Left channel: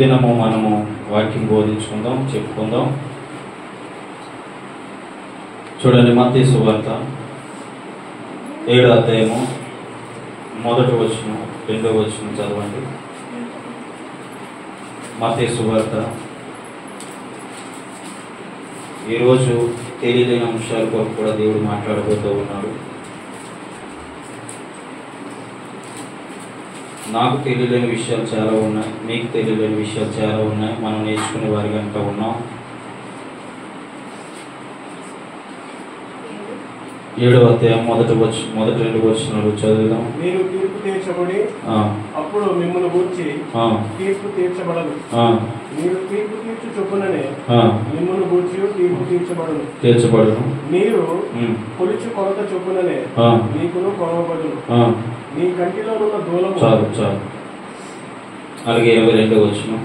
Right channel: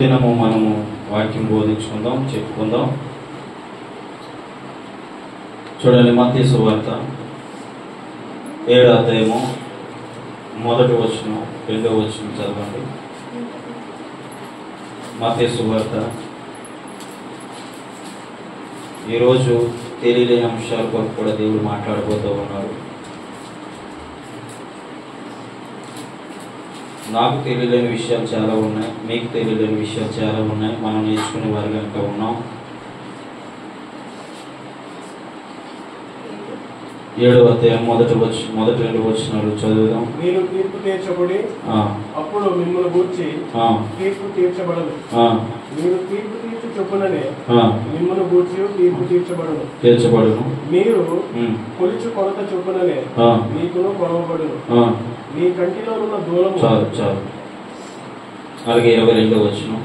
దినము మనము వాక్యం బోధించుకుందాం, చెప్పుకుందాం. చూడండి, మత్తయి సువార్త 7వ అధ్యాయము 1వ వచనం 2వ వచనం చదవండి. మత్తయి సువార్త. ఈరోజు తెలియలేని అంశాలతో కూడా దేవుడు మాట్లాడబోతూ ఉన్నాడు. నాకు తెలియలేని విషయాలు చాలా ఉన్నాయి, మీకు తెలియలేని విషయాలు చాలా ఉన్నాయి. మనం నేర్చుకునే వారిగా ఇంకా ఉన్నాం. 7వ అధ్యాయం మొదటి 2 వచనాలు చదువుదాం. మీరు తీర్పు తీర్చబడి అప్పుడు మిమ్మల్ని గూర్చి తీర్పు తీర్చబడదు. మీరు తీర్పు తీర్చు చొప్పుననే మిమ్మల్ని గూర్చి తీర్పు తీర్చబడను. మీరు కొలిచు కొలత చొప్పుననే మీకును కొలవబడును. మీ కంటిలో ఉన్న దూలము చాలు. అలాగే 22వ వచనం.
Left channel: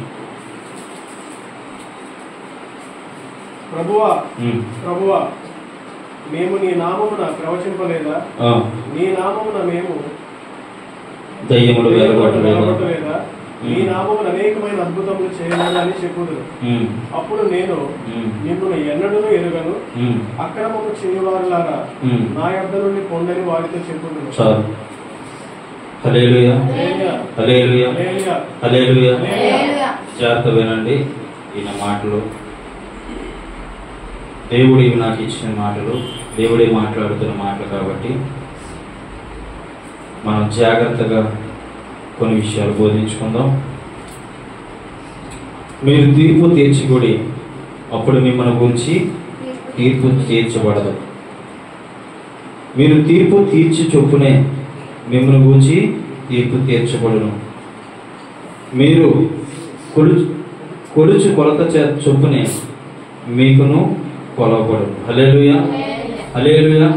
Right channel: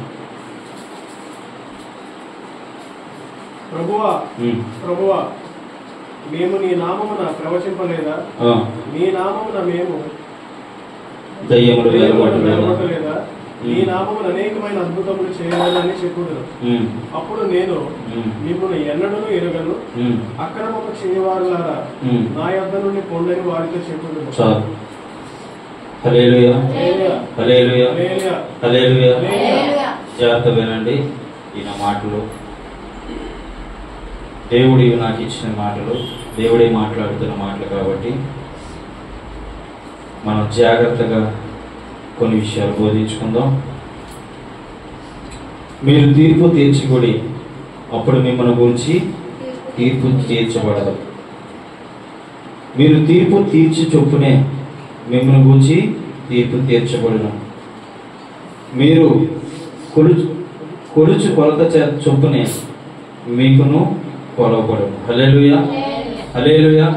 ప్రభువా మేము నీ నామమున ప్రవచింపలేదా? నీ నామమున మేము దయ్యములు వెళ్ళగొట్టలేదా? నీ నామమున అనేకమైన అద్భుతములు చేయలేదని చెప్పుదురు. అప్పుడు నేను మిమ్మల్ని ఎన్నడూ ఎరుగను, అక్రమము చేయవారులారా నా యొద్ద నుండి పొందని వారితో చెప్పుదురు. హల్లెలూయా, హల్లెలూయా, హల్లెలూయా. జాగ్రత్త వినండి ఈయన మాటలు. దేవుడు నాకు ఇచ్చిన మాటలు, దేవుడే మాట్లాడుతున్న మాటలు కాబట్టి మనం జాగ్రత్తగా కొన్ని విషయాలు బోధించుకుందాం. మీరు తీర్పు తీర్చకూడి అప్పుడు మిమ్మల్ని గురించి తీర్పు తీర్చబడదు. మీరు తీర్పు తీర్చి చొప్పునే మిమ్మల్ని గురించి తీర్పు తీర్చబడును. మీరు కొలుచు కొలత చొప్పునే మీకును కొలవబడును. హల్లెలూయా, హల్లెలూయా.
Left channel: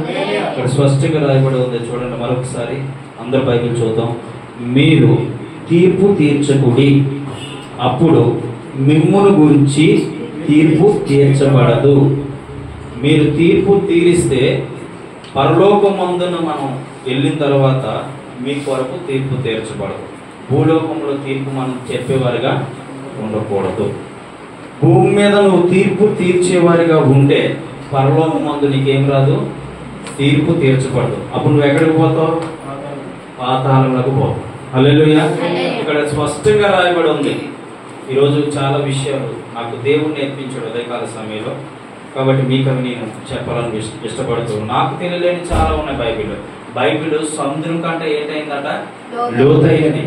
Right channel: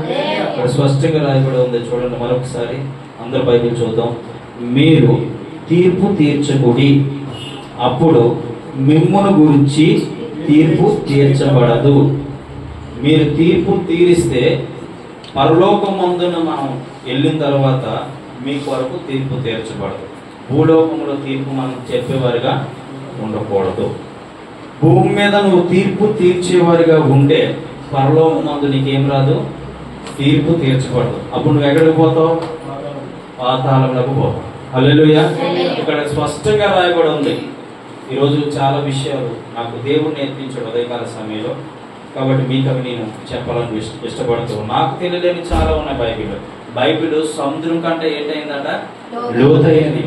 ఇక్కడ స్పష్టంగా రాయబడి ఉంది, చూడండి మరొకసారి. అందరూ బైబిల్ చూద్దాం. మీరు తీర్పు తీర్చకుడి అప్పుడు మిమ్మును గురించి తీర్పు తీర్చబడదు. మీరు తీర్పు తీరిస్తే పరలోకమందున మనం వెళ్ళిన తర్వాత మీ కొరకు తీర్పు తీర్చబడదు. భూలోకంలో తీర్పు మనం చెప్పేవారిగా ఉండకూడదు. భూమి మీద నువ్వు తీర్పు తీర్చేవారిగా ఉంటే పరలోకమందు నీకేం రాదు, తీర్పు తీర్చబడదు. అప్పుడు నువ్వు ఎక్కడికి పోతావు? పాతాళంలోకి పోతావు. హల్లెలూయా. ఇక్కడ స్పష్టంగా రాయబడి ఉంది. ఈరోజు చాలా విషయాలు నాకు దేవుడు నేర్పించాడు ఉదయకాల సమయంలో, కాబట్టి మీకు అవి నేను చెప్పాలని ఇష్టపడుతూ. నాకు తెలియలేని చాలా ఉన్నాయి. బైబిల్ సముద్రం కంటే ఏంటైందట? లోతైనది.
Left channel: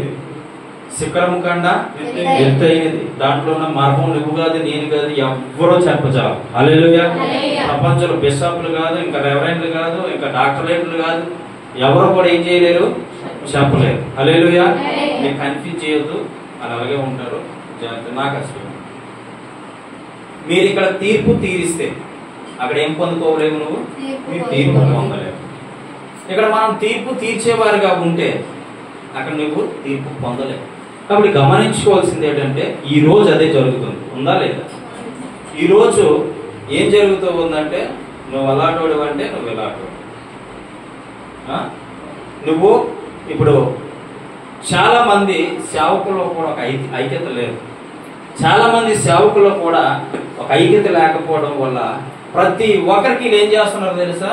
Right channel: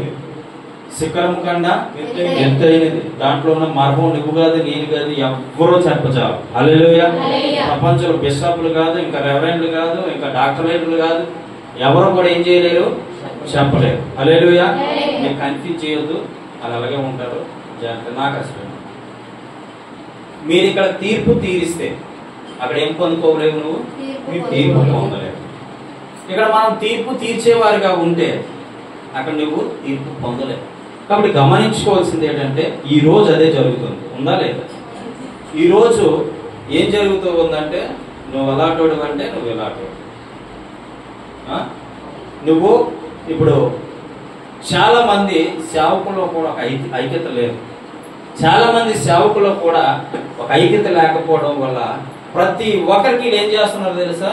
శిఖరం కన్నా ఎత్తైనది. దాంట్లో ఉన్న మార్గం నువ్వు కాదు, నేను కాదు, ఎవ్వరూ చెప్పచాలు. హల్లెలూయా. ప్రపంచంలో బిషప్లు కాదు, ఇంకా రెవరెండ్లు కాదు, ఇంకా డాక్టరేట్లు కాదు, ఎవరు కూడా ఏం చేయలేరు, చెప్పలేరు. హల్లెలూయా. నీకు కన్ఫ్యూజ్ చేయొద్దు, అలాగే ఉంటారు. నాకు అసలు మీరు ఇక్కడ తీర్పు తీరిస్తే అక్కడ ఏం పొందుకోలేవు, నువ్వు తీర్పు పొందలేవు. ఇక్కడ మనం తీర్పు తీర్చేవారిగా ఉంటే అక్కడ నువ్వు తీర్పు పొందలేవు. కాబట్టి గమనించుకోవాల్సింది ఏంటంటే ఈ రోజు అదే జరుగుతుంది, ఉందా లేదా? ఈ రోజు ఏం జరుగుతూ ఉందంటే నువ్వు అలాంటోడు అంటే నువ్వు ఎలాంటోడు. నువ్వు ఇప్పుడు చాలా మంది సేవకుల్లో కూడా ఒక ఐక్యత లేదు. చాలా మంది సేవకుల్లో కూడా ఒక ఐక్యత లేకపోవడం వల్ల ప్రతి ఒక్కరికి ఏం చేస్తున్నారు తెలుసా?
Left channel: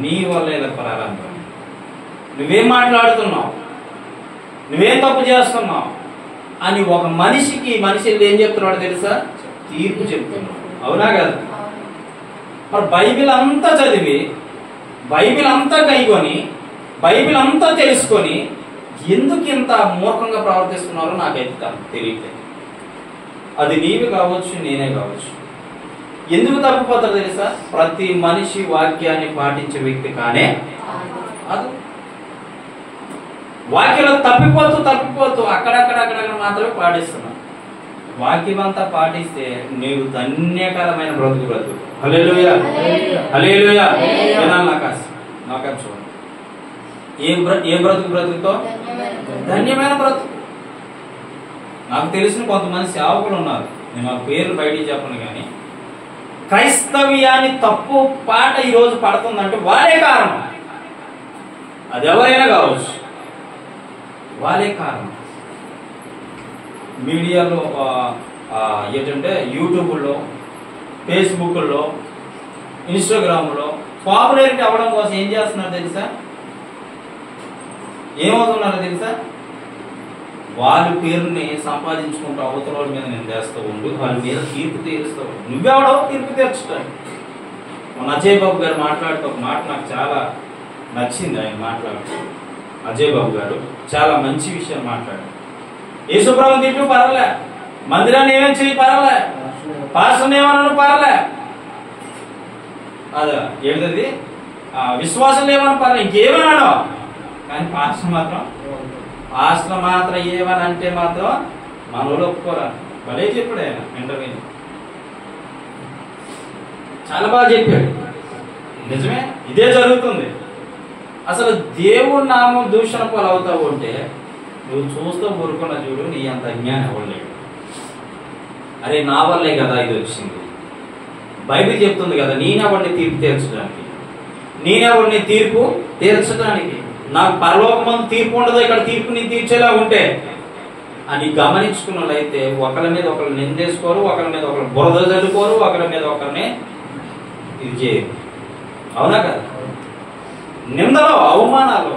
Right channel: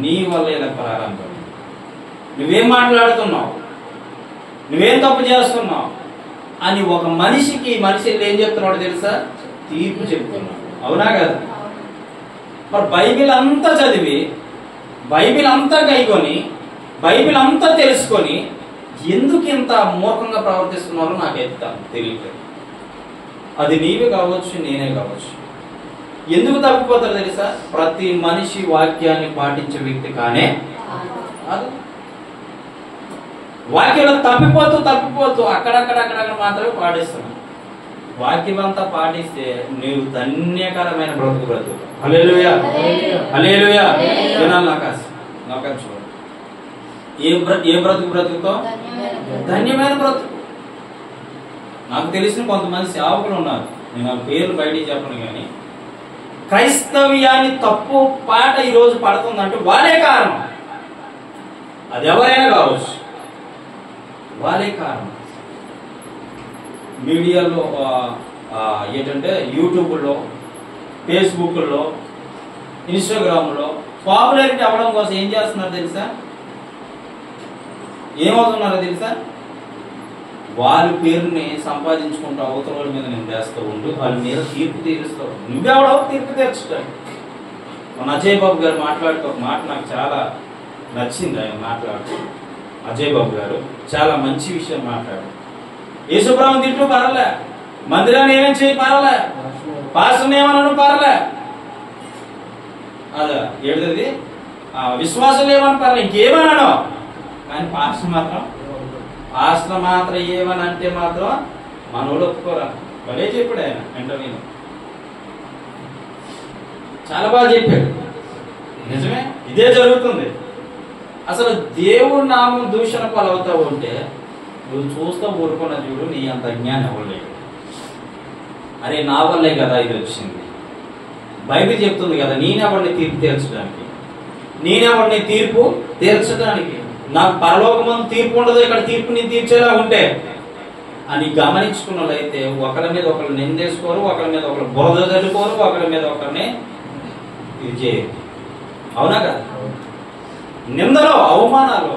నీ వల్ల ఇలా ప్రారంభం, నువ్వేం మాట్లాడుతున్నావు, నువ్వేం తప్పు చేస్తున్నావు అని ఒక మనిషి ఏం చెప్తున్నాడు తెలుసా? తీర్పు చెప్తున్నావు. అవునా కదా? మరి బైబిల్ అంతా చదివి, బైబిల్ అంతా కైకొని, బైబిల్ అంతా తెలుసుకొని ఎందుకు ఇంత మూర్ఖంగా ప్రవర్తిస్తున్నారో నాకైతే తెలియట్లేదు. అది నీవే కావచ్చు, నేనే కావచ్చు. ఎందుకు తప్పిపోతారు తెలుసా? ప్రతి మనిషి వాక్యాన్ని పాటించే వ్యక్తి కానే అది. వాక్యంలో తప్పిపోతూ అక్కడక్కడ మాత్రమే పాటిస్తున్నావు. వాక్యం అంతా పాటిస్తే నీవు ధన్యకరమైన బ్రతుకు. హల్లెలూయా, హల్లెలూయా. నాకు చూడండి, ఏం బ్రతుకుతో? ధన్యమైన బ్రతుకు. నాకు తెలిసిన కొంతమంది సేవకులు ఉన్నారు, నేను వాళ్ళ పేర్లు బయటికి చెప్పను, కానీ క్రైస్తవ్యాన్ని తప్పు పాట ఈరోజు పడుతుందంటే వాళ్ళే కారణం. అది ఎవరైనా కావచ్చు, వాళ్ళే కారణం. మీడియాలో ఏంటంటే యూట్యూబ్లో, ఫేస్బుక్లో, ఇన్స్టాగ్రామ్లో పాపులారిటీ అవ్వడం కోసం ఏం చేస్తున్నారు తెలుసా? ఏమవుతున్నారో తెలుసా? వాళ్ళ పేరుని సంపాదించుకుంటూ అవతల వాళ్ళ మీద నిందేస్తూ ఉంటూ వాళ్ళ మీద తీర్పు తీరుస్తావు. నువ్వెవడవు తీర్పు తీర్చడానికి? మన అజయ్ బాబు గారు మాట్లాడుతూ ఒక మాట నాకు చాలా నచ్చింది. ఆయన మాట్లాడుతూ అజయ్ బాబు గారు చాలా మంచి విషయం మాట్లాడారు. యేసుప్రభుని తిట్టు పర్లే, మందిరాన్ని ఏమేమి చేయి పర్లే, పాస్టర్ని ఏమన్నా పర్లే, అదా ఏడుది విశ్వాసం ఏమన్నా పర్లే, ఇంకేమన్నాను. కానీ పాస్టర్ మాత్రం ఏమని అంటే మాత్రం మన వాళ్ళు ఒప్పుకోరా. భలే చెప్పాడు ఆయన ఇంటర్వ్యూలో, చాలా బాగా చెప్పాడు. నిజమే, ఇదే జరుగుతుంది. అసలు దేవుడి నామం దూషణ పాలవుతావు అంటే నువ్వు చూస్తూ ఊరుకున్న చూడు, నీ అంత జ్ఞానం అవ్వలేదు. అరే నా వల్లే కదా ఇది వచ్చింది. బైబిల్ చెప్తుంది కదా, నేనెవరిని తీర్పు తీర్చడానికి, నేనెవరిని తీర్పు తీర్చడానికి. నాకు పరలోకమందు తీర్పు ఉండదు, ఇక్కడ తీర్పు నీ తీర్చేలా ఉంటే అని గమనించుకున్న వాళ్ళైతే ఒకరి మీద ఒకరు నిందేసుకోరు, ఒకరి మీద ఒకరు బురద చల్లుకోరు, ఒకరి మీద ఒకరిని ఇది చేయరు. అవునా కదా? నిందలో, అవమానాలు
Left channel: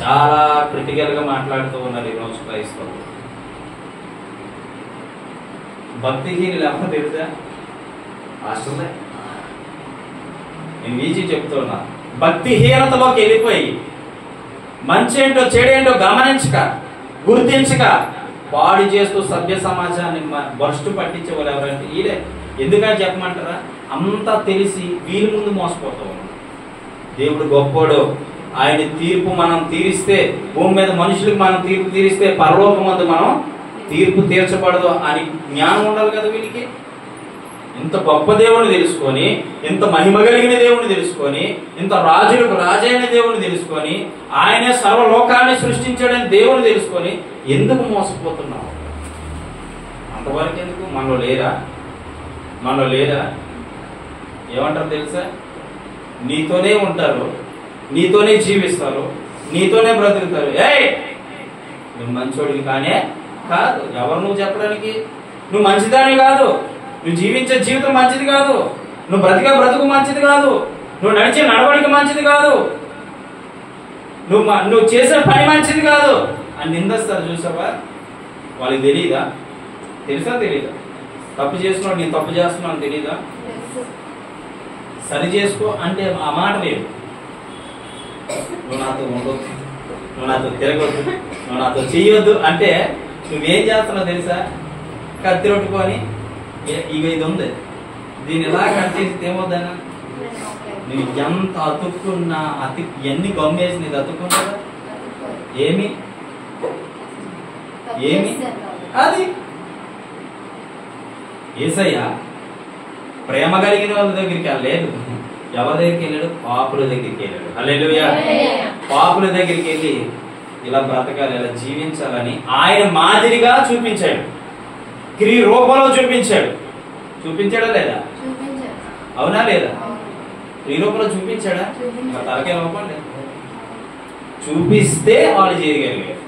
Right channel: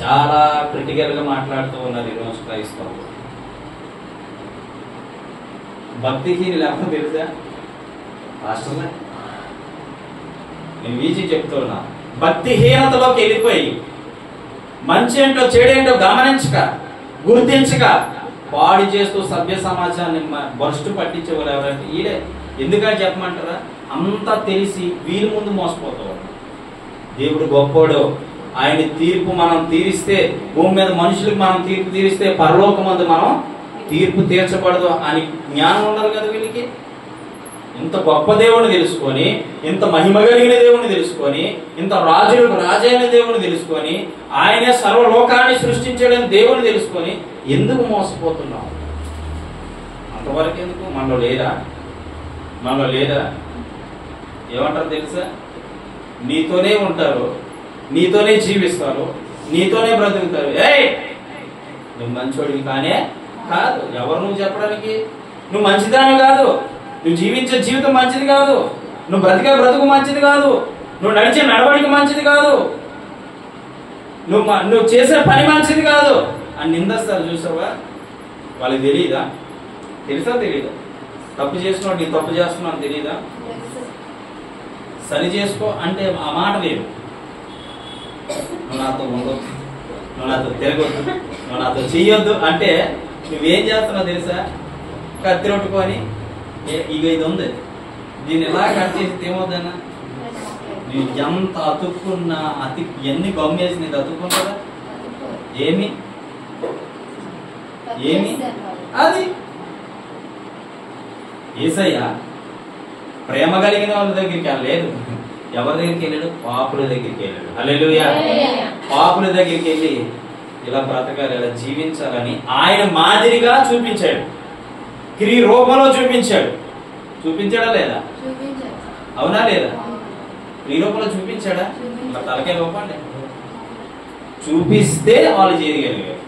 చాలా క్రిటికల్గా మాట్లాడుతూ ఉన్నారు ఈరోజు క్రైస్తవులు. భక్తిహీనులు ఎవరో తెలుసా? రాష్ట్రంలో నేను ఈజీ చెప్తున్నా. భక్తిహీనతలోకి వెళ్ళిపోయి మంచి ఏంటో చెడేంటో గమనించక, గుర్తించక పాడు చేస్తూ సభ్య సమాజాన్ని భ్రష్టు పట్టించేవారు ఎవరంటే ఈడే. ఎందుకని చెప్పమంటారా? అంతా తెలిసి వీరి ముందు మోసపోతాం. దేవుడు గొప్పోడు, ఆయన తీర్పు మనం తీరిస్తే, భూమి మీద మనుషులకు మనం తీర్పు తీరిస్తే పరలోకమందు మనం తీర్పు తీర్చబడదు అని జ్ఞానం ఉండాలి కదా వీళ్ళకి. ఇంత గొప్ప దేవుని తెలుసుకొని, ఇంత మహిమ కలిగిన దేవుని తెలుసుకొని, ఇంత రాజులకు రాజైన దేవుని తెలుసుకొని, ఆయనే సర్వలోకాన్ని సృష్టించాడని దేవుని తెలుసుకొని ఎందుకు మోసపోతున్నావు? అంతవరకు ఎందుకు? మనలో లేదా? ఏమంటారు తెలుసా? నీతోనే ఉంటారు, నీతోనే జీవిస్తారు, నీతోనే బ్రతుకుతారు. ఏయ్ నువ్వు మంచోడివి కానే కాదు. ఎవరు నువ్వు చెప్పడానికి? నువ్వు మంచిదానివి కాదు, నువ్వు జీవించే జీవితం మంచిది కాదు, నువ్వు బ్రతికే బ్రతుకు మంచిది కాదు, నువ్వు నడిచే నడవడిక మంచిది కాదు, నువ్వు చేసే పని మంచిది కాదు అని నిందిస్తారు. చూసావా? వాళ్ళకి తెలియదా? తెలుసా తెలీదా? తప్పు చేస్తున్నాడు, నేను తప్పు చేస్తున్నాను తెలీదా? సరి చేసుకో అంటే ఆ మాట లేదు. నువ్వు నాతో ఉండొద్దు, నువ్వు నాతో తిరగొద్దు, నువ్వు నాతో చెయ్యొద్దు అంటే నువ్వేం చేస్తున్నావు తెలుసా? కత్తి రొట్టుకొని ఇక ఇది ఉంది, దీన్ని ఎలా కట్ చేసి ఏమవుద్దన్నా? నువ్వు ఎంత అతుక్కున్నా ఎన్ని గమ్మేసి నీది అతుక్కుంటుందా? ఏమి అది యేసయ్య ప్రేమ కలిగిన వాళ్ళ దగ్గరికి వెళ్ళలేదు. ఎవరి దగ్గరికి వెళ్ళాడు? పాపుల దగ్గరికి వెళ్ళాడు. హల్లెలూయా. పాపుల దగ్గరికి వెళ్ళి ఇలా బ్రతకాలి, ఇలా జీవించాలని ఆయన మాదిరిగా చూపించాడు, క్రియ రూపంలో చూపించాడా లేదా? అవునా లేదా? క్రియ రూపంలో చూపించాడా? ఇలా తలకే లోపండి చూపిస్తే వాళ్ళు చేయగలిగారు.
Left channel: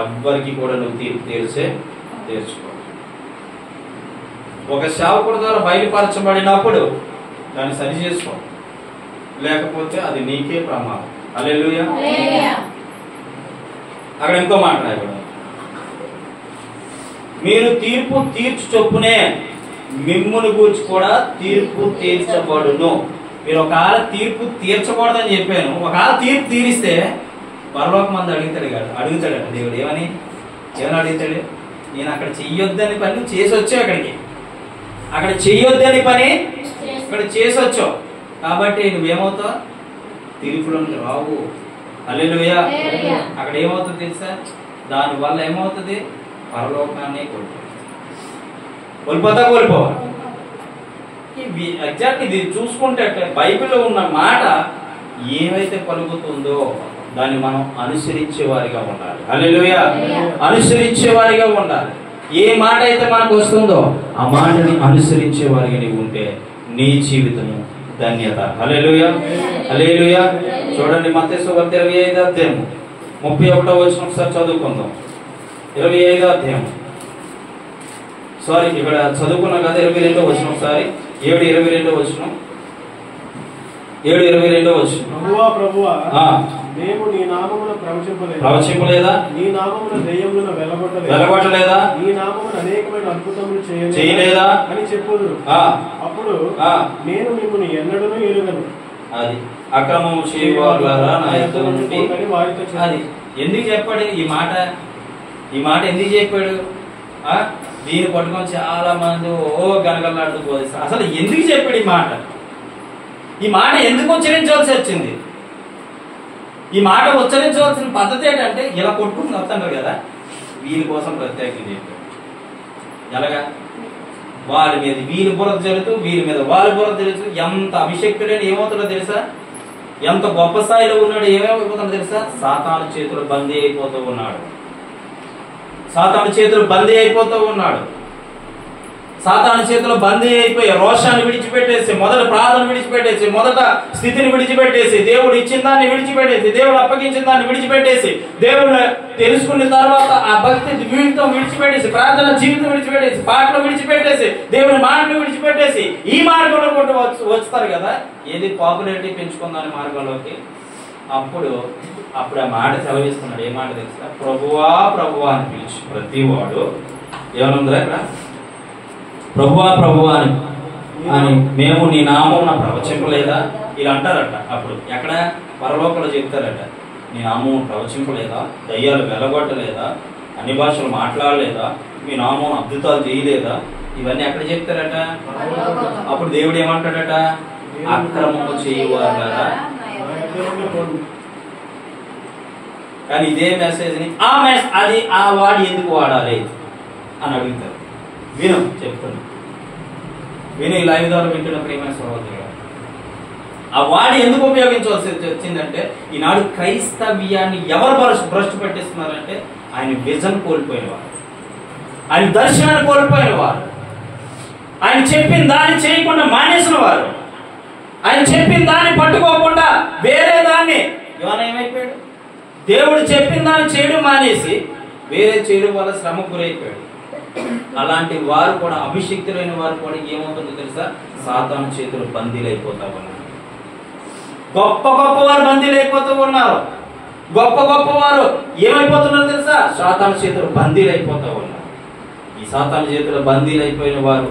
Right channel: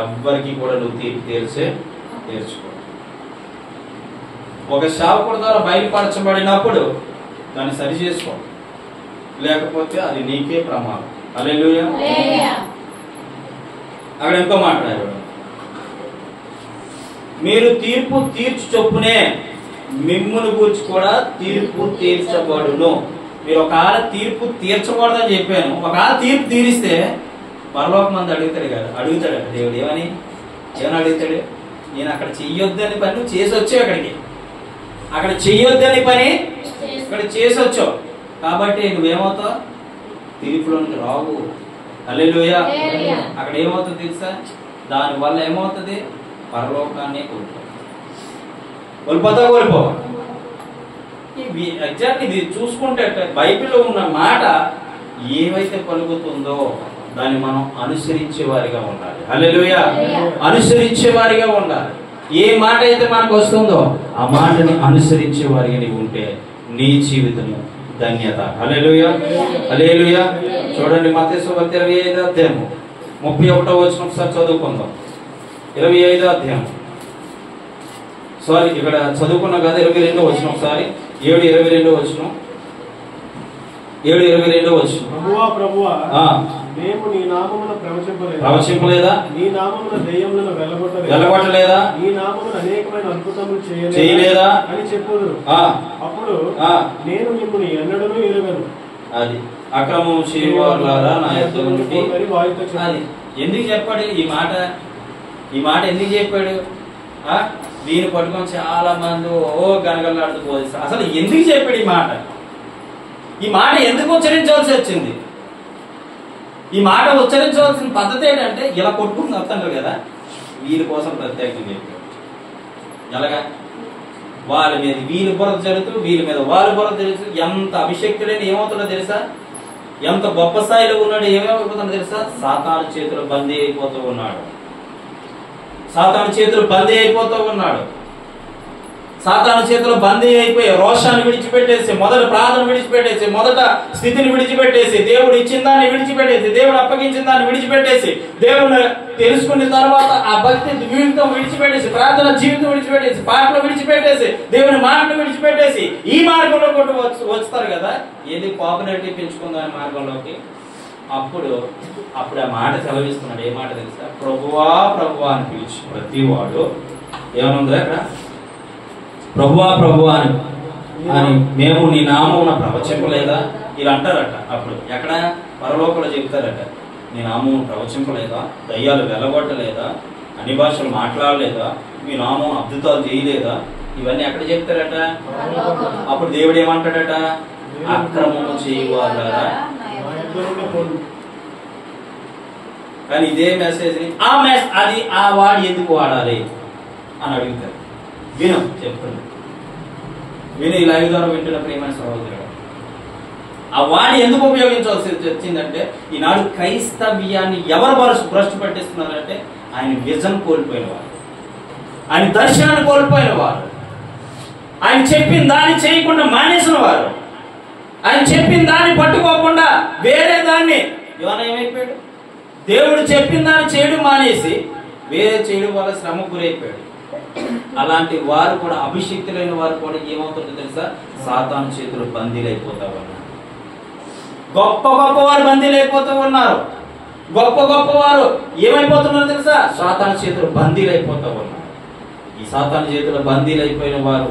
ఎవ్వరికి కూడా నువ్వు తీర్పు తీర్చుకో. ఒక సేవకుడి ద్వారా బయలుపరచబడినప్పుడు దాన్ని సరి చేసుకో, లేకపోతే అది నీకే ప్రమాదం. హల్లెలూయా. అక్కడ ఇంకో మాట్లాడారు, మీరు తీర్పు తీర్చు చొప్పునే మిమ్మును గూర్చి కూడా తీర్పు తీర్చబడును. మీరు ఒకవేళ తీర్పు తీర్చకూడదని చెప్పాను, ఒకవేళ తీర్పు తీరిస్తే పరలోకమందు అడుగుతాడు దేవుడు. ఏమని అడుగుతాడు? నేను అక్కడ చెయ్యొద్దని పని నువ్వు చేసి వచ్చావు, అక్కడ చెయ్యొద్దని పని ఇక్కడ చేసి వచ్చావు, కాబట్టి నువ్వేమవుతావు? తీర్పులోనికి రావు. హల్లెలూయా. అక్కడ ఏమవుతుంది తెలుసా? దానివల్ల ఏమవుతుంది? పరలోకాన్ని కోల్పోవా. ఎగ్జాక్ట్ ఇది చూసుకుంటే బైబిల్లో ఉన్న మాట ఏమైతే పలుకుతుందో దాన్ని మనం అనుసరించే వారిగా ఉండాలి. హల్లెలూయా. అనుసరించే వారిగా ఉండాలి. ఏ మాట అయితే మనకు వస్తుందో ఆ మాటని అనుసరించే వారిగా నీవు ఉంటే నీ జీవితము ధన్యత. హల్లెలూయా. హల్లెలూయా. చూడండి మత్తయి సువార్త 25వ అధ్యాయము 31వ వచనం ఒకసారి చదువుకుందాం. 25వ అధ్యాయం, సారీ ఇక్కడ చదువుకున్నాం కదా, 22వ వచనం ఒకసారి, 7:22 వచనం, 7:22 వచనం. ప్రభువా మేము నీ నామమున ప్రవచింపలేదా? నీ నామమున దయ్యములను వెలగొట్టలేదా? నీ నామమున అనేకమైన అద్భుతములు చేయలేదా అని చెప్పుదురు. అప్పుడు నేను మిమ్మల్ని ఎన్నడూ ఎరుగను. అది అక్రమం చేయవారులారా నా యొద్ద నుండి. అది ఎందుకు చెప్పాడు ఈ మాట? ఈ మాట ఎందుకు చెప్పాడు? దీన్ని పట్టుకొని చాలా మంది గనగలాడుతూ బోధిస్తారు. అసలు ఎందుకు చెప్పాడు ఈ మాట? ఈ మాట ఎందుకు ఉచ్చరించవలసి వచ్చింది? ఈ మాట ఉచ్చరించవలసిన పద్ధతి ఏంటంటే, ఇలా కొట్టుకుని వస్తుంటారు కదా, వీళ్ళ కోసం ప్రత్యేకంగా చెప్పాడు. ఎలాగా? వాళ్ళ మీద వీళ్ళ బురద జరుగుతూ, వీళ్ళ మీద వాళ్ళ బురద జరుగుతూ, ఎంత అభిషక్తుడైన ఏమవుతుందో తెలుసా? ఎంత గొప్ప స్థాయిలో ఉన్నాడు, ఏమేమైపోతుందో తెలుసా? సాతాను చేతులు బందీ అయిపోతూ ఉన్నాడు. సాతాను చేతులు బందీ అయిపోతూ ఉన్నాడు. సాతాను చేతులు బందీ అయిపోయి రోషాన్ని విడిచిపెట్టేసి, మొదటి ప్రార్థన విడిచిపెట్టేసి, మొదట స్థితిని విడిచిపెట్టేసి, దేవుడు ఇచ్చిన దాన్ని విడిచిపెట్టేసి, దేవుడు అప్పగించిన దాన్ని విడిచిపెట్టేసి, దేవుడు తెలుసుకున్న తర్వాత ఆ భక్తి జీవితం విడిచిపెట్టేసి, ప్రార్థన జీవితం విడిచిపెట్టేసి, పాటలు విడిచిపెట్టేసి, దేవుని మాటలు విడిచిపెట్టేసి ఈ మార్గంలో కొట్టు వస్తారు కదా, ఏది పాపులారిటీ పెంచుకుందాని మార్గంలోకి. అప్పుడు ఆ మాట సెలవిస్తున్నాడు. ఏ మాట తెలుసా? ప్రభువా ప్రభువా అని పిలిచి ప్రతి వాడు ఏమనుందా అక్కడ? ప్రభువా ప్రభువా అని మేము నీ నామమున ప్రవచింపలేదా? ఇలా అంటారట. అప్పుడు ఎక్కడ? పరలోకంలో చెప్తారట, నీ నామం ప్రవచింపలేదా? దయ్యాలు వెలగొట్టలేదా? అన్ని భాషలు మాట్లాడలేదా? మీ నామం అద్భుతాలు చేయలేదా? ఇవన్నీ ఎక్కడ చెప్తారట? అప్పుడు దేవుడు ఏమంటాడట? అక్రమము చేయవారా. కానీ ఇదే మెసేజ్ ని అది ఆ వాడు ఎందుకు వాడాలి అని అడుగుతారు. విను, చెప్తాను విను. ఈ లైవ్ ద్వారా వింటున్న ప్రియమైన సహోదరుడు, ఆ వాడి ఎందుకు ఉపయోగించవలసి వచ్చిందంటే, ఈనాడు క్రైస్తవ్యాన్ని ఎవరు భ్రష్టు పట్టిస్తున్నారంటే, ఆయన విజన్ కోల్పోయిన వారు, ఆయన దర్శనాన్ని కోల్పోయిన వారు, ఆయన చెప్పిన దాన్ని చేయకుండా మానేసిన వారు, ఆయన చెప్పిన దాన్ని పట్టుకోకుండా వేరే దాన్ని ఏమైపోయాడు. దేవుడు చెప్పిన దాన్ని చేయడం మానేసి వేరే చేయడం వల్ల శ్రమ గురైపోయాడు. అలాంటి వారు కూడా, అభిషిక్తులైన వారు కూడా ఏమవుతుందో తెలుసా? సాతాను చేతులు బందీలైపోతా ఉన్నారు. గొప్ప గొప్పవారు బందీలైపోతూ ఉన్నారు. గొప్ప గొప్పవారు ఏమైపోతున్నారు తెలుసా? సాతాను చేతులు బందీలైపోతూ ఉన్నారు. ఈ సాతాను చేతులు బందీలైపోయిన వారు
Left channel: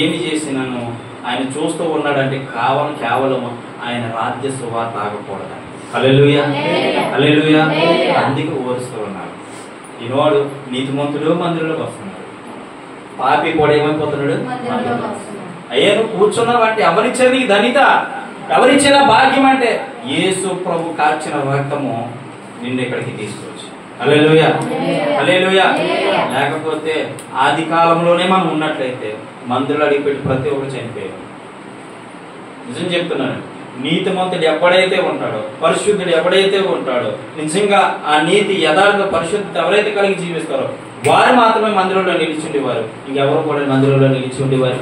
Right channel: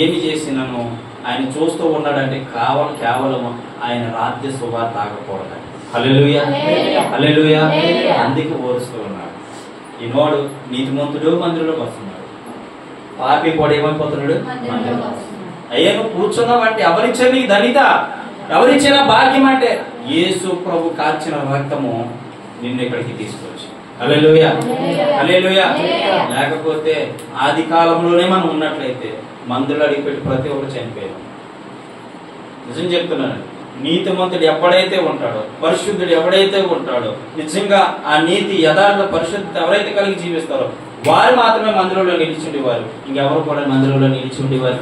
ఏమి చేసినాను ఆయన చూస్తూ ఉన్నాడంటే, కేవలం ఆయన రాజ్య సువార్త ఆగకూడదు. హల్లెలూయా, హల్లెలూయా. అందుకే ఓరుస్తూ ఉన్నాడు. ఈనాడు నీతిమంతుడు మందిరంలోకి వస్తున్నాడు, పాపి కూడా ఏమైపోతున్నాడు? అయ్యా నువ్వు కూర్చున్నావంటే ఎవరిచ్చారు నీకు ధనిత? ఎవరిచ్చిన భాగ్యం అంటే యేసు ప్రభు కార్చిన రక్తము నిన్ను ఇక్కడికి తీసుకొచ్చి. హల్లెలూయా, హల్లెలూయా. లేకపోతే ఆది కాలంలోనే మనం ఉన్నట్లయితే మందులు అడిగిపెట్టి ప్రతి ఒక్కరు చనిపోయాం. నిజం చెప్తున్నాను. నీతిమంతుడు ఎప్పుడైతే ఉంటాడో, పరిశుద్ధుడు ఎవడైతే ఉంటాడో, నిజంగా ఆ నీతి యథార్థ పరిశుద్ధత ఎవరైతే కలిగి జీవిస్తారో వారు మాత్రమే మందిరంలో నిలిచి ఉండేవారు. ఇంకెవరు కూడా మందిరంలో నిలిచి ఉండేవారు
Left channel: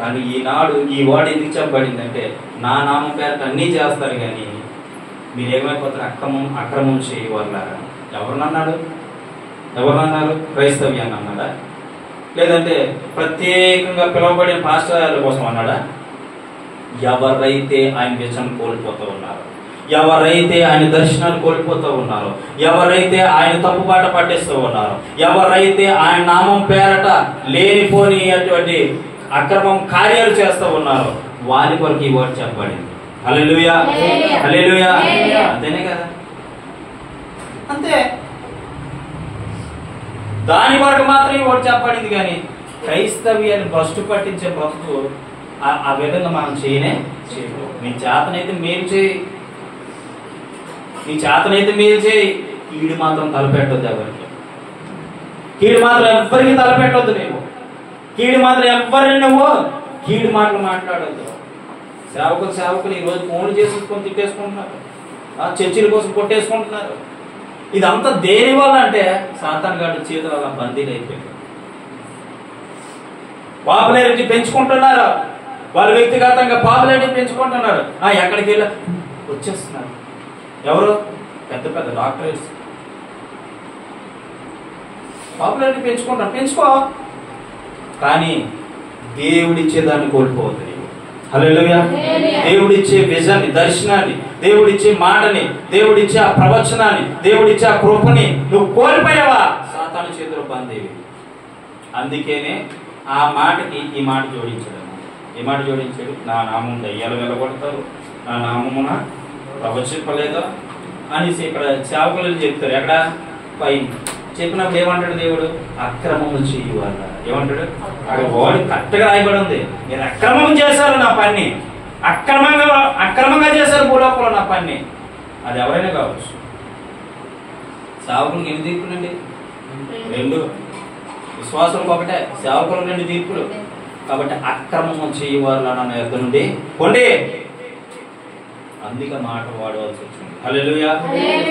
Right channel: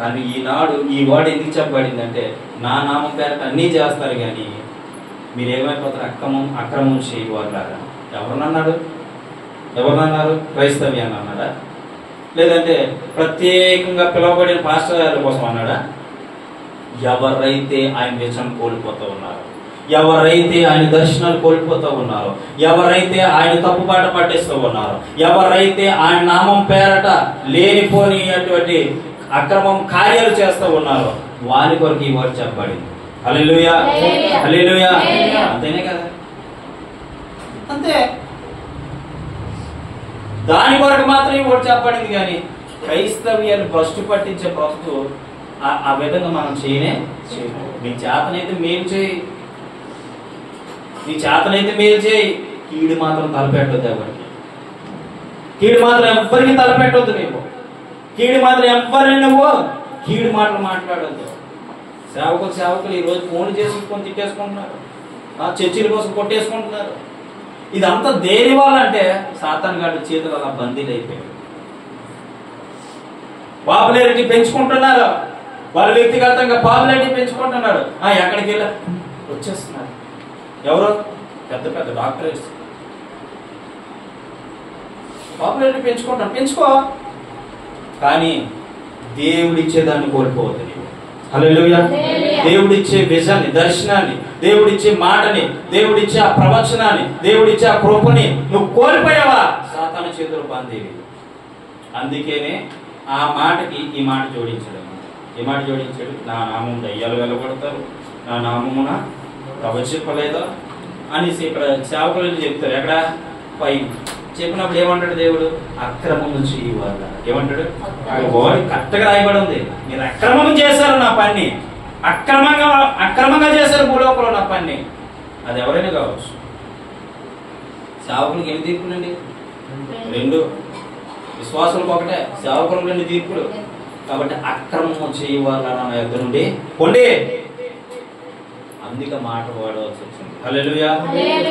కానీ ఈనాడు ఈ వాడు ఎందుకు చెప్పబడిందంటే, నా నామం పేరట అన్నీ చేస్తారు కానీ మీరేమైపోతారు? అక్రమం చేయవారులాగా. ఎవరినన్నారు? క్రైస్తవ్యాన్ని అన్నాడా? లేదంటే ప్రత్యేకంగా పిలువబడిన పాస్టర్ల కోసం అన్నాడా? ఎవరైతే ఆయన విజన్ కోల్పోతూ ఉన్నారో, ఎవరైతే ఆయన దర్శనాలు కోల్పోతూ ఉన్నారో, ఎవరైతే ఆయన తప్పుబాట పట్టేస్తూ ఉన్నారో, ఎవరైతే ఆయన నామం పేరట లేనిపోని అటువంటి అక్రమం కార్యాలు చేస్తూ ఉన్నారో వారి కొరకు ఈ వర్డ్ చెప్పబడింది. హల్లెలూయా, హల్లెలూయా. అంతేనే కదా? అంతే. దాని కొరకు మాత్రం ఈ వర్డ్ చెప్పబడింది. కానీ క్రైస్తవ్యాన్ని భ్రష్టు పట్టించే బ్రతుకు ఆ విధంగా మనం చేయము. నీ చేతనైతే మీరు చేయి, నీ చేతనైతే మీరు చేయి. కీడు మాత్రం తలపెట్టొద్దు ఎవరికి. కీడు మాత్రం ఎవ్వరికి తలపెట్టొద్దు. నువ్వు కీడు మాత్రం ఎవరిని నువ్వు కీడు మాటలు మాట్లాడొద్దు. సేవకులు ఈ రోజు ఫోన్లు చేసుకొని తిట్టేసుకుంటున్నారు, చర్చిల కోసం కొట్టేసుకుంటున్నారు. ఇదంతా దేని వల్ల అంటే సాతాను గాడి చేతులు అలా బందీలు అయిపోయారు. పాపులారిటీ పెంచుకుంటున్నారు, వాళ్ళు వ్యక్తిగతంగా పాపులారిటీ పెంచుకుంటున్నారు. ఎక్కడికి వెళ్ళి వచ్చేస్తున్నారు. ఎవరు? పెద్ద పెద్ద డాక్టర్స్. పాపులారిటీ పెంచుకుంటాను, పెంచుకో, కానీ దేవుడిచ్చేదాన్ని కోల్పోవద్దు. హల్లెలూయా. దేవుడిచ్చే విజన్ని, దర్శనాన్ని, దేవుడిచ్చే మాటని, దేవుడిచ్చే ఆ ప్రవచనాన్ని, దేవుడిచ్చే ఆ కృపని నువ్వు కోల్పోయావా, సాతాను చేతులు బందేవి. అందుకేనే ఆ మాటకి ఈ మాట జోడించాడు. ఈ మాట జోడించాడు, నా నామం దయ్యాలు వెళ్ళగొడతారు, నా నామమున ప్రవచింపలేదా అనేసి ఇక్కడ సేవకులు చెప్తారు. ఎక్కడ? పైన చెప్పినప్పుడు ఏమంటాడు దేవుడు? అక్రమము చేయవాళ్ళ. ఏమంటాడు? వాడు కరెక్ట్గా రాయబడి ఉంది, నేను అక్రమం చేశారు నా పని, అక్రమంగా చేశారు భూలోకంలో నా పని. అది ఎవరైనా కావచ్చు. సేవకులకు ఎన్ని తీర్పులండి? 2. విశ్వాసులకు ఒకటే, సేవకులకు 2 తీర్పులు. కాబట్టి అక్రమం చేయవాళ్ళ నా యొద్ద నుండి పొండి. అందుకే మాట వాడవలసి వచ్చింది. హల్లెలూయా,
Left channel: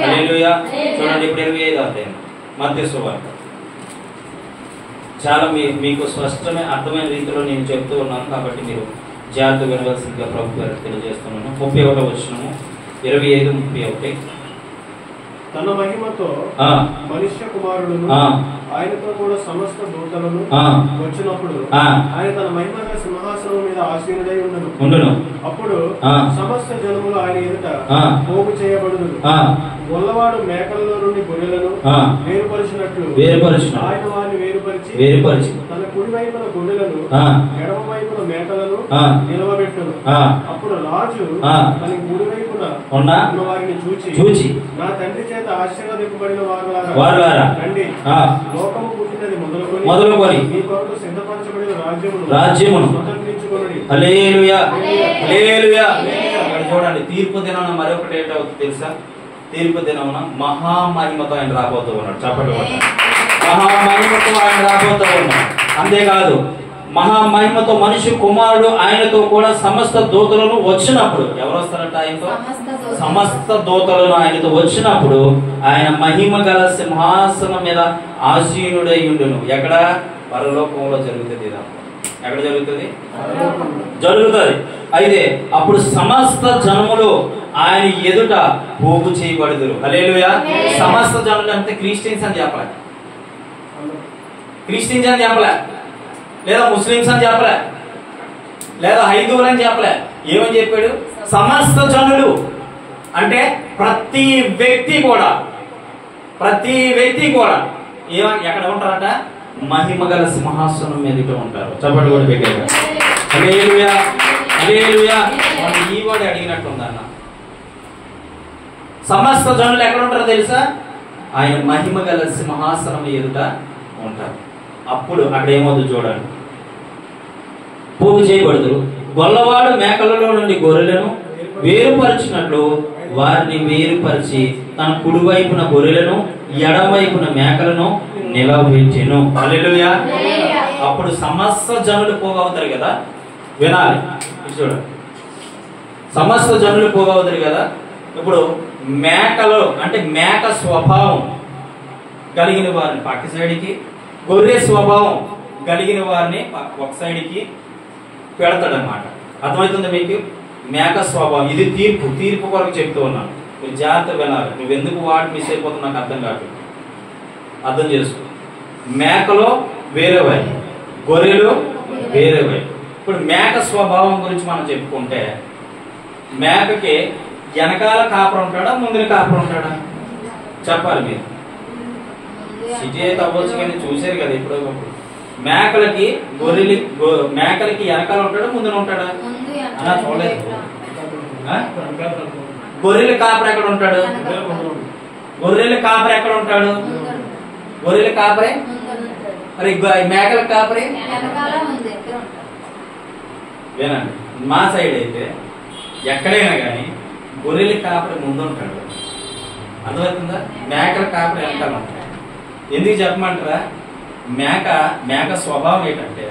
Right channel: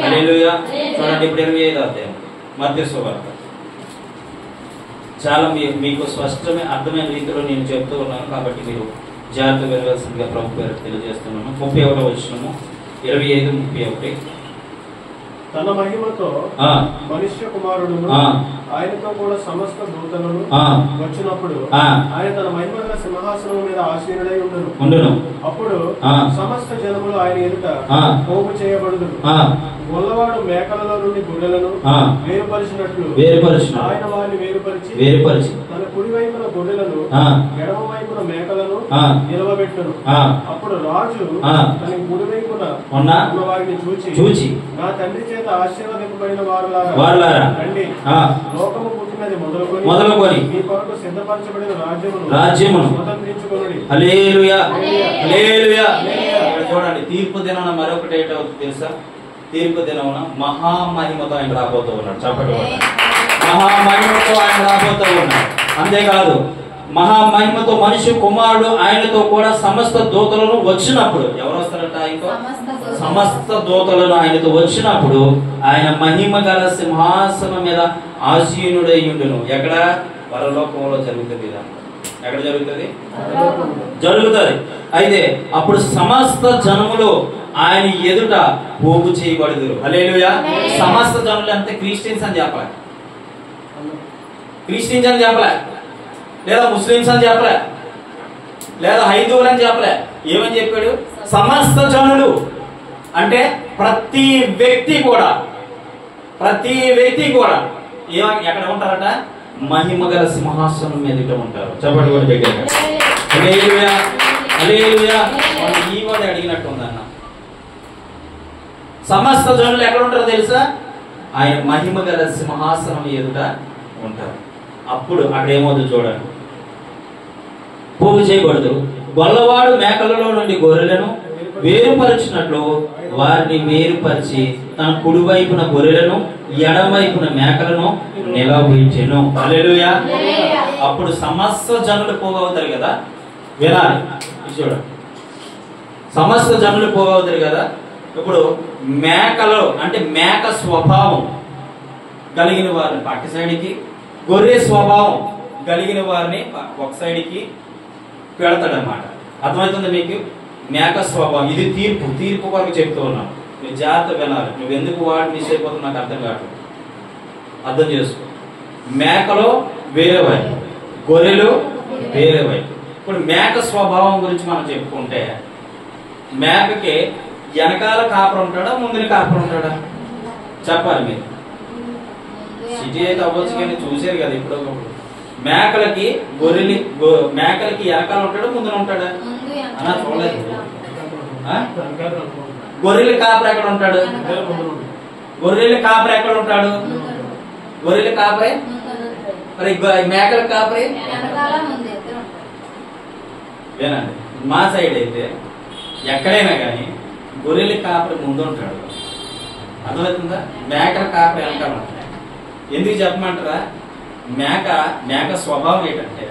హల్లెలూయా. చూడండి ఇప్పుడు 25వ అధ్యాయం మత్తయి సువార్త. చాలా మీకు స్పష్టమైన అర్థమైన రీతిలో నేను చెప్తూ ఉన్నాను, కాబట్టి మీరు జాగ్రత్తగా వినవలసిందిగా ప్రభు పేరు తెలియజేస్తున్నాను. 31వ వచనము, 25-31. తన మహిమతో మనుష్య కుమారుడు ఆయనతో కూడా సమస్త దూతలను వచ్చినప్పుడు ఆయన తన మహిమ సింహాసనం మీద ఆసీనుడై ఉండును. అప్పుడు సమస్త జనములు ఆయన ఎదుట పోగు చేయబడుదురు. గొల్లవాడు మేకలలో నుండి గొర్రెలను వేరుపరిచినట్లు ఆయన వారిని వేరుపరిచి తన కుడి వైపున గొర్రెలను ఎడమ వైపున మేకలను నిలవబెట్టును. అప్పుడు రాజు తన కుడి వైపున ఉన్న వారిని చూచి, నా తండ్రి చేత ఆశీర్వదింపబడిన వారులారా రండి, లోకము పుట్టినది మొదలుకొని మీ కొరకు సిద్ధపరచబడిన రాజ్యమును స్వతంత్రించుకొనుడి. హల్లెలూయా, హల్లెలూయా. చూడండి, తీర్పు దినాన మరొకటి ఏంటవుతుంది తెలుసా? తీర్పు దినమున మహామహిమతో ఆయన రాబోతూ ఉన్నాడు. చెప్పండి, మహామహిమతో ఆయన రాబోతూ ఉన్నాడు. అంతేకాదు, మహామహిమతో మనిషి కుమారుడు ఆయనతో కూడా సమస్త దూతలను వచ్చినప్పుడు, ఎవరు వస్తారట ఆయనతో? సమస్త దూతలను ఆయనతో వచ్చినప్పుడు ఆయన మహిమ గల సింహాసనం మీద ఆసీనుడై ఉండును. ఎక్కడ? పరలోకంలో జరుగుతుంది. ఎక్కడ జరుగుతుంది? జరుగుతుంది. అయితే అప్పుడు సమస్త జనములు ఆయన ఎదుట పోగు చేయబడుదురు. హల్లెలూయా. సమస్త జనులు అంటే క్రిస్టియన్స్ అని చెప్పలే, క్రిస్టియన్స్ అని చెప్పలే, లేదా ముస్లిమ్స్ అని చెప్పలే, లేదా హైందువులు అని చెప్పలే. ఏమని చెప్పాడు? సమస్త జనులు. అంటే ప్రతి వ్యక్తి కూడా ఎక్కడ ఉంటారట? మహిమ గల సింహాసనం మీద ఉంటారు. చెప్పండి కూడా పెట్టారు. హల్లెలూయా, హల్లెలూయా. ఈ కూడా అడిగినట్టుందన్న. సమస్త జనులు ఎక్కడ ఉంటారో తెలుసా? ఆయన మహిమ గల సింహాసనం ఎదుట ఉంటారు. అప్పుడు అక్కడ ఏమవుతుంది చూడండి. పోగు చేయబడుతురు. గొల్లవాడు మేకలలో నుండి గొర్రెలను వేరుపరిచినట్లు వారిని వేరుపరిచి తన కుడి వైపున గొర్రెలను ఎడమవైపున మేకలను నిలబెట్టెను. హల్లెలూయా. అప్పుడు సమస్త జనులు పోగవుతారు కదా, వినాలి చూడండి. సమస్త జనులు పోగవుతారు కదా. ఇప్పుడు మేకలు అంటే మేక స్వభావం కలిగిన వారిని పక్క సైడ్కి, గొర్రె స్వభావం కలిగిన వారిని ఒక సైడ్కి పెడతాడనమాట. అర్థమవుతుంది మీకు? మేక స్వభావం ఇది తీర్పు కొరకు చెప్తూ ఉన్నాను. నువ్వు జాగ్రత్త వినాలి. నువ్వు ఎందుకు వాడు మిస్ అయిపోతున్నా నాకు అర్థం కావట్లేదు. అర్థం చేసుకో. మేకలో వేరేవై, గొర్రెలు వేరేవై. ఇప్పుడు మేక స్వభావం గురించి మనం చెప్పుకుంటే, మేకకి వెనకాల కాపర్ ఉంటాడా, ముందున కాపర్ ఉంటాడా? చెప్పాలి మీరు. సిటీ అయితే అవ్వచ్చు కానీ చూసారు కదా ఇప్పుడు. మేకలకి మేకలకి వెనకాల ఉంటాడా, ముందున ఉంటాడా? అలా చూడలేదు. గొర్రెల కాపర్ ఎక్కడ ఉంటాడు? గొర్రెల కాపర్ ఎక్కడ ఉంటాడు? గొర్రెల కాపరే. మరి మేకల కాపరే. వినండి, మా సైడ్ అయితే ఎక్కడైనా కానీ గొర్రెల కాపరి ముందు ఉంటాడు. అర్థమవుతుందా? మేకల కాపరి వెనకాల ఉంటాడు. ఎందుకు చెప్పమంటారా? మేక స్వభావం ఏంటంటే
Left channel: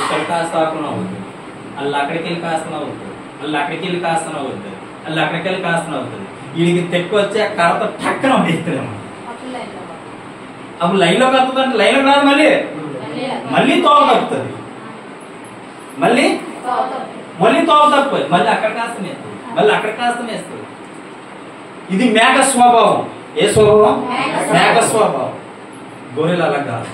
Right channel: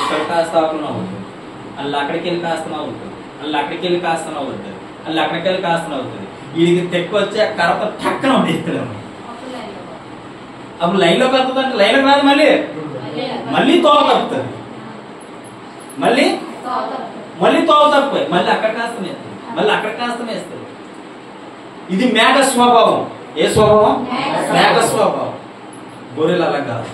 ఇక్కడ కాస్త ఆకున్నా అవుతుంది, అల్ల అక్కడికి వెళ్ళి కాస్తనా అవుతుంది, అల్ల అక్కడికి వెళ్ళి కాస్తనా అవుతుంది, అల్ల అక్కడికి వెళ్ళి కాస్తనా అవుతుంది. వీడికి తెక్కు వచ్చి ఆ కరత టక్కన ఉండేస్తాడు. అప్పుడు లైన్లో కలుపుతుంటే లైన్లో రాదు, మళ్ళీ తోవ కలుపుతుంది, మళ్ళీ మళ్ళీ తోవ తప్పిపోయి మళ్ళీ అక్కడ కాస్త వేస్తారు, మళ్ళీ అక్కడ కాస్త వేస్తారు. ఇది మేక స్వభావం. ఏ స్వభావం? మేక స్వభావం. గొర్రెలు అలా కాదు.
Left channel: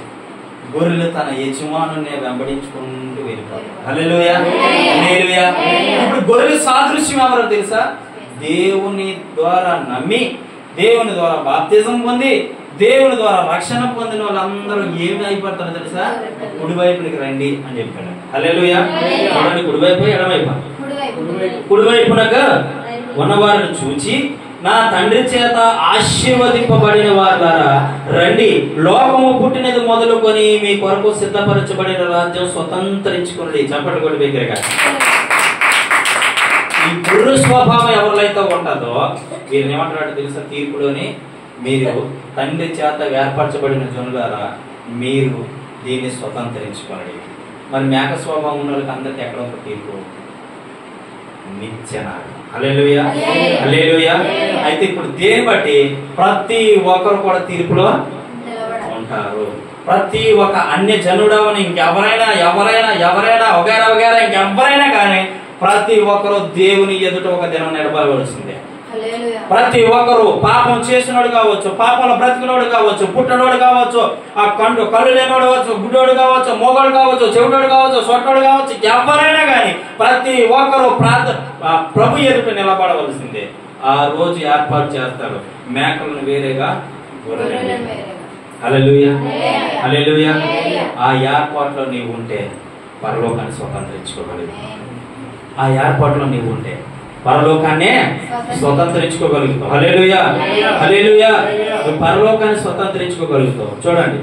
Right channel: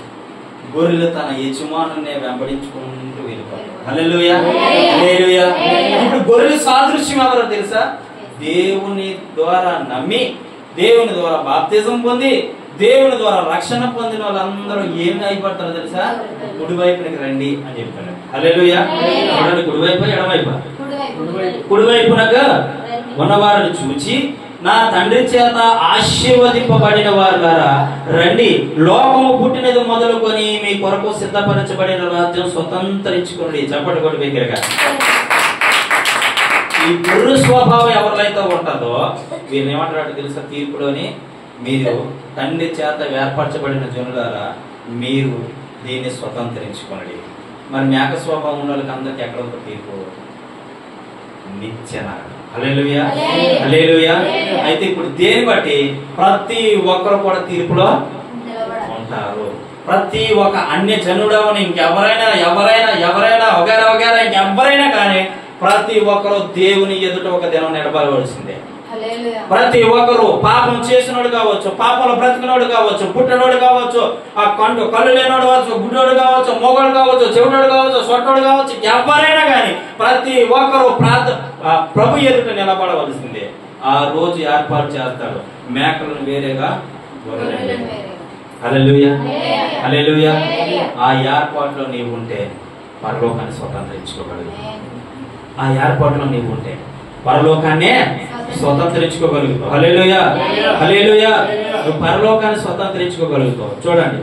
గొర్రెలు తన యజమానునే వెంబడించుకుంటూ వెళ్ళిపోయారు. హల్లెలూయా, హల్లెలూయా. ఇప్పుడు గొర్రెలు సాదృశ్యం ఎవరో తెలుసా? దేవుని ద్వారా నమ్మి, దేవుని ద్వారా బాప్తిజం పొంది, దేవుని ద్వారా రక్షణ పొందిన వాళ్ళందరూ ఏమి అయిపోతారో తెలుసా? కుడివైపునికి రండి అని చెప్పాడు. హల్లెలూయా. చూడండి, కుడివైపు ఎడవైపు. కుడివైపునగా ఉన్నవారిని చూచి, నా తండ్రి చేత ఆశీర్వదింపబడిన వారి ద్వారా రండి, లోకము పుట్టినది మొదలుకొని మీ కొరకు సిద్ధపరచబడిన రాజ్యం స్వతంత్రించుకోండి. చప్పటి కొట్టి దగ్గరగా. ఈ గుర్రు స్వభావం ఎవరిలైతే ఉంటుందో వీరిని ఏమంటారు తెలుసా? తీర్పులోని, మీరు తండ్రి చేత ఏర్పరచబడిన జనులారా మీరు దీన్ని స్వతంత్రించుకోండి. మరి మేక స్వభావం ఉన్న వాళ్ళకి అందరికి ఎక్కడ ఒక తీర్పు? నిత్యన. హల్లెలూయా, హల్లెలూయా. అయితే ఇప్పుడు దేని బట్టి ప్రతి ఒక్కరు కూడా తీర్పులో ఉంటారు. ప్రతి ఒక్క అన్య జనుడవని ఇంకెవరైనా ఎవరైనా ఎవరైనా వగైరా ఇంకెవరైనా కానీ ప్రతి ఒక్కరు దేవుని ఎదుట ఒక దినం నిలబడవలసిందే. ప్రతి ఒక్కరు పాపం చేసినోడు కావచ్చు, పాపంలో బ్రతికినోడు కావచ్చు, పుట్టనోడు కావచ్చు, ఆ కళ్ళు లేనోడు కావచ్చు, గుడ్డోడు కావచ్చు, మోగోడు కావచ్చు, చెవిటోడు కావచ్చు, సొట్టోడు కావచ్చు, ఎవరైనా కానీ ప్రతి ఒక్కరు ప్రభు ఎదుట నిలబడవలసిందే. ఆ రోజు ఏర్పాటు చేస్తాడు మేకలను వేరేగా, గొర్రెలను వేరేగా. హల్లెలూయా, హల్లెలూయా. ఆ ఏర్పాటులో నీవు ఉంటే పరలోకాన్ని స్వతంత్రించుకోగలవు. ఆ ఏర్పాటులో నీవు ఉంటే పరలోకాన్నే స్వతంత్రించుకోగలుగుతావు. హల్లెలూయా, హల్లెలూయా. నువ్వు పరలోకాన్ని స్వతంత్రించుకోగలుగుతావు. చూడండి,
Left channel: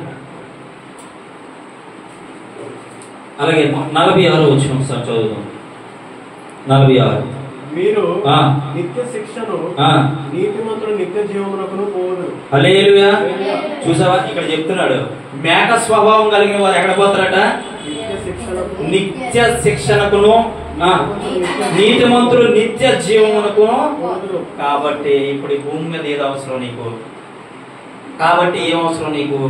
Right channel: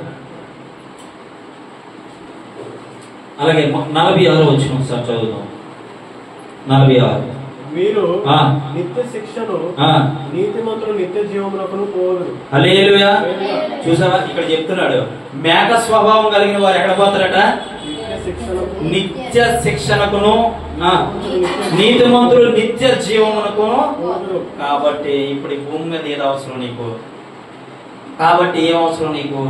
అలాగే 46 వచనం ఒకసారి చదువుదాం. 46. మీరు నిత్య శిక్షను నీతిమంతులు నిత్య జీవమునకును పోదురు. హల్లెలూయా. చూసావా, ఇక్కడ చెప్తున్నాడు మేక స్వభావం కలిగిన వారు ఎక్కడ పోతారట? నిత్య శిక్షణకును, నీతిమంతులు నిత్య జీవమునకు. కాబట్టి ఇప్పుడు ఈ భూమి మీద ఏది అవసరం నీకు? కాబట్టి ఏం అవసరం నీకు?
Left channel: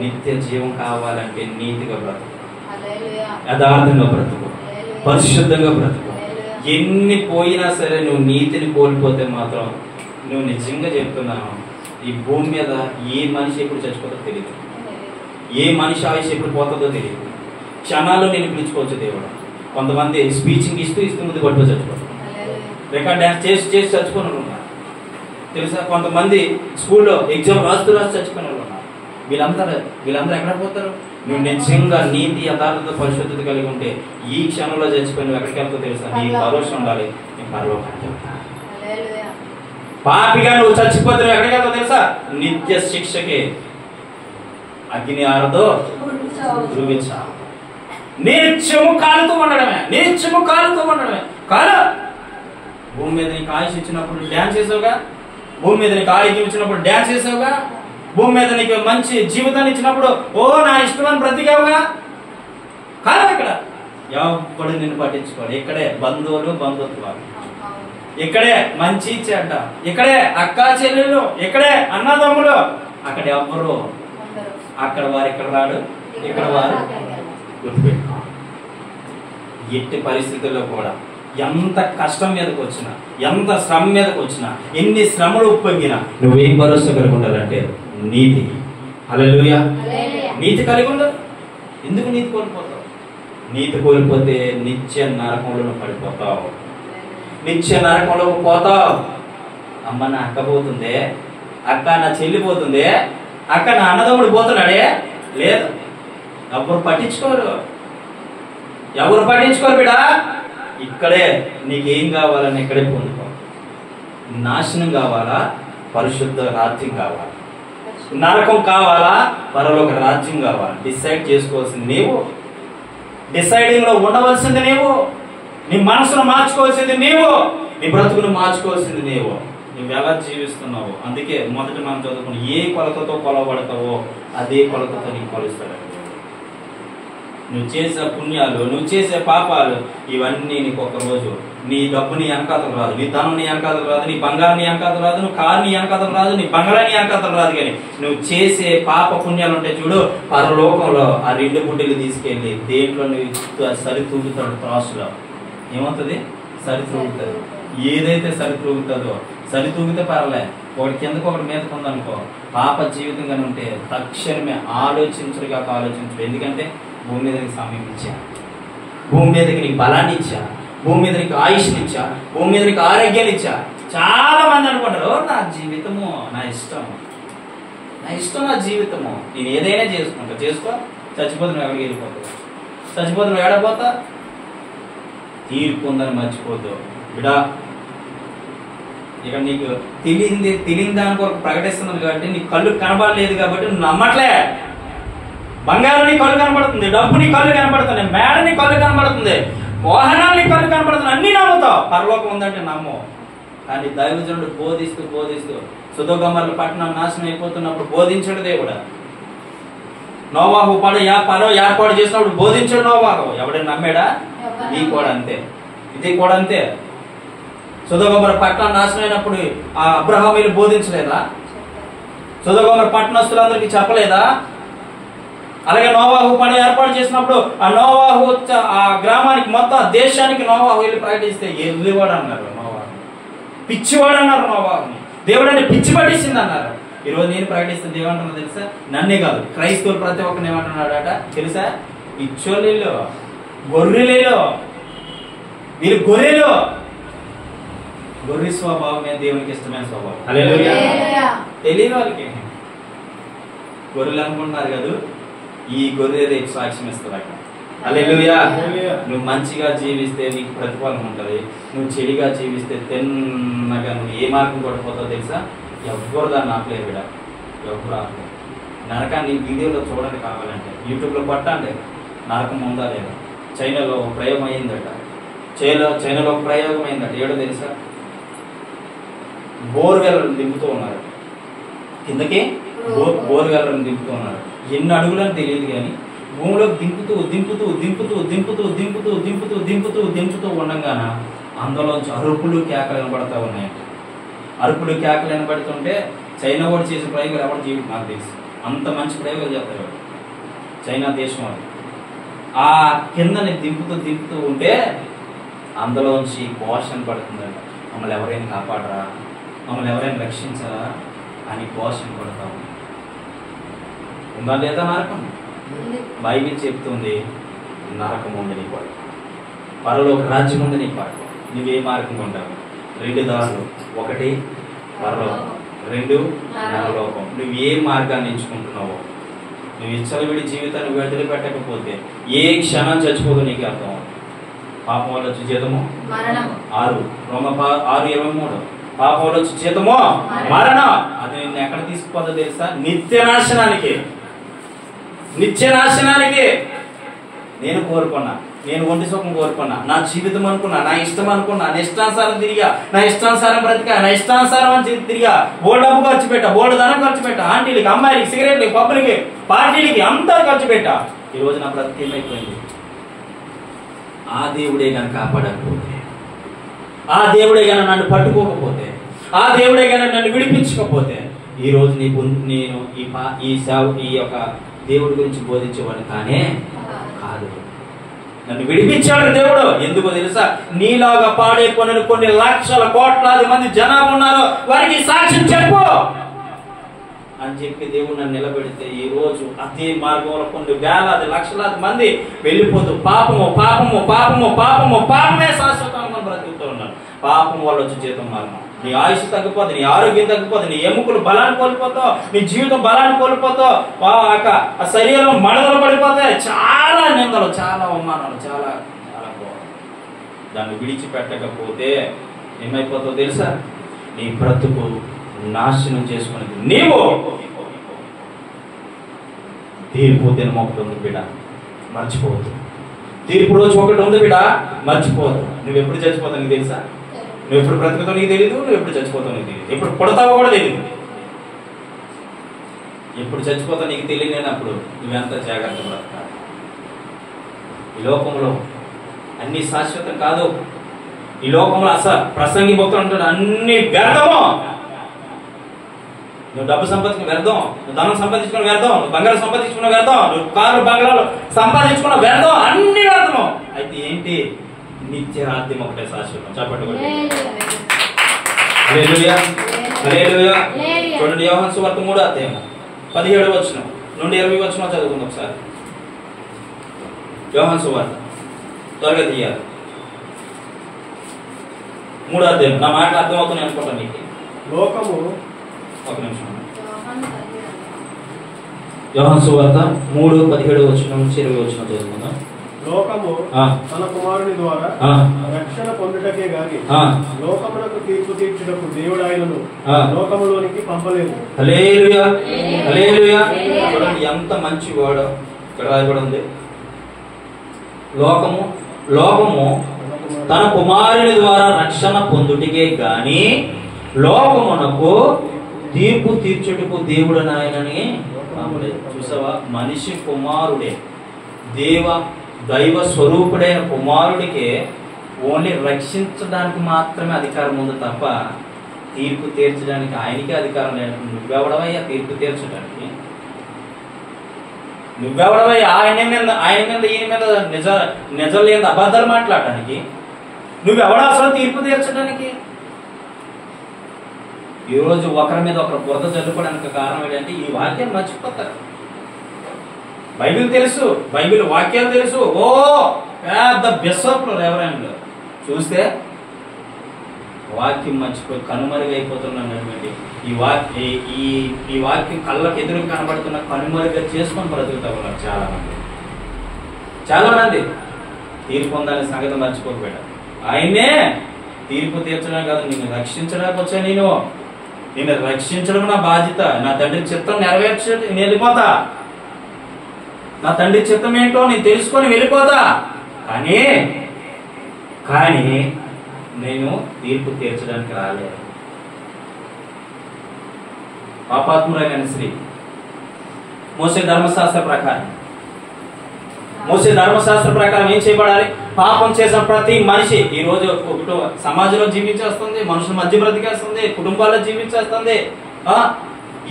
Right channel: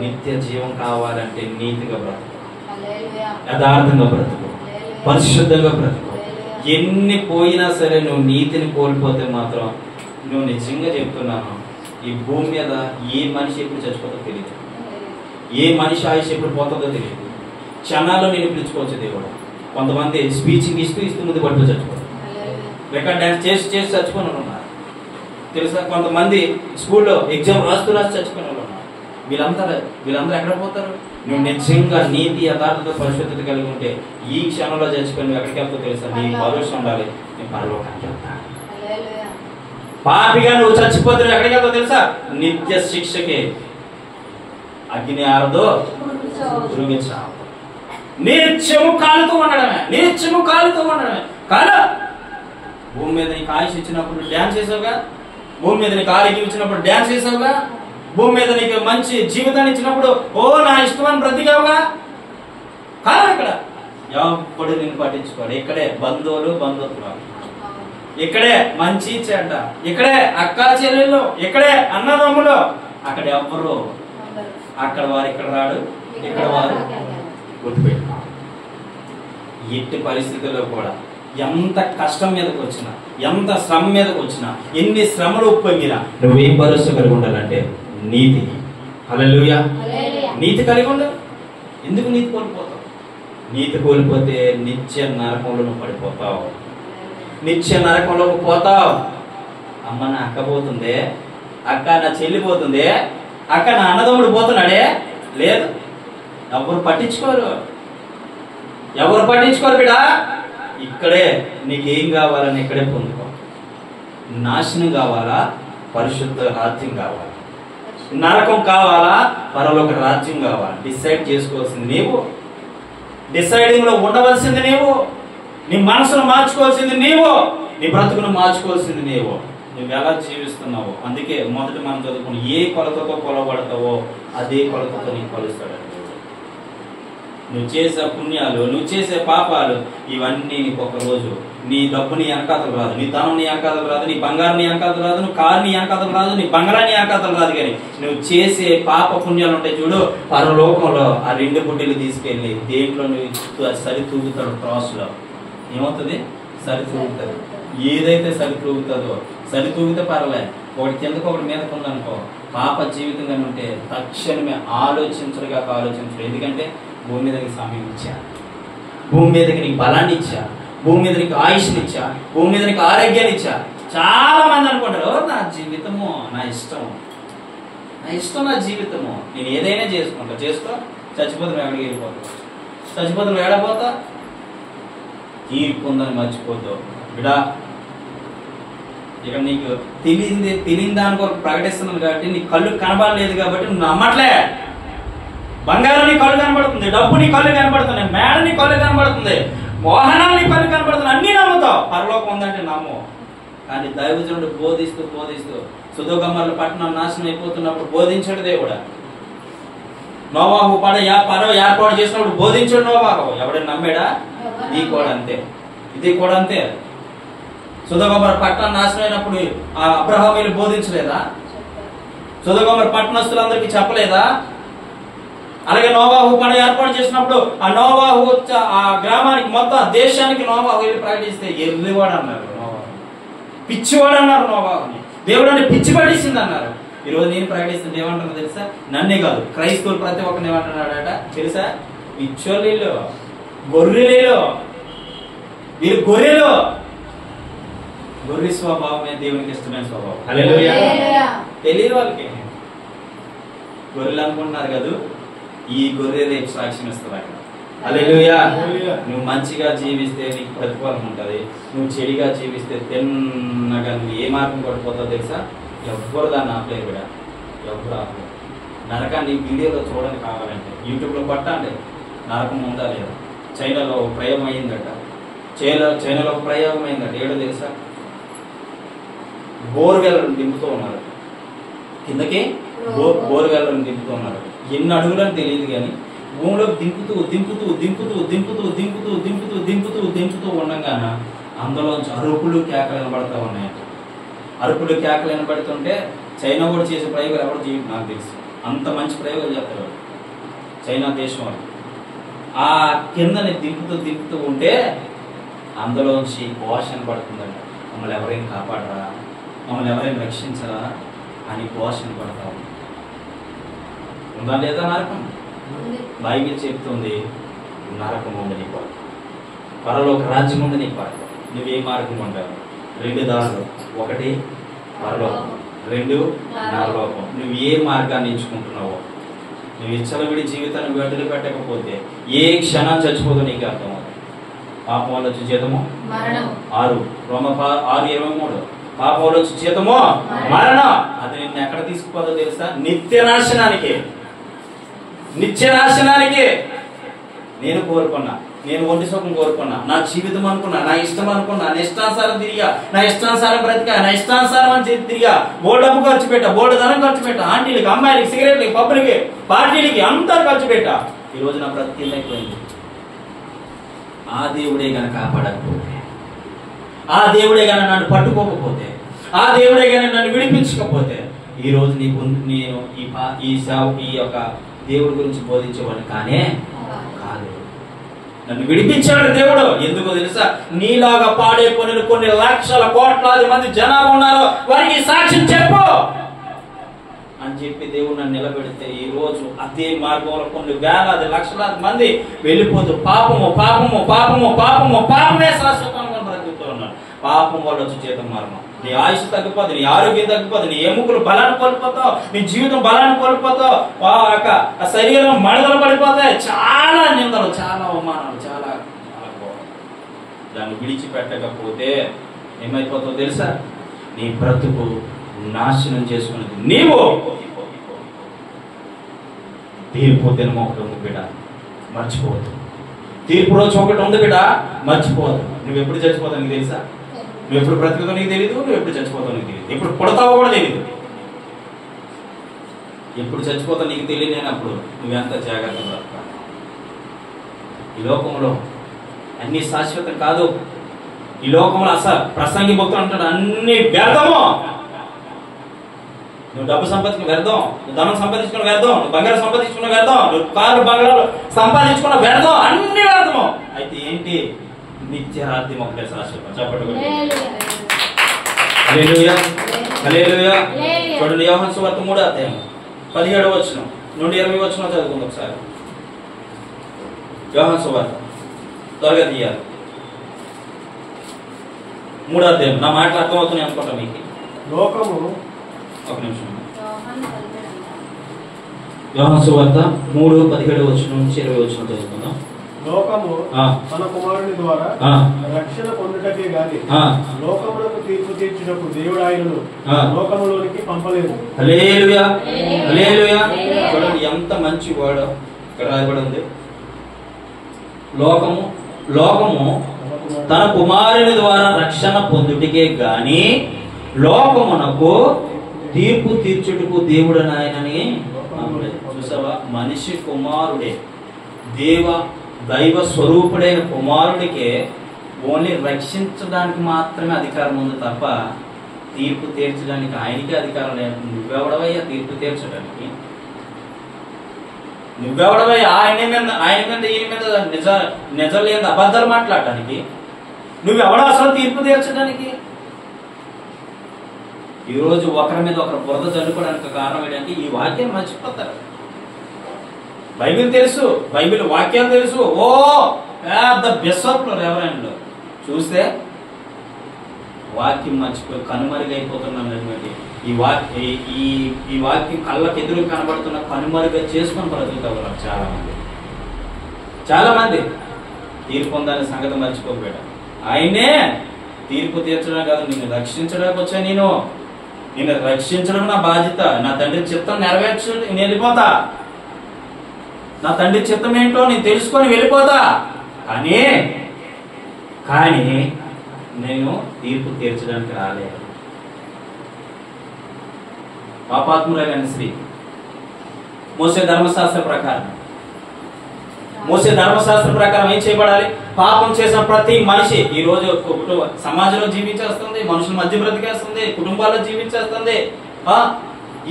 నిత్య జీవం కావాలంటే నీతిగా బ్రతుకు, యథార్థంగా బ్రతుకు, పరిశుద్ధంగా బ్రతుకు. ఎన్ని పోయినా సరే నువ్వు నీతిని కోల్పోతే మాత్రం నువ్వు నిజంగా చెప్తున్నాను, ఈ భూమి మీద ఏ మనిషి ఎప్పుడు చచ్చిపోతుందో తెలియదు, ఏ మనిషి ఆయుష్ ఎప్పుడు పోతుందో తెలియదు. క్షణాల్లో నేను పిలుచుకోవచ్చు దేవుడు. కొంతమంది స్పీచింగ్ ఇస్తూ ముందు పడుతూ చచ్చిపోతారు. రికార్డ్ డ్యాన్స్ చేసి చచ్చిపోయిన వాళ్ళు ఉన్నారు తెలుసా. కొంతమంది స్కూల్లో ఎగ్జామ్ రాస్తూ చచ్చిపోయిన వాళ్ళు ఉన్నారు. వీళ్ళందరూ ఎక్కడ పోతారు? నువ్వు నిజంగా నీతి, యథార్థత, పరిశుద్ధత కలిగి ఉంటే ఈ క్షణంలో చచ్చిపోయి నువ్వు ఎక్కడికి వెళ్తావు తెలుసా? నీ భరోసా ఉండాలి, నీ పరలోకానికి వెళ్తావు. పాపిగా నువ్వు చచ్చిపోతే నువ్వు ఎక్కడికి వెళ్తావు తెలుసా? నిత్య శిక్షకే. అగ్ని ఆరదో ధ్రువించావు. నిత్యము కాలుతూ ఉండడమే, నిత్యము కాలుతూ ఉండడమే. కాల భూమి మీద నీకు ఆయుష్ ఇచ్చినప్పుడు డ్యాన్స్ చేసావుగా, భూమి మీద నీకు ఆరోగ్యం ఇచ్చినప్పుడు డ్యాన్స్ చేసావుగా, భూమి మీద నీకు మంచి జీవితాన్ని ఇచ్చినప్పుడు ఓ నా ఇష్టమని బ్రతికావుగా. కాలం ఇక్కడ ఎవడు నిన్ను పట్టించుకోడు. ఇక్కడే బంధువులు, ఇక్కడే మంచి చెడ్డ, ఇక్కడే అక్క చెల్లెళ్ళు, ఇక్కడే అన్నదమ్ములు. అక్కడ ఎవ్వరు, అక్కడ వారు ఇక్కడ రాడు, ఇక్కడ వారు. గుర్తుపెట్టుకో, ఎట్టి పరిస్థితుల్లో కూడా ఎంత కష్టం మీదకి వచ్చినా, ఎంత శ్రమ మీదకి వచ్చినా, ఎన్ని శ్రమలు ఉప్పొంగినా నువ్వేం భరోసా కలిగి ఉండాలంటే నీతి. హల్లెలూయా. నీతి కలిగి ఉండాలి. ఎందుకు నీతి కోల్పోతావు? నీతి కోల్పోతే నిత్య నరకంలో పడిపోతావు, నిత్య నరకంలోకి పోతావు. అమ్మ నా అక్క పోతుందే, అక్క నా చెల్లి పోతుందే, అక్క నా అన్నదమ్ముడు పోతున్నాడే, లేదు. ఎవరు పట్టించుకోరు బిడా. ఇక్కడే నీకేం కావాలని ఇక్కడే పొందుకో. నాశనం కావాలా, పరిశుద్ధ రాజ్యం కావాలా? నరకం కావాలా, పరలోక రాజ్యం కావాలా? డిసైడ్ చేసుకోవాల్సింది నీవు. డిసైడింగ్ లో ఉండవలసింది నీవు. నీ మనసును మార్చుకోవాల్సింది నీవు. నీ బ్రతుకును మార్చుకోవాల్సింది నీవు. నువ్వు ఎలా జీవిస్తున్నావు? అందుకే మొదట మనం చదువుకుని ఏ కొలతతో కొలవబడతావో అదే కొలతతో నీకు కొలుస్తాడు. నువ్వు చేసే పుణ్యాలు, నువ్వు చేసే పాపాలు, ఇవన్నీ నీకు ఒక రోజు. నీ డబ్బు నీ వెనకాతలు రాదు, నీ ధనం నీ వెనకాతలు రాదు, నీ బంగారం నీ వెనకాతలు రాదు, నువ్వు కారు నీ వెనకాతలు రాదు, నీ బంగారం నీ వెనకాతలు రాదు. కానీ నువ్వు చేసే పాప పుణ్యాలు ఉంటాయి చూడు, పరలోకంలో ఆ 2 బుడ్డీలు తీసుకెళ్ళి దేంట్లో నువ్వు సరి తూగుతాడు, క్రాస్లో. ఏమవుతుంది? సరితూగుతుంది. ఏదైతే సరితూగుతుందో, సరితూగితే పర్లే, ఒకటి కిందకు ఒకటి మీదకు ఉందనుకో, పాప జీవితంగా ఉంటే తక్షణమే ఆలోచించడుగా ఆలోచించడు. ఎందుకంటే భూమి మీద నీకు సమయం ఇచ్చా, భూమి మీదకి నీకు బలాన్ని ఇచ్చా, భూమి మీద నీకు ఆయుష్ని ఇచ్చా, భూమి మీద నీకు ఆరోగ్యాన్ని ఇచ్చా. చాలా మంది అనుకుంటారు నా జీవితము నా ఇష్టము, నా ఇష్టం నా జీవితము, నేను ఏదైనా చేసుకుంటా, చేసుకో, చచ్చిపోతే నువ్వు ఎక్కడికి వెళ్ళిపోతా, చచ్చిపోతే నువ్వు ఏడపోతా, తీర్పు ఉందని మర్చిపోద్దు బిడా. ఇక్కడ నీకు తెలియని దాని కొరకు ప్రకటిస్తున్నాను కాబట్టి నీ కళ్ళు కనబడలేదు కాబట్టి నువ్వు నమ్మట్లే. బంగారం నీ కళ్ళు కనబడుతుంది, డబ్బు నీ కళ్ళు కనబడుతుంది, మేడ నీ కళ్ళు కనబడుతుంది, వాహనాలు నీ కళ్ళు కనబడుతుంది, అన్నీ నమ్ముతావు. పరలోకం ఉందంటే నమ్ము. కానీ దైవజనుడు బోధిస్తూ సొదొమ గొమొర్రా పట్టణం నాశనం అయిపోతున్నప్పుడు బోధించడు దేవుడు. నోవాహు పరో ఏర్పాటు చేసినప్పుడు బోధించడు నోవాహు. ఎవడైనా నమ్మాడా? ఇది కూడా అంతే, ఇది కూడా అంతే. సొదొమ గొమొర్రా పట్టణం నాశనం అయినప్పుడు ఆ అబ్రహామీలు బోధించలేదా? సొదొమ గొమొర్రా పట్టణస్తులందరికీ చెప్పలేదా? అలాగే నోవాహు పడవ ఏర్పాటు చేసినప్పుడు ఆ నోవాహు ఆ గ్రామానికి మొత్తం దేశానికి నోవాహు వెళ్ళి ప్రకటిస్తే ఎర్రివాడు అన్నారు, నోవాహు పిచ్చివాడు అన్నారు, నోవాహుని దేవుడు అంటే పిచ్చి పట్టేసింది అన్నారు. ఈరోజు నేను ప్రకటిస్తే ఏమంటున్నా తెలుసా? నన్నే కాదు, క్రైస్తవులు ప్రతి ఒక్కరిని ఏమంటున్నాడట తెలుసా? పిచ్చోళ్ళు, గొర్రెలేలో, వీళ్ళు గొర్రెలు. గొర్రె స్వభావమే దేవునికి ఇష్టమైన స్వభావం. హల్లెలూయా. తెలియదు వాళ్ళకి. గొర్రెలు అనుకుంటున్నారు కదా, ఈ గొర్రె రేపు సాక్ష్యం ఇస్తుంది అక్కడ. హల్లెలూయా. నువ్వు మంచిగా జీవిస్తే నీకు ప్రతిఫలం ఉంటుంది, నువ్వు చెడిగా జీవిస్తే తిన్నగా నువ్వు ఏ మార్గం కొట్టిపోతావు తెలుసా? ఎవ్వరు దాన్ని ఆపలేరు బిడ్డ, ఎవ్వరు ఆపలేరు. నరకాన్ని వీడియోలో చూడండి, కావాలంటే యూట్యూబ్లో పట్టండి, నరకం ఉందా లేదా. చైనాలో ఒక ప్రయోగం అయిందట, చైనాలో ఒక ప్రయోగం అయిందట. ఏడో తెలుసా? బోర్వెల్లను దింపుతూ ఉన్నారు కిందకి, బోర్వెల్లను దింపుతూ ఉన్నారు. ఎన్ని అడుగులని తెలియదు కానీ భూమిలో దింపుతూ ఉండగాన అందులోంచి అరుపులు కేకలు వినబడతా ఉన్నాయంట. అరుపులు కేకలు వినబడుతుంటే చైనా కూడా చేసే ప్రయోగాలు ఎవరు జీవితం నాకు తెలుసు, అంత మంచి ప్రయోగాలు చేస్తారు చైనా దేశం వాళ్ళు. ఆ కిందని దింపుతూ ఉంటే అందులోంచి ఘోష పడుతుందంట, మమ్మల్ని ఎవరైనా కాపాడరా, మమ్మల్ని ఎవరైనా రక్షించరా అని ఘోష పడతాం. ఉందా లేదా నరకం? బైబిల్ చెప్తుంది నరకం ఉంది నీ కొరకు, పరలోక రాజ్యం ఉంది నీ కొరకు. నువ్వే మార్గం ఉంటావు? 2 దారులు, ఒకటి పరలోకం, 2 నరలోకం. నువ్వు ఏ మార్గాన్ని ఎంచుకుంటున్నావో, నువ్వు ఇచ్చలవిడి జీవితాన్ని వదిలిపెట్టకపోతే ఏ క్షణం చచ్చిపోదో నీకు అర్థం అవుతుంది. పాపం వల్ల వచ్చే జీతము 6:23 పాపం వల్ల వచ్చే జీతము మరణం. అది నిన్ను ఎక్కడ తీసుకుపోదో తెలుసా? నిత్యనాశనానికి. నేను కోరుకున్నా, నేను ఒంటి సుఖం కోరుకున్నా, నా జీవితం అనుకున్నా, నా ఇష్టం అనుకున్నా, నా ఇష్టానుసారం తిరిగా, నా ఇష్టానుసారం బ్రతికా, నా ఇష్టానుసారం అని తిరిగా, బోర్డు డబ్బు ఖర్చు పెట్టా, బోర్డు ధనం ఖర్చు పెట్టా, ఆంటీలకి, అమ్మాయిలకి, సిగరెట్లకి, పబ్బులకి, పార్టీలకి అంతా ఖర్చు పెట్టా. ఈరోజు నా బ్రతికి ఏమైపోయింది? ఆ దేవుడే గనక కాపాడకపోతే, ఆ దేవుడే గనక నన్ను పట్టుకోకపోతే, ఆ దేవుడే గనక నన్ను విడిపించకపోతే ఈరోజు నేను ఈ యొక్క దేవుడి గురించి బోధించేవాడిని కానే కాదు. నన్ను విడిపించాడు దేవుడు. ఎందుకో తెలుసా? నీలాగా పాడే పనులు కొన్ని లక్షల కోట్లాది మంది జనాలు ఉన్నారు, వారికి సాక్ష్యం చెప్పు అని చెప్పి దేవుడు నన్ను నిలబెడితే ఈ రోజు అదే మార్గంలో కొన్ని వేలాది లక్షలాది మంది వెళ్ళిపోతూ పాపమే శాశ్వతంగా బ్రతుకుతూ ఉన్నారు. పాపం వల్ల వచ్చి జీతం మరణం. నీ ఆయుష్ తగ్గిపోతుంది, నీ ఆరోగ్యం తగ్గిపోతుంది, నీ ఎముకలు బలాన్ని కోల్పోతావు, నీ జీవితం బలాన్ని కోల్పోతావు, ఆ శరీరం మడదలు పడిపోతాయి. చాలా నిందలు, చాలా అవమానాలు, చాలా దాన్ని విడిచిపెట్టకపోతే ఏమైపోతావు తెలుసా? నీ బ్రతుకు నాశనం చేసుకునేది నీవు. తీర్పు దినం ఒకటి ఉంది బిడ్డ, మర్చిపోవద్దు. తీర్పు రోజు ఒకటి ఉంది బిడ్డ, మర్చిపోవద్దు. నువ్వు ఎప్పుడు చచ్చిపోతావు నీకు తెలుసా? నువ్వు ఎప్పుడు బ్రతుకుతావు నీకు తెలియదు, నువ్వు ఎప్పుడు చచ్చిపోతావు నీకు తెలియదు, ఎప్పుడు పుడతావో కూడా తెలియదు. ఎప్పుడు చచ్చిపోతావు నీకు తెలియలేనప్పుడు నువ్వెంత జాగ్రత్త బ్రతకాలి. ఈ లోకంలో అన్ని శాశ్వతం కాదు. ఈ లోకంలో ప్రసంగి భక్తులు అంటాడు అన్ని వ్యర్థము. నువ్వు డబ్బు సంపాదించుకున్న వ్యర్థం, నువ్వు ధనం సంపాదించుకున్న వ్యర్థం, నువ్వు బంగారం సంపాదించుకున్న వ్యర్థం, నువ్వు కార్లు బంగారాలు సంపాదించుకున్న వ్యర్థం, అన్ని వ్యర్థము. అయితే ఏంటి? నిత్య రాజ్యం ఒకటే శాశ్వతం. చెప్పండి. హల్లెలూయా, హల్లెలూయా. చూడండి, యోహాను సువార్త 3వ అధ్యాయం 17వ వచనం నుండి 20వ వచనం చదువుకుందాం ఒకసారి. యోహాను సువార్త త్వరగా తీయాలి. 3వ అధ్యాయం. నా మాటలు అర్థమవుతున్నాయి అనుకుంటా మీకు. లోకము, ఒక నిమిషం. యోహాను సువార్త 3:17 వచనం నుంచి 20వ వచనం చదువుకుందాం. లోకము తన కుమారుని ద్వారా రక్షణ పొందుటకే గాని లోకమునకు తీర్పు తీర్చుటకు దేవుడు ఆయనను లోకములోనికి పంపలేదు. హల్లెలూయా, హల్లెలూయా. చూడండి ఎంత మంచి వర్డ్ ఇక్కడ రాయబడి ఉంది. లోకము తన కుమారుని ద్వారా రక్షణ పొందుటకే గాని లోకమునకు తీర్పు తీర్చుటకు దేవుడు ఆయనని పంపలేదు. చూసావా, మనిషి కుమారుడే, దైవ స్వరూపుడైన కుమారుడికే ఓన్లీ రక్షించడానికి మాత్రమే అధికారం ఉంది తప్ప తీర్పు తీర్చడానికి ఆయనకే అధికారం లేదు. నువ్వెవడవయ్యా తీర్పు తీర్చడానికి? నువ్వెవడవయ్యా ఆయన మీద ఈయన మీద నిజం లేని అబద్ధాలు మాట్లాడటానికి? నువ్వెవడ అసలు తీర్పు తీర్చడానికి? ఈరోజు ఒకరి మీద ఒకరు బురద చల్లుకోవడానికి కారణం ఏంటంటే ఈ వాక్యం మర్చిపోతారు. బైబిల్ తెలుసు, బైబిల్ వాక్యాలు తెలుసు. ఓ పెద్ద బిషప్లు రెవరెండ్లు చూస్తే వాక్యం మర్చిపోయి కనుమరుగైపోతున్నటువంటి ఈ వాక్యం కళ్ళకు ఎదురు కనబడుతున్న కనుమరుగా చేసుకొని బ్రతుకుతా ఉన్నారు చాలా మంది. తీర్పు పొందాలనే సంగతి మర్చిపోకపోయాడు. ఆయనే తీర్పు తీర్చడం కాదు, నిన్ను రక్షించడానికి వచ్చా. నిన్ను రక్షించడం నా బాధ్యత. నా తండ్రి చిత్తం నెరవేర్చి నేను వెళ్ళిపోతా. నా తండ్రి చిత్తం ఏంటో నేను తెలుసుకొని వెళ్ళిపోతా. కానీ నేను తీర్పు తీర్చడానికి రాలేదు. పాపాత్మురైన స్త్రీ మోసే ధర్మశాస్త్ర ప్రకారం ఏం చేయబడాలి? పాపం చేసిన ప్రతి మనిషి ఈ రోజు సమాజంలో జీవించేస్తుంది, మనుషుల మధ్య బ్రతికేస్తుంది, కుటుంబాల్లో జీవించేస్తుంది.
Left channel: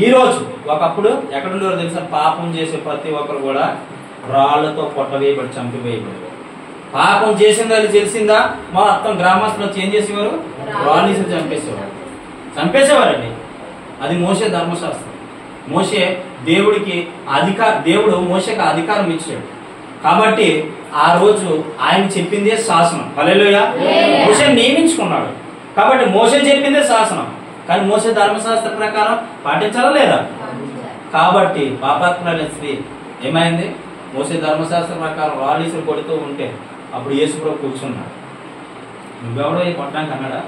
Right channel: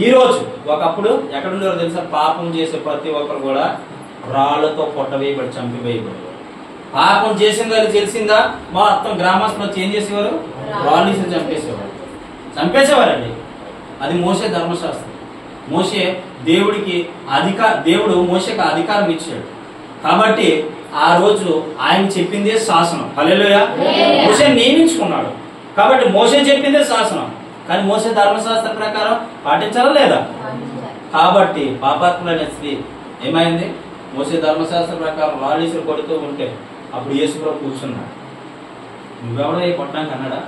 ఈ రోజు ఒకప్పుడు ఎక్కడుండేవారు తెలుసా? పాపం చేసే ప్రతి ఒక్కరు కూడా రాళ్లతో కొట్టవేయబడి చంపివేయబడి. పాపం చేసింది అది తెలిసిందా మొత్తం గ్రామస్తులు ఏం చేసేవారు? రాళ్ళని చంపేసేవారండి. అది మోసే ధర్మశాస్త్రం. దేవుడు మోసేకి అధికారం ఇచ్చాడు కాబట్టి ఆ రోజు ఆయన చెప్పిందే శాసనం. హల్లెలూయా. మోసే నియమించుకున్నాడు కాబట్టి మోసే చెప్పిందే శాసనం. కానీ మోసే ధర్మశాస్త్ర ప్రకారం పాటించాలా లేదా? కాబట్టి పాపాత్ములైన స్త్రీ ఏమైంది? మోసే ధర్మశాస్త్ర ప్రకారం రాళ్ళీసులు కొడుతూ ఉంటే అప్పుడు యేసుప్రభు కూర్చున్నాడు. నువ్వెవరయ్యా కొట్టడానికి అన్నాడా?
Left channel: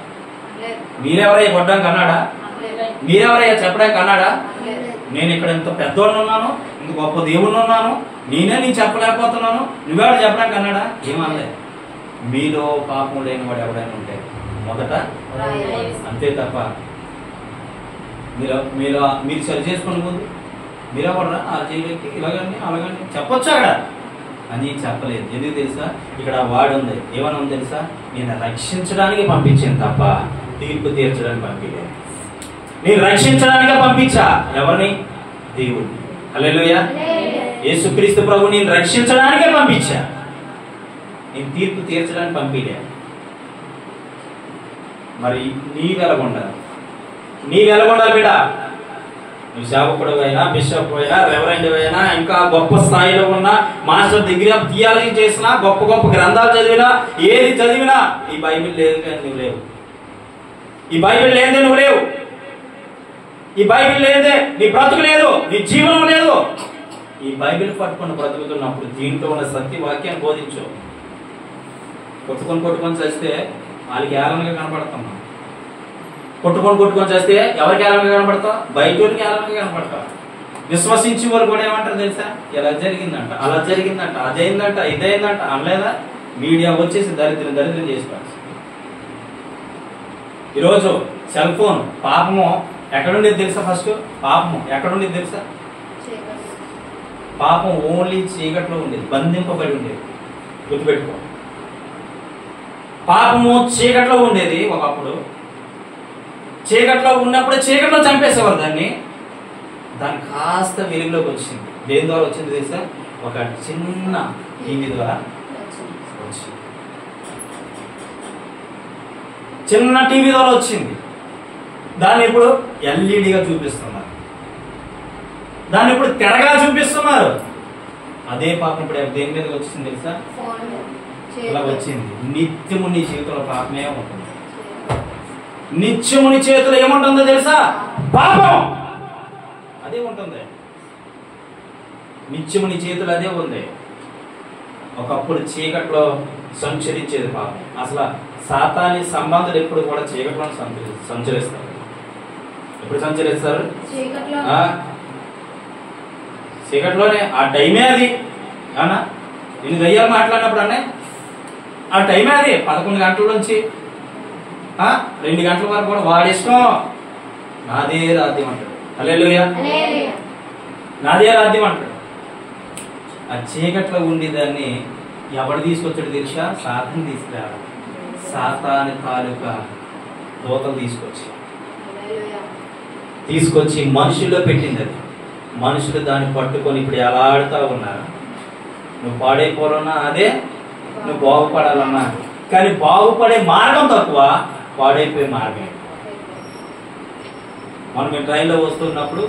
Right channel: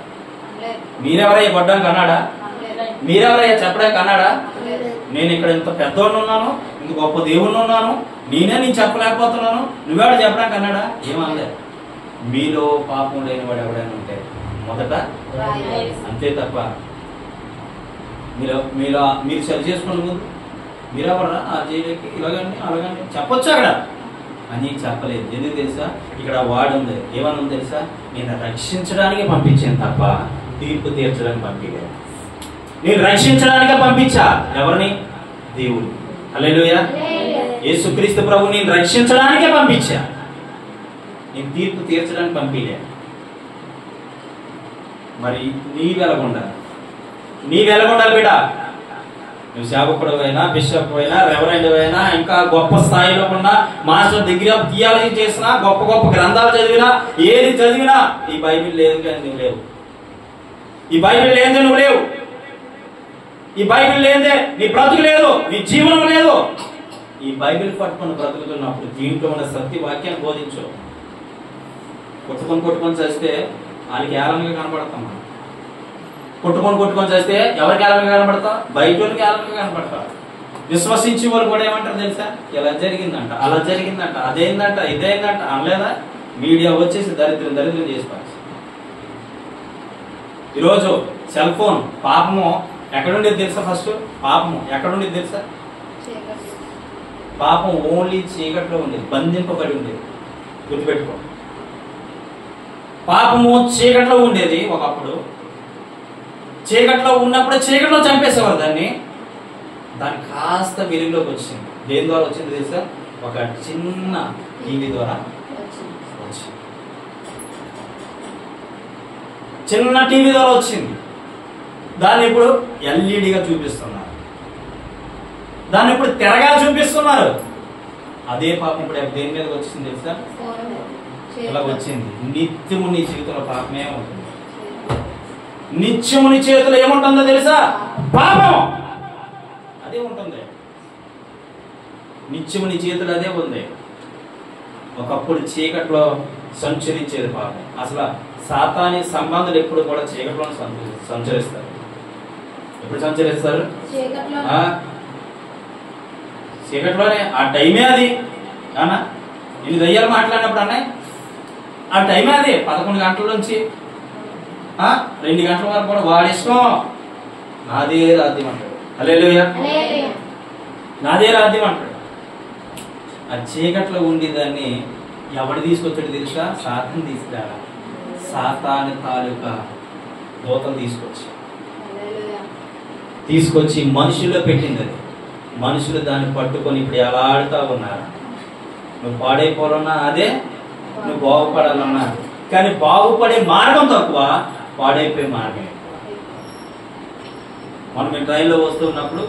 మీరెవరయ్యా కొట్టడానికి అన్నాడా? మీరెవరయ్యా చెప్పడానికి అన్నాడా? నేను ఇక్కడ ఇంత పెద్దోడిని ఉన్నాను, ఇంత గొప్ప దేవుడిని ఉన్నాను, నేను చెప్పలేకపోతున్నాను, నువ్వెవడ చెప్పడానికి అన్నాడా? ఏమనలే. మీలో పాపం లేని వాడు ఎవడైనా ఉంటే మొదట అంతే తప్ప మీరు సరి చేసుకునే ముందు మీరెవరా ఆ జైలుకి ఇలాగండి అలాగండి చెప్పొచ్చు అక్కడ అని చెప్పలేదు. ఎందుకు తెలుసా? ఇక్కడ వాడు ఉంది. ఏమని ఉంది తెలుసా? నేను రక్షించడానికి పంపించాను తప్ప తీర్పు తీర్చడానికి పంపించాను. నేను రక్షించడానికే పంపించా. ఎవరిని? దేవుడిని. హల్లెలూయా. యేసుక్రీస్తు ప్రభు నేను రక్షించడానికే పంపించా, నేను తీర్పు తీర్చడానికి పంపిలే. మరి నీవెలగొండాలి బిడ్డ. నువ్వు సేవకుడు అయినా, బిషప్ అయినా, రెవరెండ్ అయినా, ఇంకా గొప్ప స్థాయిలో ఉన్న మాస్టర్ డిగ్రీ ఆఫ్ థియాలజీ చేసినా, గొప్ప గొప్ప గ్రంథాలు చదివినా, ఏది చదివినా ఈ బైబిల్ లేదు కానీ నువ్వు లేవు. ఈ బైబిల్ లేదే నువ్వు లేవు. ఈ బైబిల్ లేదే నీ బ్రతుకు లేదు, నీ జీవనం లేదు. ఈ బైబిల్ పట్టుకుని బ్రతుకుతున్నప్పుడు దీంట్లో ఉన్న సత్య వాక్యాన్ని బోధించు. కొట్టుకొని చేస్తే వాళ్ళకి ఏలంగా కనపడతాం. కొట్టుకొని చేస్తే ఎవరికి ఏలంగా కనపడతాం? బైబిల్కి ఏలంగా కనపడతాం. విశ్వసించి వారు కూడా ఏమంటారు తెలుసా? ఇలా జరిగిందంట, అలా జరిగిందంట, అదేందంట, ఇదేందంట అనలేదా? మీడియా వచ్చేసి దరిద్రం చేసుకోవాలి. ఈరోజు సెల్ ఫోన్ పాపము ఎక్కడుండేది తెలుసా? ఫస్ట్ పాపము ఎక్కడుండేది తెలుసా? పాపం ఓన్లీ చీకట్లో ఉండేది, బంధింపబడి ఉండేది. గుర్తుపెట్టుకో, పాపము చీకట్లో ఉండేది. ఒకప్పుడు చీకట్లో ఉన్నప్పుడే చీకట్లో చంపేసేవారు దాన్ని కాస్త వెలుగులోకి వచ్చింది. దేని ద్వారా వచ్చింది తెలుసా? ఒక చిన్న టీవీ ద్వారా వచ్చింది. చిన్న టీవీ ద్వారా వచ్చింది, దాన్ని ఇప్పుడు ఎల్ఈడిగా చూపిస్తున్నారు, దాన్ని ఇప్పుడు తెరగా చూపిస్తున్నారు. అదే పాపం ఇప్పుడు దేని మీద వచ్చింది తెలుసా? ఇలా వచ్చింది. నిత్యము నీ జీవితంలో పాపమే ఉంటుంది. నిత్యము నీ చేతిలో ఏముంటుందో తెలుసా? పాపం అదే ఉంటుంది. నిత్యము నీ చేతులు అదే ఉంది. ఒకప్పుడు చీకట్లో సంచరించేది పాపం. అసలు సాతాని సంబంధులు ఎప్పుడు కూడా చీకట్లో సంచరిస్తారు. ఎప్పుడు సంచరిస్తారు? చీకట్లోనే. ఆ టైమే అది. అవునా? నేను దయ్యాలు మాట్లాడినప్పుడు అన్నాయి ఆ టైమే అది. 11 గంటల నుంచి 2 గంటల వరకు కూడా వాడి ఇష్టం. నాదే రాజ్యం అంటాడు. హల్లెలూయా. నాదే రాజ్యం అంటాడు. ఆ చీకట్లో ఉండేదాన్ని ఎవడు తీసుకొచ్చాడు తెలుసా? సాతాను తీసుకురాడు. సాతాను తాలూకా దూతలు తీసుకొచ్చి మనుషుల్లో పెట్టింది. అది మనుషులు దాన్ని పట్టుకొని ఇప్పుడు ఎలా ఆడుతూ ఉన్నారు. నువ్వు పాడైపోవాలన్నా అదే, నువ్వు బాగుపడాలన్నా. కానీ బాగుపడే మార్గం తక్కువ, పాడైపోయే మార్గం ఎక్కువ. మనం మేము ట్రైన్లో వస్తున్నప్పుడు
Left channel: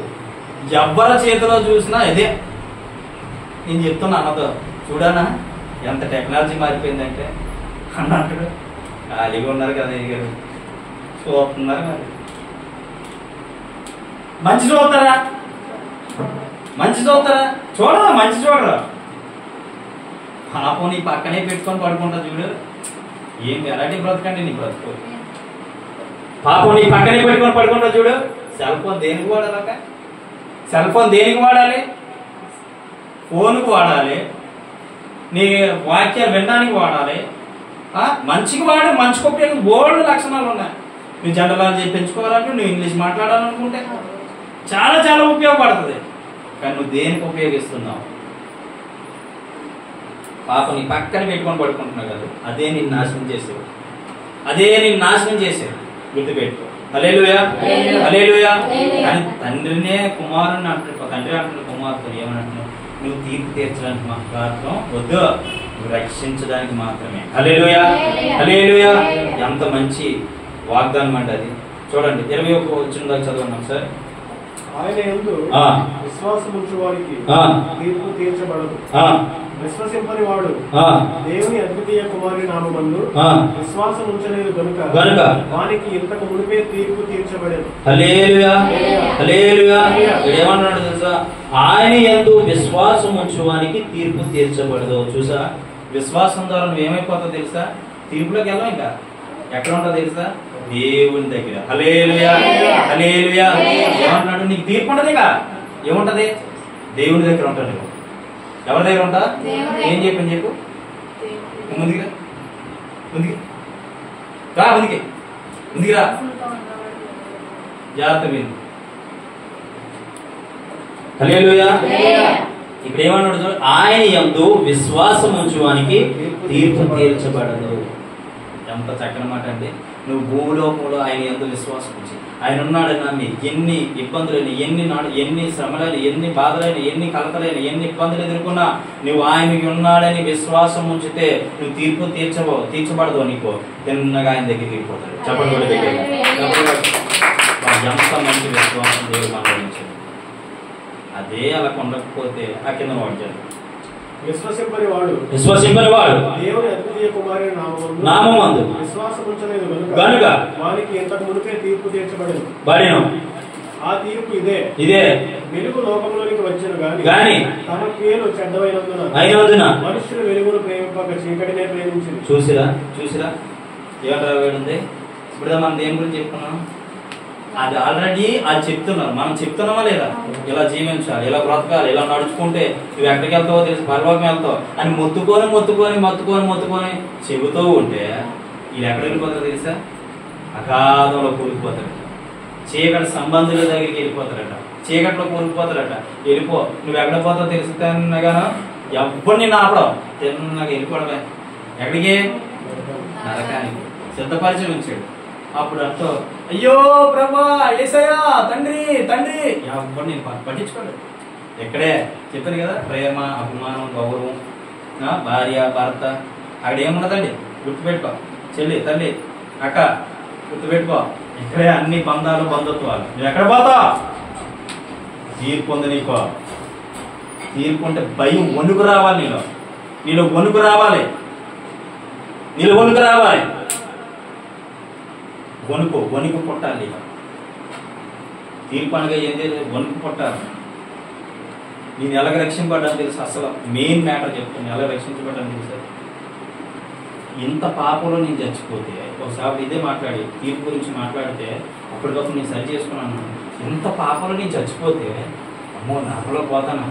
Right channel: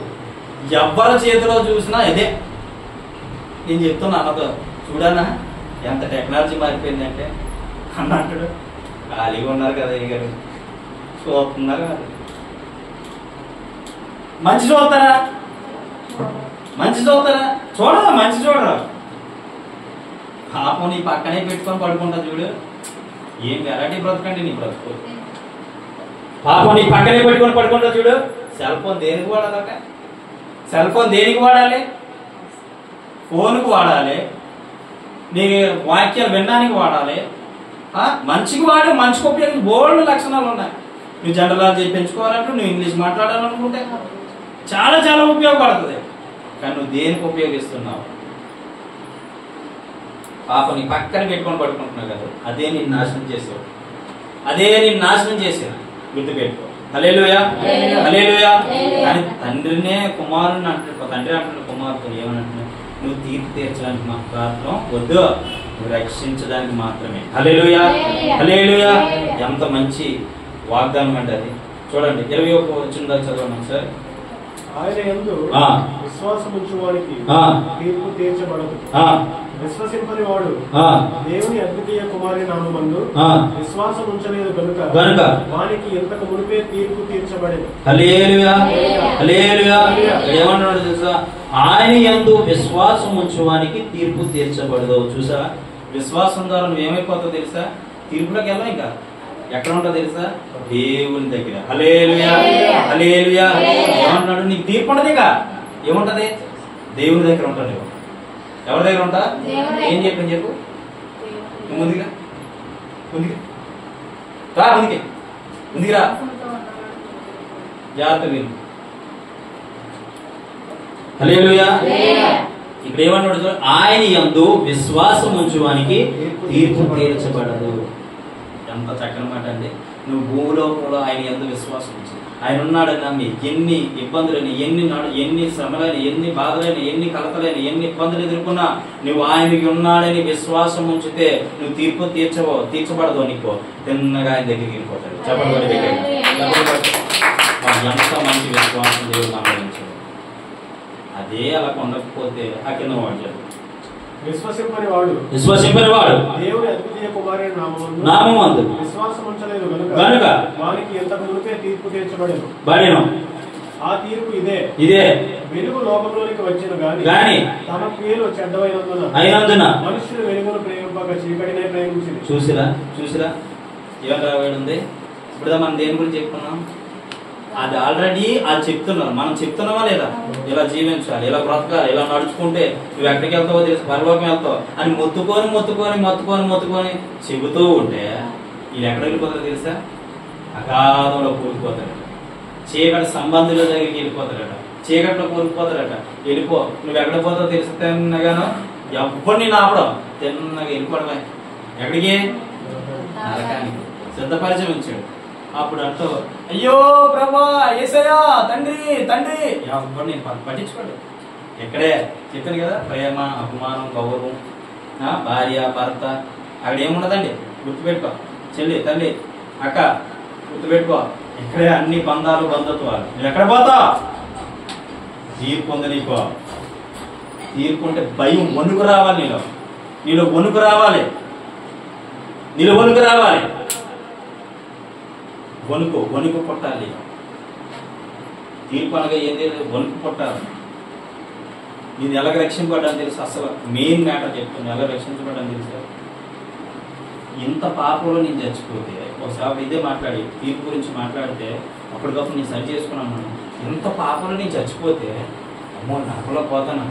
ఎవ్వరి చేతిలో చూసినా ఇదే. నేను చెప్తున్నా అన్నతో, చూడనా ఎంత టెక్నాలజీ మారిపోయిందంటే అన్నట్టు. ఖాళీగా ఉన్నారు కదా గారు, చూస్తున్నారు కదా. మంచి చూస్తారా? మంచి చూస్తారా? చూడరా, మంచి చూడరా. పాపం నీ పక్కనే పెట్టుకొని పడుకుంటా చూడు. ఏం వెరైటీ బ్రతకండి నీ బ్రతుకు. పాపం నీ పక్కనే పెట్టుకొని పడుకుంటా చూడు. సెల్ ఫోన్ దేనికి వాడాలట? సెల్ ఫోన్ దేనికి వాడాలి? ఫోన్కు వాడాలి, నీ వాక్యాలు వినడానికి వాడాలి. మంచికి వాడి మంచికి ఉపయోగం బోల్డ్ లక్షణాలు ఉన్నాయి. నువ్వు జనరల్ పెంచుకోవాలంటే, నువ్వు ఇంగ్లీష్ మాట్లాడాలనుకుంటే చాలా చాలా ఉపయోగపడుతుంది. కానీ నువ్వు దేనికి ఉపయోగిస్తున్నావు? పాప నీ పక్కన పెట్టుకొని పడుకుంటున్నావు కదా, అదే నేను నాశనం చేసావు. అదే నేను నాశనం చేసావు. గుర్తుపెట్టుకో. హల్లెలూయా, హల్లెలూయా. కానీ తండ్రినే కుమారుని అంటున్నాడు. తండ్రి అంటున్నాడు కుమార్తెను ఏమంటున్నావు? నువ్వు తీర్పు తీర్చడానికి మాత్రం వద్దు, నువ్వు రక్షించడానికి మాత్రమే. హల్లెలూయా, హల్లెలూయా. ఎంత మంచి వాగ్దానం అండి అది. చూడండి 21వ వచనం చదవండి సార్. ఆయన యందు విశ్వాసం ఉంచు వారికి తీర్పు తీర్చబడదు. విశ్వసింపని వాడు దేవుని అద్వితీయ కుమారుని నామమందు విశ్వాసం ఉంచలేదు కనుక వానికి ఇంతకు మునిపే తీర్పు తీర్చబడేది. హల్లెలూయా, హల్లెలూయా. ఏమన్నాడు తెలుసా? ఆయన యందు విశ్వాసం ఉంచువానికి తీర్పు తీర్చబడదు. చూసా, విశ్వాసం ద్వారా నువ్వు ఏమైపోతావు తెలుసా? తీర్పులోకి వెళ్ళాం. ఇంకా ఎక్కడ ఉంటావు తెలుసా? దేవుని దగ్గర. హల్లెలూయా, హల్లెలూయా. ఏమంటున్నాడు? నీకు తీర్పు ఉంటది. ఇంకా ఏముంటది? దేవుని దగ్గర ఉంటాడు. ఎవరి దగ్గర ఉంటా? ఏం చెప్పని చెప్పు. ముందుగా రా, ముందుకి రా. జాగ్రత్త మీరు. హల్లెలూయా. ఇక్కడ ఏమన్నాడు? ఆయన యందు విశ్వాసం ఉంచువానికి తీర్పు తీర్చబడదు. ఎంత చక్కని మాట అండి. నువ్వు భూలోకంలో ఆయన యందు విశ్వాసం ఉంచి, ఆయన ఉన్నాడని నమ్మి ఎన్ని ఇబ్బందులైన, ఎన్ని శ్రమలైన, ఎన్ని బాధలైన, ఎన్ని కలతలైన, ఎన్ని ఇబ్బందులు ఎదుర్కొన్నా నువ్వు ఆయనకి ఉన్నాడని విశ్వాసం ఉంచితే నువ్వు తీర్పు తీర్చబడదు. నీకు తిన్నగా ఆయన దగ్గరికి వెళ్ళిపోతాడు. చెప్పండి. ఎంత మంచి విశ్వాసం దేవుడు మాట్లాడించాడు. అదే అలా ఉండకపోతే ఆ కింద వాడు విశ్వసింపని వాడు దేవుని అద్వితీయ కుమారుని నామమందు విశ్వాసం ఉంచలేదు కనుక వానికి ఇంతకు మునిపే తీర్పు తీర్చబడదు. ఆ తీర్పు ఇదే, వెలుగు లోకంలోనికి వచ్చాను గాని తన క్రియలు చెడ్డవైనందున మనుషులు వెలుగును ప్రేమింపక చీకటినే ప్రేమించింది. చూసిరా ఏమంటే ఇప్పుడు మనం దేని గురించి చెప్తున్నాం? అది ఆల్రెడీ అది చెప్తున్నారు. మనం చెప్తున్నామా లేదా? ఇలా జీవించాలి, ఇలా బ్రతకాలి, ఇలా నడుచుకుంటే నువ్వు ఎక్కడికి వెళ్తావో తెలిసి పరలోకం వెళ్తావు అని మొత్తుకొని చెబుతూ ఉంటే వీళ్ళు ఎక్కడ వెళ్ళిపోతారో తెలుసా? అగాధంలో కూలిపోతారట. చీకటి సంబంధుల దగ్గరికి వెళ్ళిపోతారట. చీకట్లో కూలిపోతారట. వెళ్ళిపో, నువ్వు ఎక్కడ పోతావు తెలుస్తాగానో ఎవరిని నాపడం తిన్నగా వెళ్ళిపోవడమే. ఎక్కడికి? నరకానికి సిద్ధపరిచయం ఉంచాడు. అప్పుడు అంటూ అయ్యో ప్రభా, యేసయ్యా, తండ్రి ఎవరిని పట్టించుకోడు. ఎక్కడే చెప్పాను కదా, ప్రేమ, అభిమానం, గౌరవం, భార్య, భర్త, అక్కడ ఏమున్నదండి? గుర్తుపెట్టుకో. చెల్లి, తల్లి, అక్క, గుర్తుపెట్టుకో. ఇక్కడే అన్ని బంధాలు బంధుత్వాలు. నువ్వు ఎక్కడ పోతావు? తీర్పు ఉంది నీకు. తీర్పు అంటే భయం, వణుకు రావాలి నీలో వణుకు రావాలి. వణుకు పుట్టాలి. తీర్పు అనగా ఏంటి? వణుకు పుట్టాలి. నేను ఎలాగ రక్షింపడ్డాను తెలుసు. అసలు మెయిన్ మ్యాటర్ చెప్తాను, ఎలా రక్షించబడ్డాను తెలుసా? ఇంత పాపంలో నేను చచ్చిపోతే, ఒకసారి ఇదే మాట్లాడి తీర్పు గురించి మాట్లాడితే అప్పటికప్పుడు నేను సరి చేసుకున్నాను. ఇంత పాపంలో నేను చచ్చిపోతే అమ్మో నరకలో పోతాను,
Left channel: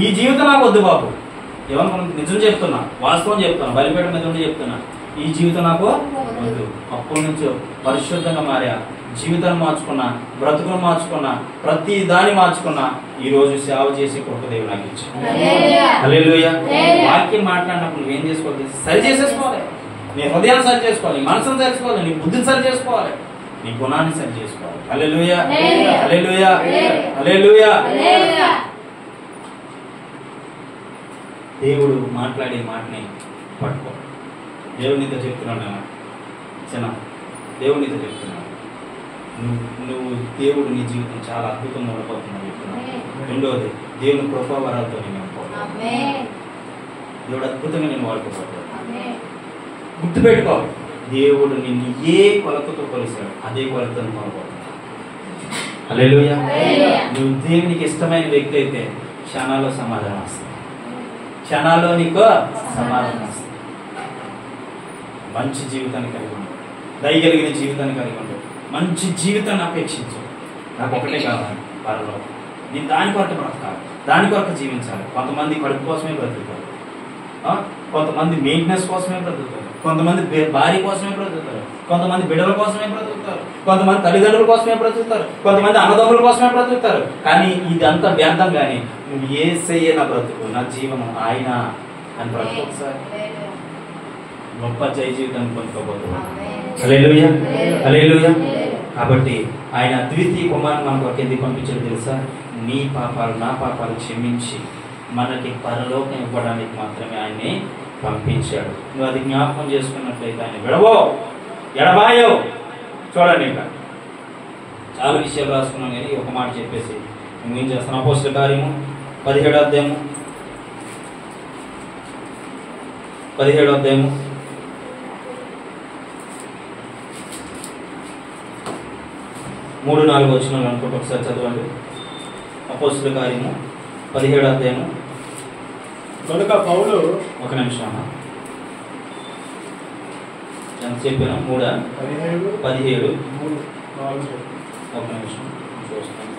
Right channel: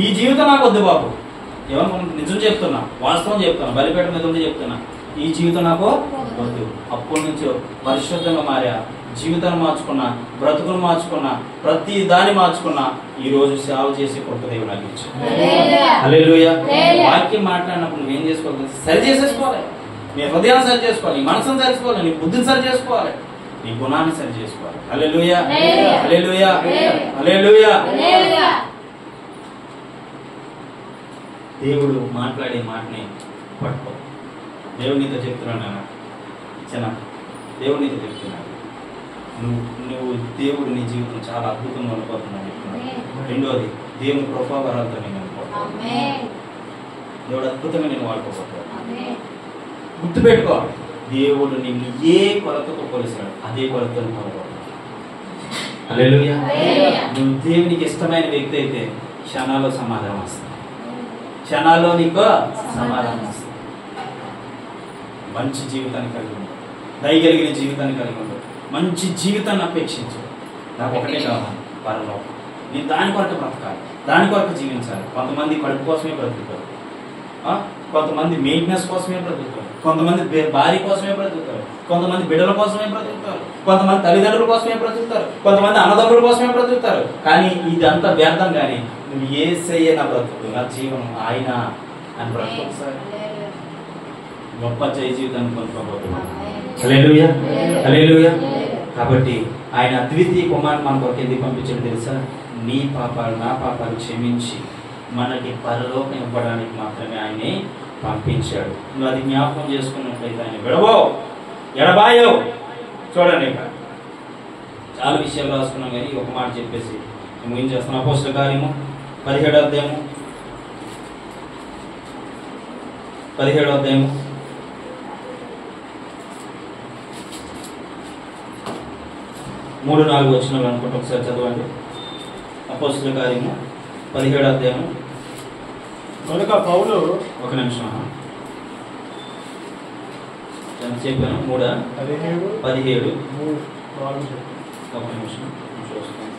ఈ జీవితం నాకు వద్దు బాబు. ఏమన్నా నిజం చెప్తున్నా, వాస్తవం చెప్తాను, బలిపేట మీద ఉండి చెప్తున్నా. ఈ జీవితం నాకు వద్దు. అప్పటి నుంచి పరిశుద్ధంగా మారా, జీవితాన్ని మార్చుకున్నా, బ్రతుకును మార్చుకున్నా, ప్రతి దాన్ని మార్చుకున్నా. ఈ రోజు సేవ చేసి గొప్ప దేవుడు నాకు ఇచ్చాడు. హల్లెలూయా. వాక్యం మాట్లాడినప్పుడు నువ్వేం చేసుకోవాలి? సరి చేసేసుకోవాలి. నీ హృదయాన్ని సరి చేసుకోవాలి, నీ మనసును సరి చేసుకోవాలి, నీ బుద్ధిని సరి చేసుకోవాలి, నీ గుణాన్ని సరి చేసుకోవాలి. హల్లెలూయా, హల్లెలూయా, హల్లెలూయా. దేవుడు మాట్లాడే మాటని పట్టుకో. దేవునితో చెప్తున్నాను చిన్న, దేవునితో చెప్తున్నాను. నువ్వు దేవుడు నీ జీవితం చాలా అద్భుతంగా ఉండబోతున్నావు. రెండోది, దేవుని కృపావరాలతో నేను అనుకోవాలి. దేవుడు అద్భుతంగా నేను వాడుకోబోతున్నాడు. గుర్తుపెట్టుకో, దేవుడు నిన్ను ఏ కొలతతో కొలిసాడు అదే కొలతతో కొలబోతున్నాడు. హల్లెలూయా. నువ్వు దేవునికి ఇష్టమైన వ్యక్తి అయితే క్షణాల్లో సమాధానం వస్తుంది. క్షణాల్లో నీకు సమాధానం వస్తుంది. మంచి జీవితాన్ని కలిగి ఉంటావు, దయగలిగిన జీవితాన్ని కలిగి ఉంటావు, మంచి జీవితాన్ని అపేక్షించు. నాకు ఒకటే కావాలి, పరలో నేను దాని కొరకు బ్రతకాలి, దాని కొరకు జీవించాలి. కొంతమంది కడుపు కోసమే బ్రతుకుతారు, కొంతమంది మెయింటెనెన్స్ కోసమే బ్రతుకుతారు, కొంతమంది భార్య కోసమే బ్రతుకుతారు, కొంతమంది బిడ్డల కోసమే బ్రతుకుతారు, కొంతమంది తల్లిదండ్రుల కోసమే బ్రతుకుతారు, కొంతమంది అన్నదమ్ముల కోసమే బ్రతుకుతారు. కానీ ఇదంతా వ్యర్థం. కానీ నువ్వు యేసయ్యే నా బ్రతుకు, నా జీవనం ఆయన అని బ్రతుకు. ఒకసారి గొప్ప జయ జీవితాన్ని పొందుకోబోతున్నాను. హల్లెలూయా, హల్లెలూయా. కాబట్టి ఆయన అద్వితీయ కుమారుని మన కొరకు ఎందుకు పంపించాడు తెలుసా? నీ పాపాలు నా పాపాలు క్షమించి మనకి పరలోకం ఇవ్వడానికి మాత్రమే ఆయన్ని పంపించాడు. నువ్వు అది జ్ఞాపకం చేసుకున్నట్లయితే ఆయన ఎడబాయో. చూడండి, ఇంకా చాలా విషయాలు రాసుకున్నాం కానీ ఒక మాట చెప్పేసి మేము ఏం చేస్తున్నాం? అపోస్తలుల కార్యము 17వ అధ్యాయము 3-4 వచనాలు అనుకుంటే ఒకసారి చదవండి. అపోస్తలుల కార్యము 17వ అధ్యాయము. కనుక పౌలు, ఒక నిమిషం చెప్పాను, 3:17. ఒక నిమిషం చూస్తాను.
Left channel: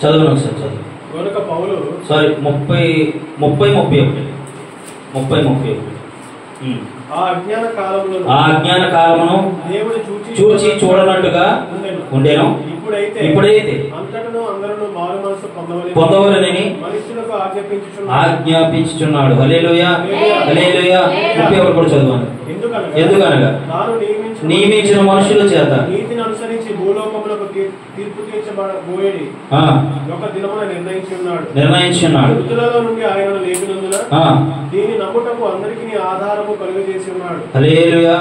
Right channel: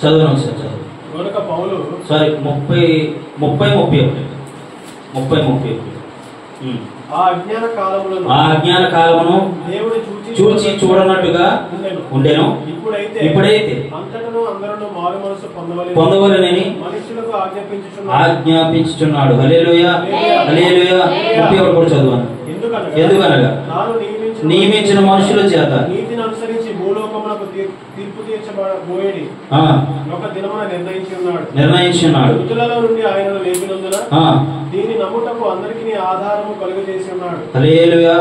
చదవను సార్, చదువు. కనుక పౌలు, సారీ 30-31. ఆ అజ్ఞాన కాలమును దేవుడు చూచి చూడనట్టుగా ఉండెను. ఇప్పుడైతే అంతటను అందరూ మారు మనసు పొందవలెనని మనుషులకు ఆజ్ఞాపించుచున్నాడు. హల్లెలూయా, హల్లెలూయా. 31 కూడా చదవను. ఎందుకనగా నియమించిన మనుషుల చేత నీతిని అనుసరించి భూలోకములకు తీర్పు తీర్చబోయేది ఒక దినమున నిర్ణయించున్నాడు. మృతులలో నుండి ఆయనను లేపినందున దీని నమ్ముటకు అందరికీ ఆధారము కలుగజేసి ఉన్నాడు. హల్లెలూయా,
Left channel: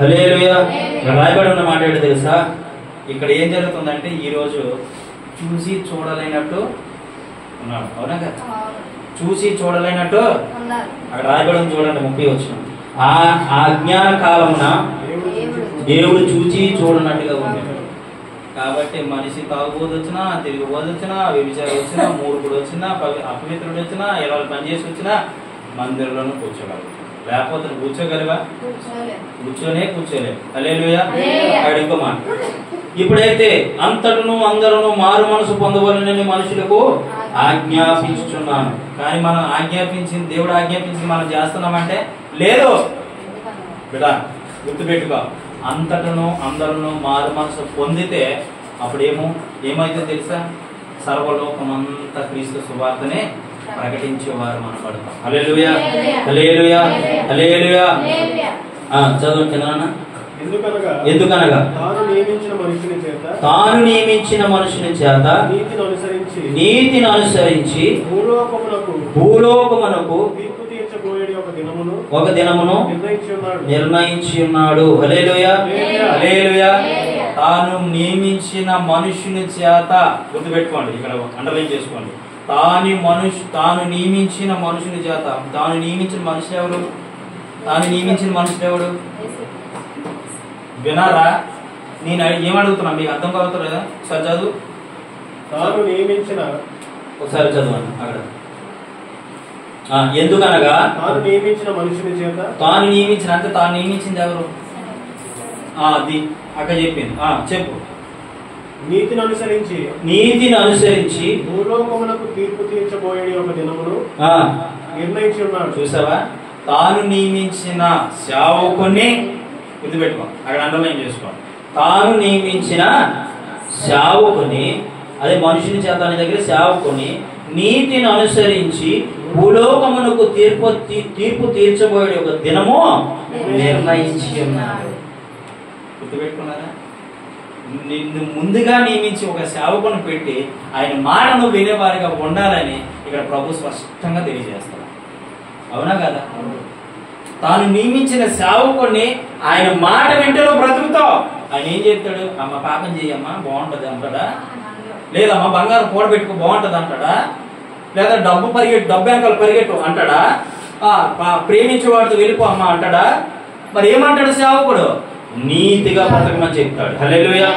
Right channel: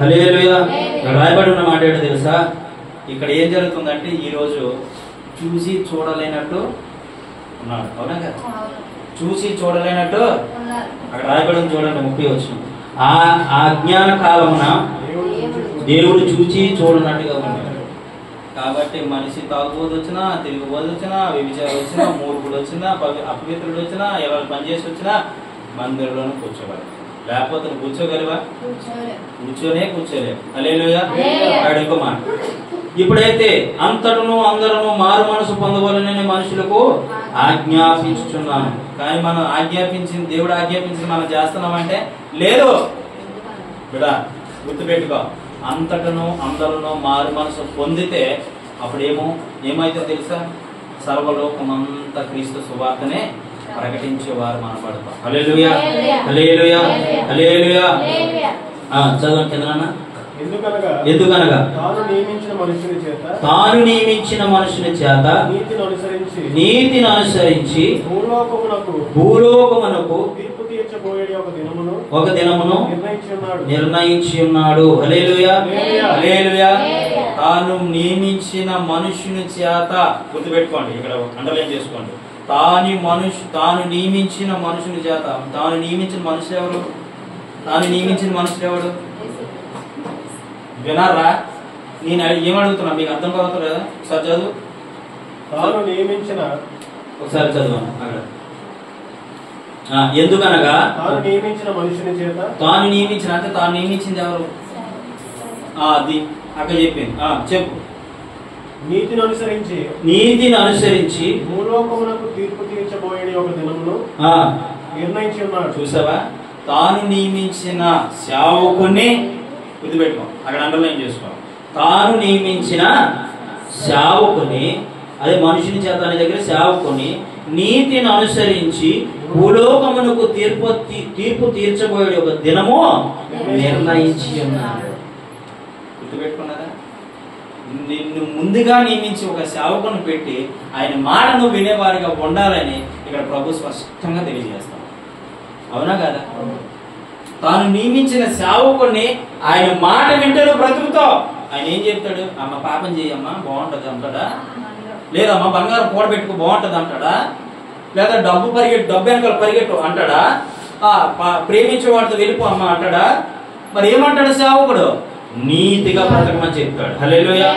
హల్లెలూయా. రాయబడి ఉన్న మాట ఏంటో తెలుసా? ఇక్కడ ఏం జరుగుతుందంటే ఈ రోజు చూసి చూడలేనట్టు ఉన్నాడు. అవునా కదా? చూసి చూడలేనట్టు అక్కడ రాయబడి ఉంది చూడండి, 30 వచనం. ఆ అజ్ఞాన కాలమున దేవుడు చూచి చూడనట్టుగా ఉన్నాడు. కాబట్టి మనిషి తాగుబోదు వచ్చినా, తిరుగుబోదు వచ్చినా, వ్యభిచారం వచ్చినా, మూర్ఖుడు వచ్చినా, అపవిత్రుడు వచ్చినా, ఎలా పనిచేసి వచ్చినా మందిరంలోనూ కూర్చోగలరు. లేకపోతే కూర్చోగలవా? కూర్చోలే. హల్లెలూయా. అక్కడ ఇంకో మాట, ఇప్పుడైతే అంతటను అందరూ మారు మనసు పొందవలనని మనుషులకు ఆజ్ఞాపించుచున్నాను. కానీ మనం ఆజ్ఞాపించింది, దేవుడు ఆజ్ఞాపించింది మనం చేస్తున్నామంటే లేదు. బిడ్డ గుర్తుపెట్టుకో, అంతటను అందరూ మారు మనసు పొందితే అప్పుడు ఏమైతే తెలుసా? సర్వలోకమంతా క్రీస్తు సువార్తనే ప్రకటించేవారు మనం పడతాం. హల్లెలూయా, హల్లెలూయా, హల్లెలూయా. చదవండి కదా. ఎందుకనగా తాను నియమించిన మనుషుని చేత నీతిని అనుసరించి భూలోకమునకు ఒక దినమును నిర్ణయించి ఉన్నాడు. హల్లెలూయా, హల్లెలూయా. తాను నియమించిన మనుషుని చేత, గుర్తుపెట్టుకోండి, ఇక్కడ అండర్లైన్ చేసుకోండి. తాను నియమించిన మనుషుని చేత. తాను నియమించిన మనుషులు ఎవరు? తాను నియమించిన మనుషులు ఎవరు? వినారా? నేను ఏమడుగుతున్నా మీకు అర్థం కావుతుందా? ఒకసారి చదువు. తాను నియమించిన, ఒకసారి చదువు అక్కడ. ఎందుకనగా తాను నియమించిన మనుషుని చేత. తాను నియమించిన అంటే తాను నియమించింది ఎవరు? అది అక్కడ చెప్పింది. చెప్పు. నీతిని అనుసరించి భూలోకమునకు తీర్పు తీర్చబోయే ఒక దినమును నిర్ణయించి ఉన్నాడు. చూసావా? తాను నియమించిన సేవకుని, గుర్తుపెట్టుకో, అక్కడ అండర్లైన్ చేసుకో. తాను నియమించిన సేవకుని, అదే మనుషుని చేత అనే దగ్గర సేవకుని నీతిని అనుసరించి భూలోకమునకు తీర్పు తీర్చబోయే ఒక దినము నిర్ణయించి ఉన్నాడు. గుర్తుపెట్టుకున్నారా? నిన్ను ముందుగా నియమించి ఒక సేవకుని పెట్టి ఆయన మాటను వినేవారిగా ఉండాలని ఇక్కడ ప్రభు స్పష్టంగా తెలియజేస్తాడు. అవునా కదా? తాను నియమించిన సేవకుని ఆయన మాట వింటలో బ్రతుకుతావు. ఆయన ఏం చెప్తాడు? అమ్మ పాపం చేయమ్మా బాగుంటది అంటాడా? లేదమ్మా బంగారం కూడబెట్టుకో బాగుంటది అంటాడా? లేదా డబ్బు వెనకాల పరిగెట్టు అంటాడా? ప్రేమించేవాడితో వెళ్ళిపో అమ్మ అంటాడా? మరి ఏమంటాడు సేవకుడు? నీతిగా బ్రతకమని చెప్తాడు. హల్లెలూయా,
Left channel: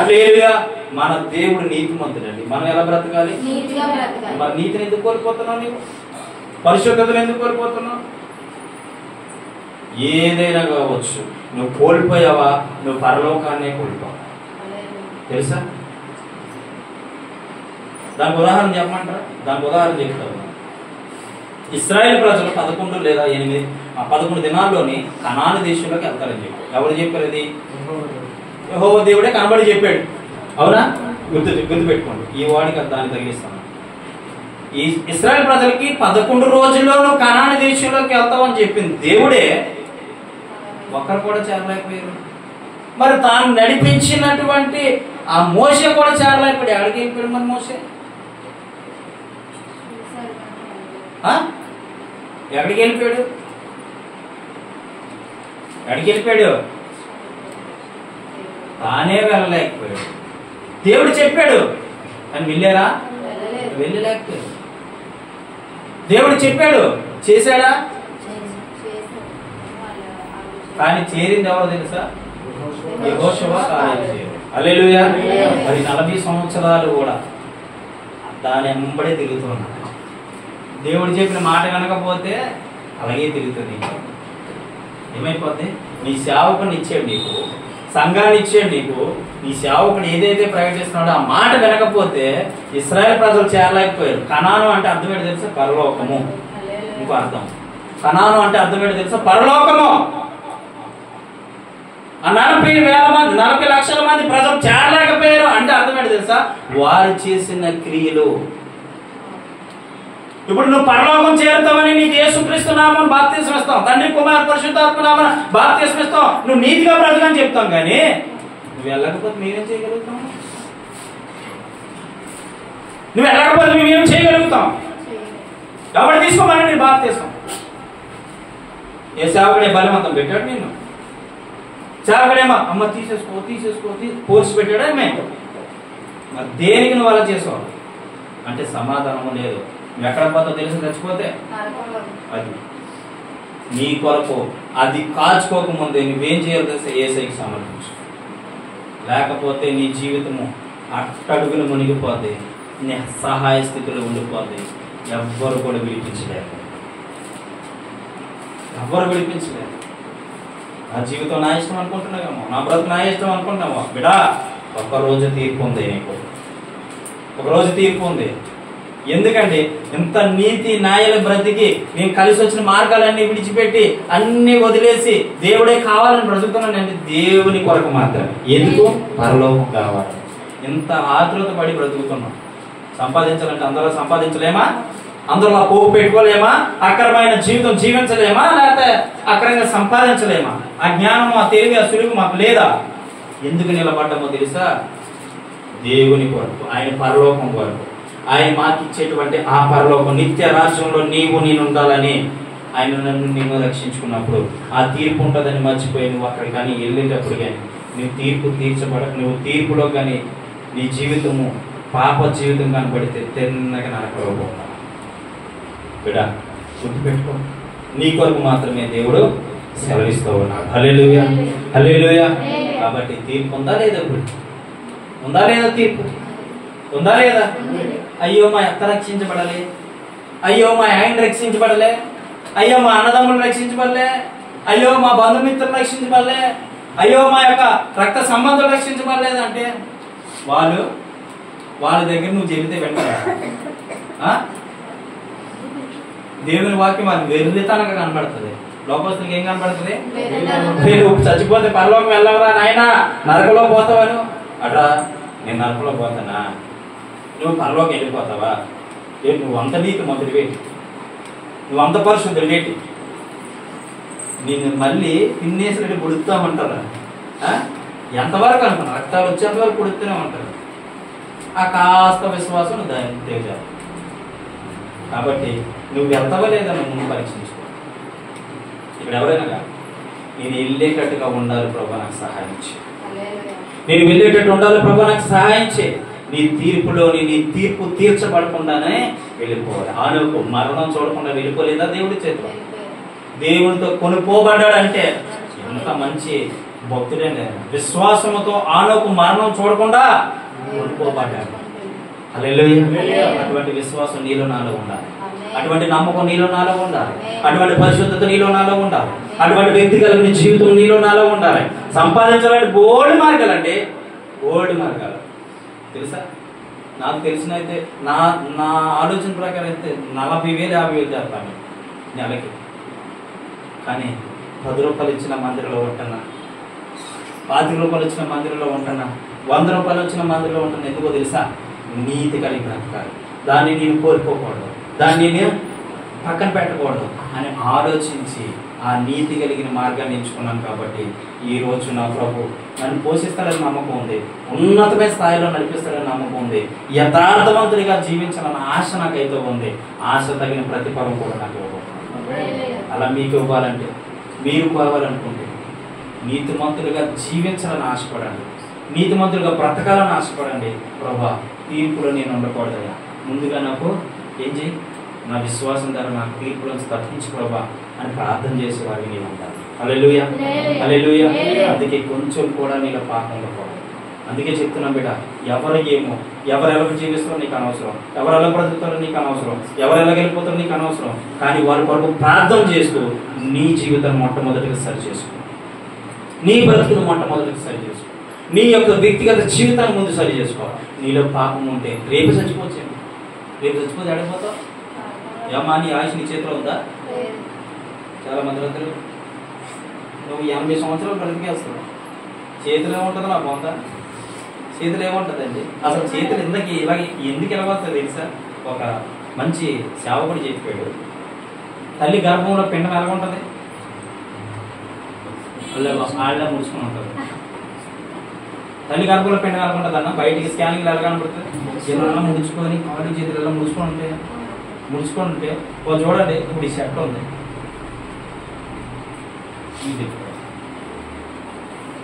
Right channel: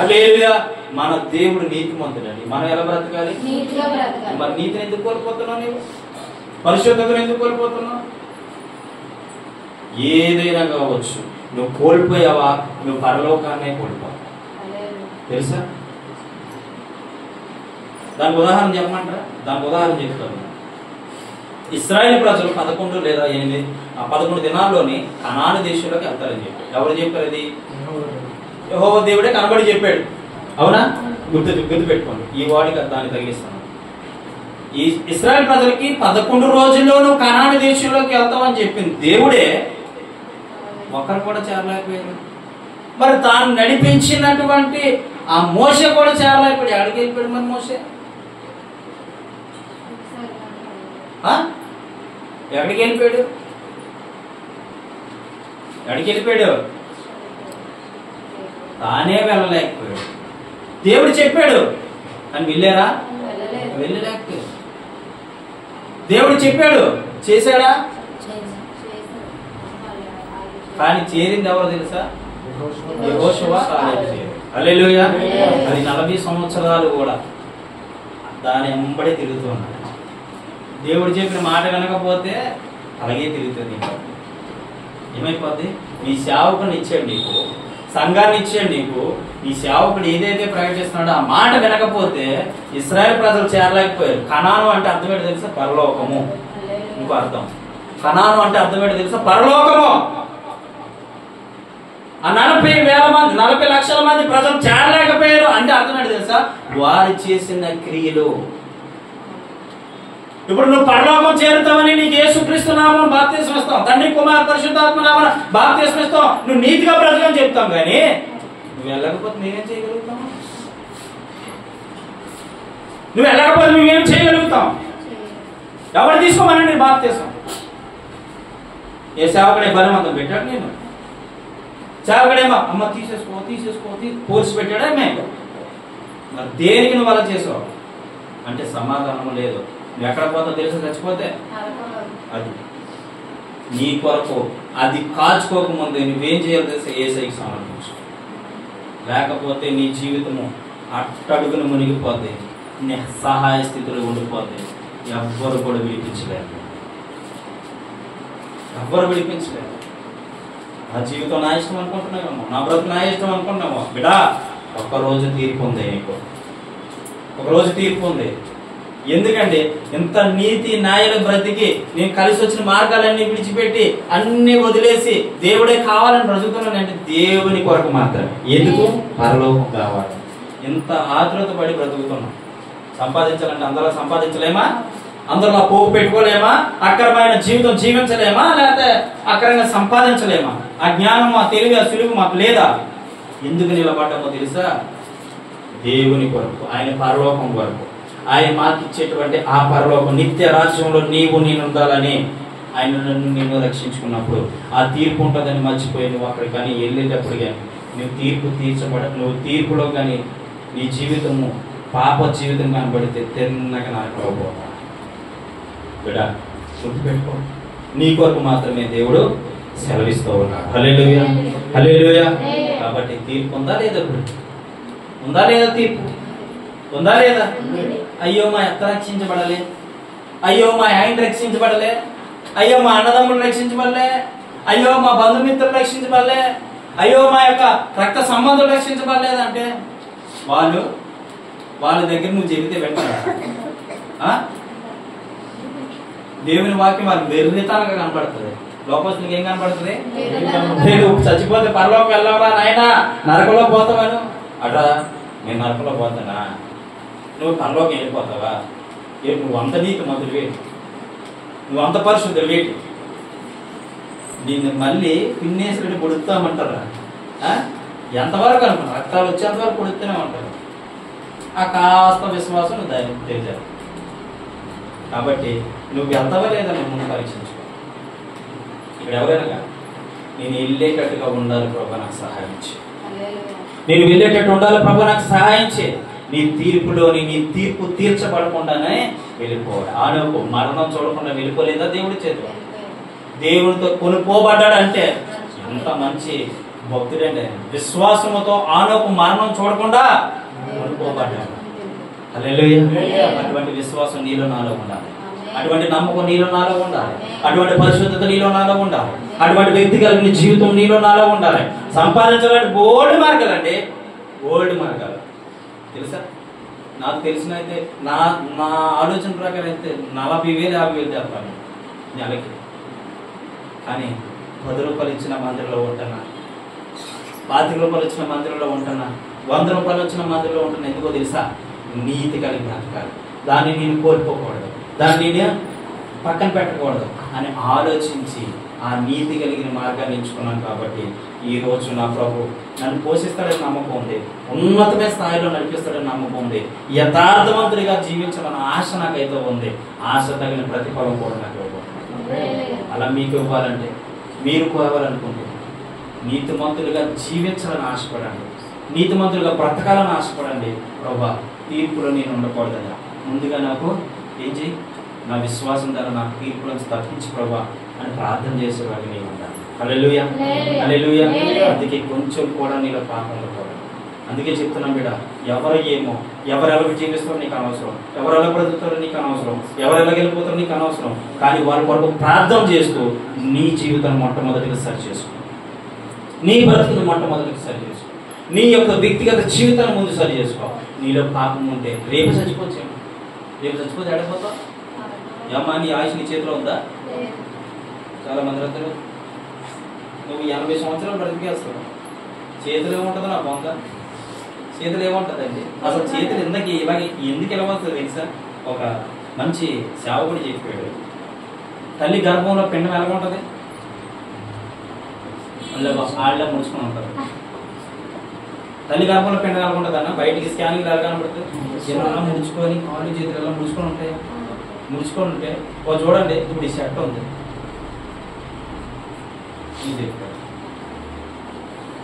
హల్లెలూయా. మన దేవుడు నీతిమంతుడండి. మనం ఎలా బ్రతకాలి? మరి నీతిని ఎందుకు కోల్పోతున్నావు? నీవు పరిశుద్ధతను ఎందుకు కోల్పోతున్నావు? ఏదైనా కావచ్చు, నువ్వు కోల్పోయావా? నువ్వు పరలోకాన్నే కోల్పోయావు. తెలుసా? దానికి ఉదాహరణ చెప్పమంటారా? దానికి ఉదాహరణ చెప్తాను. ఇశ్రాయేలు ప్రజలు 11 లేదా 11 దినాల్లోని కనాను దేశంలోకి వెళ్తారని చెప్పాడు. ఎవరు చెప్పారు? అది యెహోవా దేవుడే కనబడి చెప్పాడు. అవునా? గుర్తుపెట్టుకోండి. ఈ వాడికి దాన్ని తగిలిస్తాను. ఈ ఇశ్రాయేలు ప్రజలకి 11 రోజుల్లో నువ్వు కనాను దేశంలోకి వెళ్తావని చెప్పింది దేవుడే. ఒక్కరు కూడా చేరలేకపోయారు. మరి తాను నడిపించినటువంటి ఆ మోషే కూడా చేరలేకపోయాడు. ఎక్కడికి వెళ్ళిపోయాడు మరి మోషే? ఎక్కడికి వెళ్ళిపోయాడు? ఎక్కడికి వెళ్ళిపోయాడు? తానే వెళ్ళలేకపోయాడు. దేవుడు చెప్పాడు అని వెళ్ళారా? వెళ్ళలేకపోయాడు. దేవుడు చెప్పాడు, చేశాడా? కానీ చేరింది ఎవరో తెలుసా? యెహోషువ కాలేజీ. హల్లెలూయా. అది 40 సంవత్సరాలు కూడా దాని వెంబడే తిరుగుతున్నాడు. దేవుడు చెప్పిన మాట వినకపోతే అలాగే తిరుగుతుంది. ఏమైపోద్ది? నీ సేవకుని ఇచ్చాడు నీకు, సంఘాన్ని ఇచ్చాడు నీకు. ఈ సేవకుడు ఏదైతే ప్రకటిస్తున్నాడో ఆ మాట వినకపోతే ఇశ్రాయేలు ప్రజలు చేరలేకపోయారు. కనాను అంటే అర్థం ఏంటి తెలుసా? పరలోకము. ఇంకో అర్థం కనాను అంటే అర్థం ఏంటి తెలుసా? పరలోకము. ఆ 40,000 మంది 40 లక్షల మంది ప్రజలు చేరలేకపోయారు అంటే అర్థం ఏంటి తెలుసా? వారు చేసిన క్రియలు. ఇప్పుడు నువ్వు పరలోకం చేరుతావని నీకు యేసుక్రీస్తు నామమున బాప్తిస్మం ఇస్తాం, తండ్రి కుమార పరిశుద్ధాత్మ నామమున బాప్తిస్మం ఇస్తాం, నువ్వు నీతిగా బ్రతకని చెప్తాం. కానీ నువ్వు వెళ్ళకపోతే మేమేం చేయగలుగుతాం? నువ్వు వెళ్ళకపోతే మేమేం చేయగలుగుతాం? ఎవరు తీసుకోమని నేను బాప్తిస్మం? ఏ సేవకుడే బలవంతం పెట్టాడు? నేను సేవకుడేమో అమ్మ తీసేసుకో పోల్చి పెట్టాడా? మేము మరి దేనికి నువ్వు అలా చేసావు అంటే సమాధానము లేదు. నువ్వు ఎక్కడ పోతావు తెలుసు? చచ్చిపోతే అది నీ కొరకు అది కాల్చుకోకముందే నువ్వేం చేయాలి తెలుసా? యేసయ్యకి సమర్పించు. లేకపోతే నీ జీవితము అట్టడుగును మునిగిపోతే, నీ సహాయ స్థితిలో ఉండిపోతే ఎవ్వరు కూడా విడిపించలేరు. నా జీవితం నా ఇష్టం అనుకుంటున్నావేమో, నా బ్రతుకు నా ఇష్టం అనుకుంటున్నామో. బిడా, ఒక్కరోజు తీర్పు ఉంది నీకు. ఒకరోజు తీర్పు ఉంది. ఎందుకంటే ఇంత నీతి న్యాయాలు బ్రతికి నేను కలిసి వచ్చిన మార్గాలన్నీ విడిచిపెట్టి అన్ని వదిలేసి దేవుడే కావాలని బ్రతుకుతున్నానంటే దేవుని కొరకు మాత్రమే. ఎందుకు? పరలోకం కావాలి. ఇంత ఆతృత పడి బ్రతుకుతున్నాం. సంపాదించాలంటే అందరూ సంపాదించలేమా? అందులో పోగు పెట్టుకోలేమా? అక్రమైన జీవితం జీవించలేమా? లేకపోతే అక్రమంగా సంపాదించలేమా? ఆ జ్ఞానం, ఆ తెలివి, ఆ సులువు మాకు లేదా? ఎందుకు నిలబడ్డామో తెలుసా? దేవుని కొరకు, ఆయన పరలోకం కొరకు. ఆయన మాకు ఇచ్చేటువంటి ఆ పరలోకం, నిత్య రాజ్యంలో నీవు నేను ఉండాలని ఆయన నన్ను నేను రక్షించుకున్నప్పుడు ఆ తీర్పు ఉంటుందని మర్చిపోయి నువ్వు అక్కడికి కానీ వెళ్ళేటప్పుడు కానీ నువ్వు నువ్వు తీర్పులో కానీ నీ జీవితము పాప జీవితం కనబడితే తిన్నగా నరకలోపోతావు. బిడ్డ గుర్తుపెట్టుకో, నీ కొరకు మాత్రమే దేవుడు సెలవిస్తూ ఉన్నాడు. హల్లెలూయా, హల్లెలూయా. కాబట్టి తీర్పు ఉందా లేదా? ఇప్పుడు ఉందా లేదా? తీర్పు ఉందా లేదా? అయ్యో మా అత్త రక్షించబడలే, అయ్యో మా ఆయన రక్షించబడలే, అయ్యో మా అన్నదమ్ములు రక్షించబడలే, అయ్యో మా బంధుమిత్రులు రక్షించబడలే, అయ్యో మా యొక్క రక్త సంబంధులు రక్షించబడలేదు అంటే వాళ్ళ దగ్గర నువ్వు చెబితే వెంటనే దేవుని వాక్యం వాళ్ళకి వెర్రితనంగా కనబడుతుంది. లోకస్తులకు ఏం కనబడుతుంది? నువ్వు చచ్చిపోతే పరలోకం వెళ్ళవరా నాయనా, నరకంలో పోతావను అట్లా. నేను నరకంలో పోతానా? నువ్వు పరలోకం వెళ్ళిపోతావా? నువ్వు అంత నీతి మంత్రి వేటి, నువ్వు అంత పరిశుద్ధులు వేటి, నిన్ను మళ్ళీ పిన్నేసిరెడ్డి పుడుతామంటారా? ఎంతవరకు అనుకున్నా? రక్తాలు వచ్చేంతవరకు పుడుతూనే ఉంటారు. ఆ కాస్త విశ్వాసం దాన్ని తెచ్చారు. కాబట్టి నువ్వు వెళ్తావా లేదా ముందు పరీక్షించుకో. ఇక్కడ ఎవరైనా నేను వెళ్ళేటట్టుగా ఉండాలి ప్రభా, నాకు సహాయం చేయి. నేను వెళ్ళేటట్టు ఉండాలి ప్రభా, నాకు సహాయం చేయి. నీ తీర్పులోని నీ తీర్పు తీర్చబడకుండానే వెళ్ళిపోవాలి. ఆనోకు మరణం చూడకుండా వెళ్ళిపోలేదా దేవుడి చేతిలో? దేవునితో కొనుక్కోబడ్డాడంటే ఎంత మంచి భక్తుడండి. విశ్వాసముతో ఆనోకు మరణం చూడకుండా కొనుక్కోబడ్డాడు. హల్లెలూయా. అటువంటి విశ్వాసం నీలో నాలో ఉండాలి, అటువంటి నమ్మకం నీలో నాలో ఉండాలి, అటువంటి పరిశుద్ధత నీలో నాలో ఉండాలి, అటువంటి వ్యక్తి కలిగిన జీవితం నీలో నాలో ఉండాలి. సంపాదించాలంటే బోల్డ్ మార్గాలండి, బోల్డ్ మార్గాలు తెలుసా? నాకు తెలిసిన అయితే నా ఆలోచన ప్రకారం అయితే 40,000 50,000 చేస్తాను నెలకి. కానీ 10 రూపాయలు ఇచ్చిన మందిరంలో ఉంటున్నా, 25 రూపాయలు ఇచ్చిన మందిరంలో ఉంటున్నా, 100 రూపాయలు వచ్చిన మందిరంలో ఉంటున్నా. ఎందుకో తెలుసా? నీతి కలిగిన బ్రతకాలి. దాన్ని నేను కోల్పోకూడదు, దాన్ని నేను పక్కన పెట్టకూడదు అని ఆలోచించి ఆ నీతి కలిగిన మార్గాన్ని ఎంచుకున్నాను. కాబట్టి ఈ రోజు నా ప్రభు నన్ను పోషిస్తాడని నమ్మకం ఉంది, ఉన్నతమైన స్థాయిలో నడిపిస్తాడని నమ్మకం ఉంది, యథార్థవంతుడిగా జీవించాలన్న ఆశ నాకైతే ఉంది. ఆశ తగిన ప్రతిఫలం కూడా నాకు ఇవ్వబోతున్నాను. అలా మీకు ఇవ్వాలంటే, మీరు కోవాలనుకుంటే నీతిమంతులుగా జీవించాలని ఆశపడండి, నీతిమంతులుగా బ్రతకాలని ఆశపడండి. ప్రభా, తీర్పులో నేను ఉండకూడదా, ముందుగా నాకు ఏం చేయి, నా విశ్వాసం ద్వారా నాకు తీర్పులో తప్పించు ప్రభా అని ప్రార్థన చేసేవాడిని నేను ఉంటాను. హల్లెలూయా, హల్లెలూయా. అందుకే కొంచెం కూడా నీలో పాపంలో కూడా. అందుకే చెప్తున్నాం బిడ్డ, ఎవరు ఏమో, ఎవరు ఎలా జీవిస్తారో నీకు అనవసరం, ఎవరు ఎలా బ్రతుకుతారో నీకు అనవసరం, ఎవరు ఎలా వెళ్ళిపోతారో నీకు అనవసరం. కానీ వారి కొరకు ప్రార్థన చేస్తూ నీ జీవితాన్ని మొట్టమొదటిగా సరి చేసుకో, నీ బ్రతుకును మొట్టమొదటిగా సరి చేసుకో, నీ యొక్క వ్యక్తిగత జీవితాన్ని ముందు సరి చేసుకో. నీలో పాపం ఉంటే రేపు చచ్చిపోవచ్చేమో, రేపు చచ్చిపోతే ఆడిపోతావు. ఏమ్మా, నీ ఆయుష్ నీ చేతిలో ఉందా? చాలా మంది రైతులు నువ్వు 80 సంవత్సరాలు బ్రతికేస్తావు, చేతిలో ఉంటుంది నా పొంద, చేతులు ఏముంటుందండి అసలు? చేతులు ఎందుకు ఎలా వస్తుంది తెలుసా? ఒక మంచి సేవకుడు చెప్పాడు, తల్లి గర్భంలో పిండం ఎలా ఉంటుంది? వాళ్ళ ముడుచుకుని ఉంటారు. తల్లి గర్భంలో పిండం ఎలా ఉంటుంది అన్న? బయటికి స్కానింగ్ ఎలా కనబడుతుంది? ఏమన్నా ముడుచుకొని కాళ్ళు చేతులు ఎలా ముడుచుకొని ఉంటాయి? ముడుచుకొని ఉంటే చూడండి, ఇప్పుడు ఈ సెట్ ఉంది,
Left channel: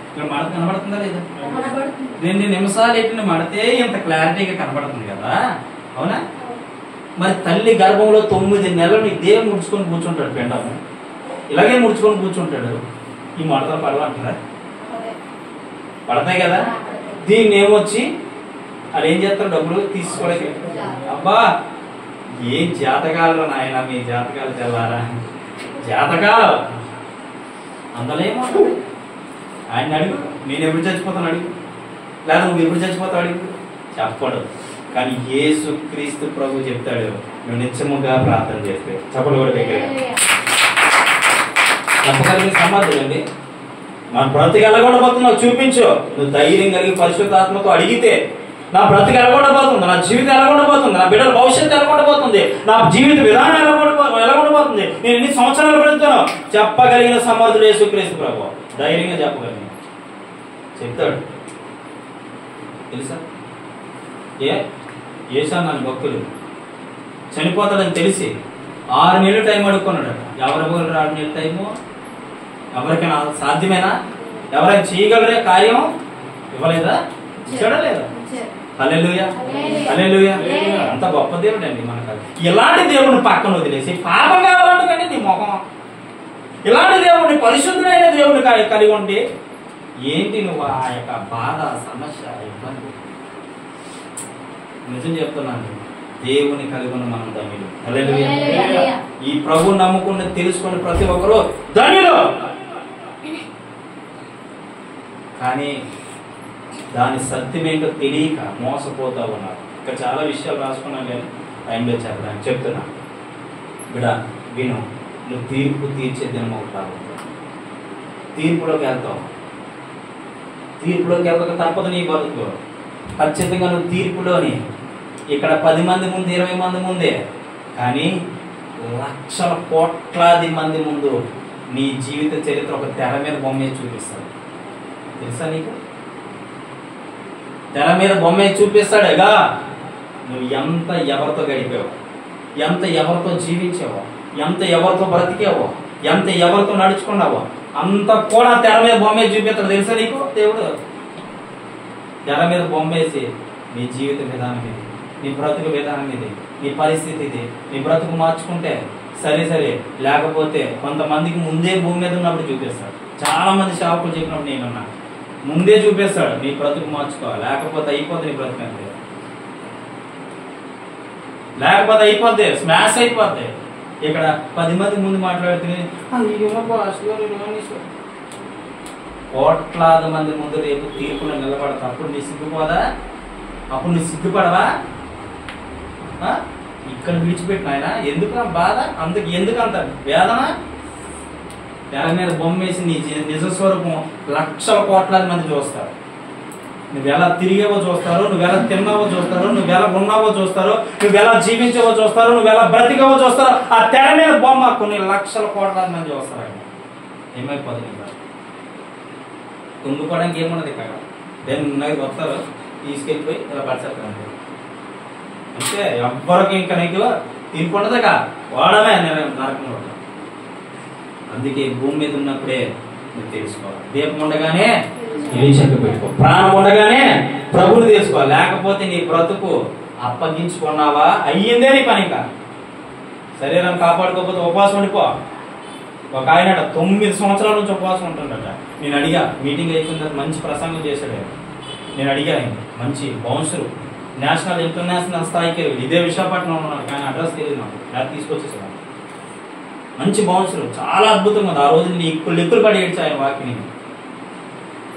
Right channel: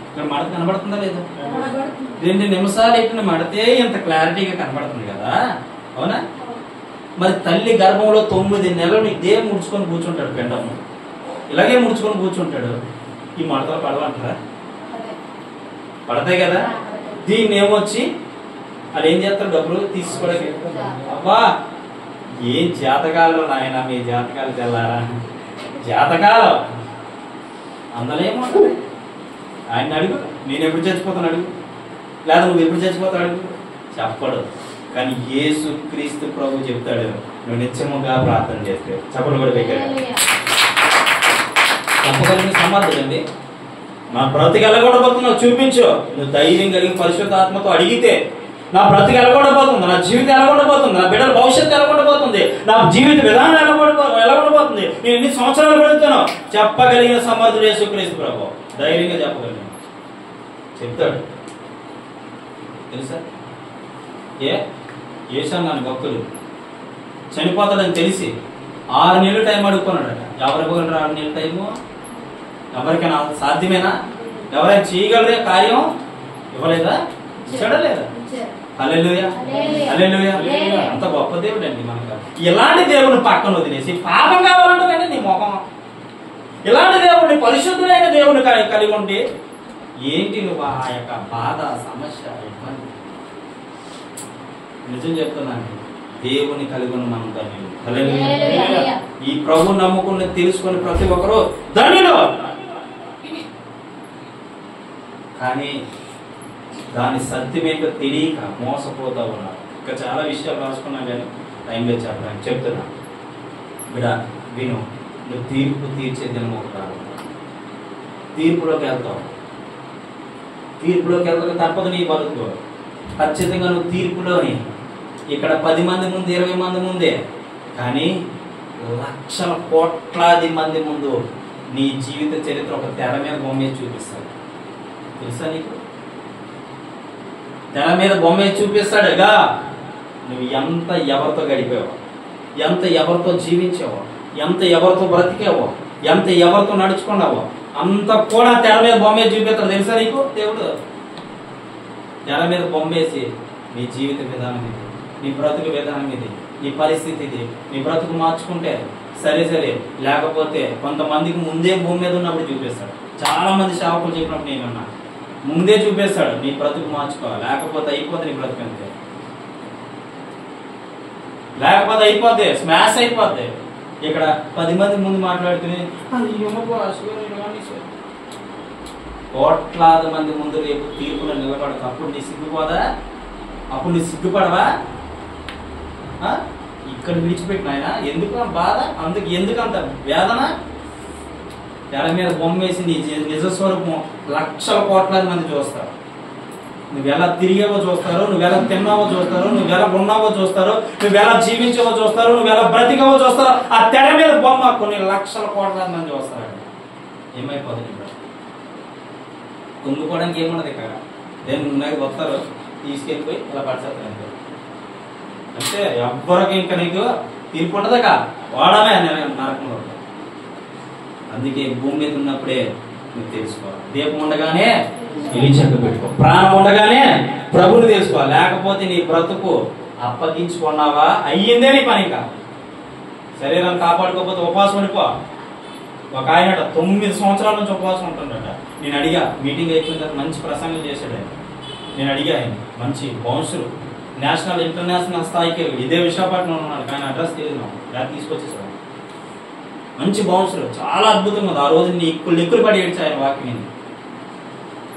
ఇక్కడ మడత కనబడుతుందా లేదా? 2 నిమిషాలు ఎట్టిన మడితే ఇంత క్లారిటీగా కనబడుతుంది కదా, అవునా? మరి తల్లి గర్భంలో 9 నెలలు ఇదే ముడుచుకొని కూర్చుంటాడు, పిండం ఇలాగే ముడుచుకొని కూర్చుంటాడు. ఈ మడతలు పడవంటారా? పడతాయి కదా. దీన్ని ఏమొచ్చి అది ఏం చేస్తారు? డబ్బులు తీసుకోవడానికి. అబ్బా, ఏం జాతకాలు నాయన, మీ జాతకాలు తెల్లారా? జాతకాలు అందలేమో. ఆయన అడుగు, నేను ఎప్పుడు చచ్చిపోతాను అడుగు, లేదా నువ్వు ఎప్పుడు చచ్చిపోతావు అడుగు, చెప్పడు. కానీ యేసు క్రీస్తు ప్రభు చెప్తాడు, నువ్వు నిత్యముగా ప్రార్థన చేస్తే. చెప్పడు కూడా దగ్గర చెప్పగలిగిన సమర్థులండి. మన బ్రతికి ఎలా కూడా పోతున్నావు చూపించు. నువ్వు ధైర్యం కలిగి పరిశుద్ధాత్మతో అడిగితే నా బ్రతికి ఎలా ఉండబోతుంది, నా జీవితం ఎలా ఉండబోతుంది, నా బిడ్డల భవిష్యత్తు ఎలా ఉండబోతుంది, నా జీవిత విధానం ఎలా ఉండబోతుంది, నేను ఎన్ని సంవత్సరాలు బ్రతుకుతానో చెప్పగలిగిన సమర్థుడు యేసుక్రీస్తు ప్రభువు. ధైర్యంగా చెప్పగలిగిన చెప్తాడు. తెలుసా? ఏసాను నన్ను భక్తులు చనిపోతాడని తెలిసి 6 నెలలు టైం అడుక్కున్నాడట. ఎవరు ఇవ్వగలరు 6 నెలల టైము? ఎవరికైనా సాధ్యమేనా? ఎవరైనా చేయగలరే కార్యం? ఇవ్వలేదా? ఇచ్చాడా లేదా? హల్లెలూయా, హల్లెలూయా. అంత గొప్ప దేవుడు అండి మనకు. ఇలాంటి దేవుడిని పక్కన వదిలేసి పాపం కావాలంటే నీ మొహం, ఇలాంటి దేవుడిని పరిశుద్ధమైన దేవుడిని కలిగి ఉండి ఏంటి నువ్వు ఆ యొక్క బాధ, సమస్య, ఇబ్బంది? నిజం చెప్తున్నాను, దేవుని కలిగి ఉన్న మనం ధన్యులు. హల్లెలూయా. ఈ ప్రభు నమ్ముకుని తెలుసుకుని ప్రతి ఒక్కరూ ధన్యులు. కానీ దాని సత్యమేంటో తెలియక మోసపోతా ఉన్నారు. ఇంకా చాలా విషయాలు రాసుకున్నాను కానీ టైంలో చెప్పడానికి చెప్తున్నా. బిడ్డ విను, నువ్వు తీర్పు తీర్చే దినం ఒకటి రాదు. తీర్పులోకి వెళ్తావు, తీర్పులోకి వెళ్తాక తప్పదు నీ బతుకు. ఖచ్చితంగా నువ్వు తీర్పులోని ఇక్కడ 10 మంది ముందు, 20 మంది ముందే, కానీ లక్షల కోట్లాది మంది ముందు నీ జీవిత చరిత్ర ఒక తెర మీద బొమ్మే చూపిస్తాడు. తెలుసా నీకు? తెర మీద బొమ్మే చూపిస్తాడుగా. నువ్వు ఎంత ఎవరితో గడిపావో, ఎంత ఎవరితో జీవించావో, ఎంత ఎవరితో బ్రతికావో, ఎంత ఎవరితో నడుచుకున్నావో అంత కూడా తెర మీద బొమ్మే చూపిస్తాడు. తెలుసా నీకు? దేవుడు తెర మీద బొమ్మేసి నీ జీవిత విధానం ఇది, నీ బ్రతుకు విధానం ఇది, నీ పరిస్థితి ఇది, నీ బ్రతుకు మార్చుకుంటే సరే సరే, లేకపోతే కొంతమందికి ముందే భూమి మీద ఉన్నప్పుడు చూపిస్తాడు. చాలా మంది సేవకులు చెప్పినప్పుడు నేనున్నా, ముందే చూపిస్తాడు నీ బ్రతుకు మార్చుకో, లేకపోతే అయిపోద్ది నీ బ్రతుకు అంతే, లేకపోతే అయిపోద్ది, స్మాష్ అయిపోద్ది. ఇక్కడ 10 మంది ముందు మాట్లాడుతుని కోట్లాది మంది ముందు రేపు తీర్పులో నిలబడతా. అప్పుడు నీ సిగ్గుపోదా? అప్పుడు నీ సిగ్గుపడవా? ఇక్కడ విడిచిపెట్టిన ఆయన ఎందుకు బాధ, అందుకు ఎందుకంత వేదన? తెర మీద బొమ్మేసి నీ నిజస్వరూపం లక్షల కోట్లాది మంది చూస్తారు. నువ్వు ఎలా తిరిగావో చూస్తారు, నువ్వు ఎలా తిన్నావో చూస్తారు, నువ్వు ఎలా ఉన్నావో చూస్తారు, నువ్వు ఎలా జీవించావో చూస్తారు, నువ్వు ఎలా బ్రతికావో చూస్తారు. ఆ తెర మీద బొమ్మ కొన్ని లక్షల కోట్లాది మంది చూస్తారు. ఏమైపోతుంది? కుందుకోవడానికి ఏమున్నది? ఇక్కడ నేను వస్తారు, తీసుకెళ్ళిపోయి ఇలా పడిచేస్తాను అంటే ఎవ్వరికి ఇంకా నీకు తీర్పు ఉండదుగా, వాడమే నరకంలో. అందుకే భూమి మీద ఉన్నప్పుడే నువ్వు తెలుసుకోవాలి. దీపం ఉండగానే నిలిచక పెట్టుకో, ప్రాణం ఉండగానే ప్రభువుని తెలుసుకోవాలి. లేకపోతే నీ బ్రతుకు అప్పగించుకున్నావా అయ్యిందే నీ పని. ఇంకా శరీరాన్ని కాపాడుకోకపోతే ఉపవాసం ఉండిపో. ఒక ఆయన 9 సంవత్సరాల నుంచి ఉపవాసం ఉంటుండట. నేను అడిగా, మీటింగ్ అయిపోయిన తర్వాత మంచి ప్రసంగం చేశాడు ఆయన. నేను అడిగా, ఆయన మంచి బౌన్సరు, నేషనల్ ఇంటర్నేషనల్ స్థాయికి వెళ్ళి ఇదే విశాఖపట్నం ఉన్నాడు, కానీ అడ్రస్ తెలియదు నాకు, లేకపోతే తీసుకొచ్చేసాడు. మంచి బౌన్సరు, చాలా అద్భుతంగా ఉంది. ఆ రోజు నీ లెక్కులు పడి ఏడ్చా ఆయన వాక్యం.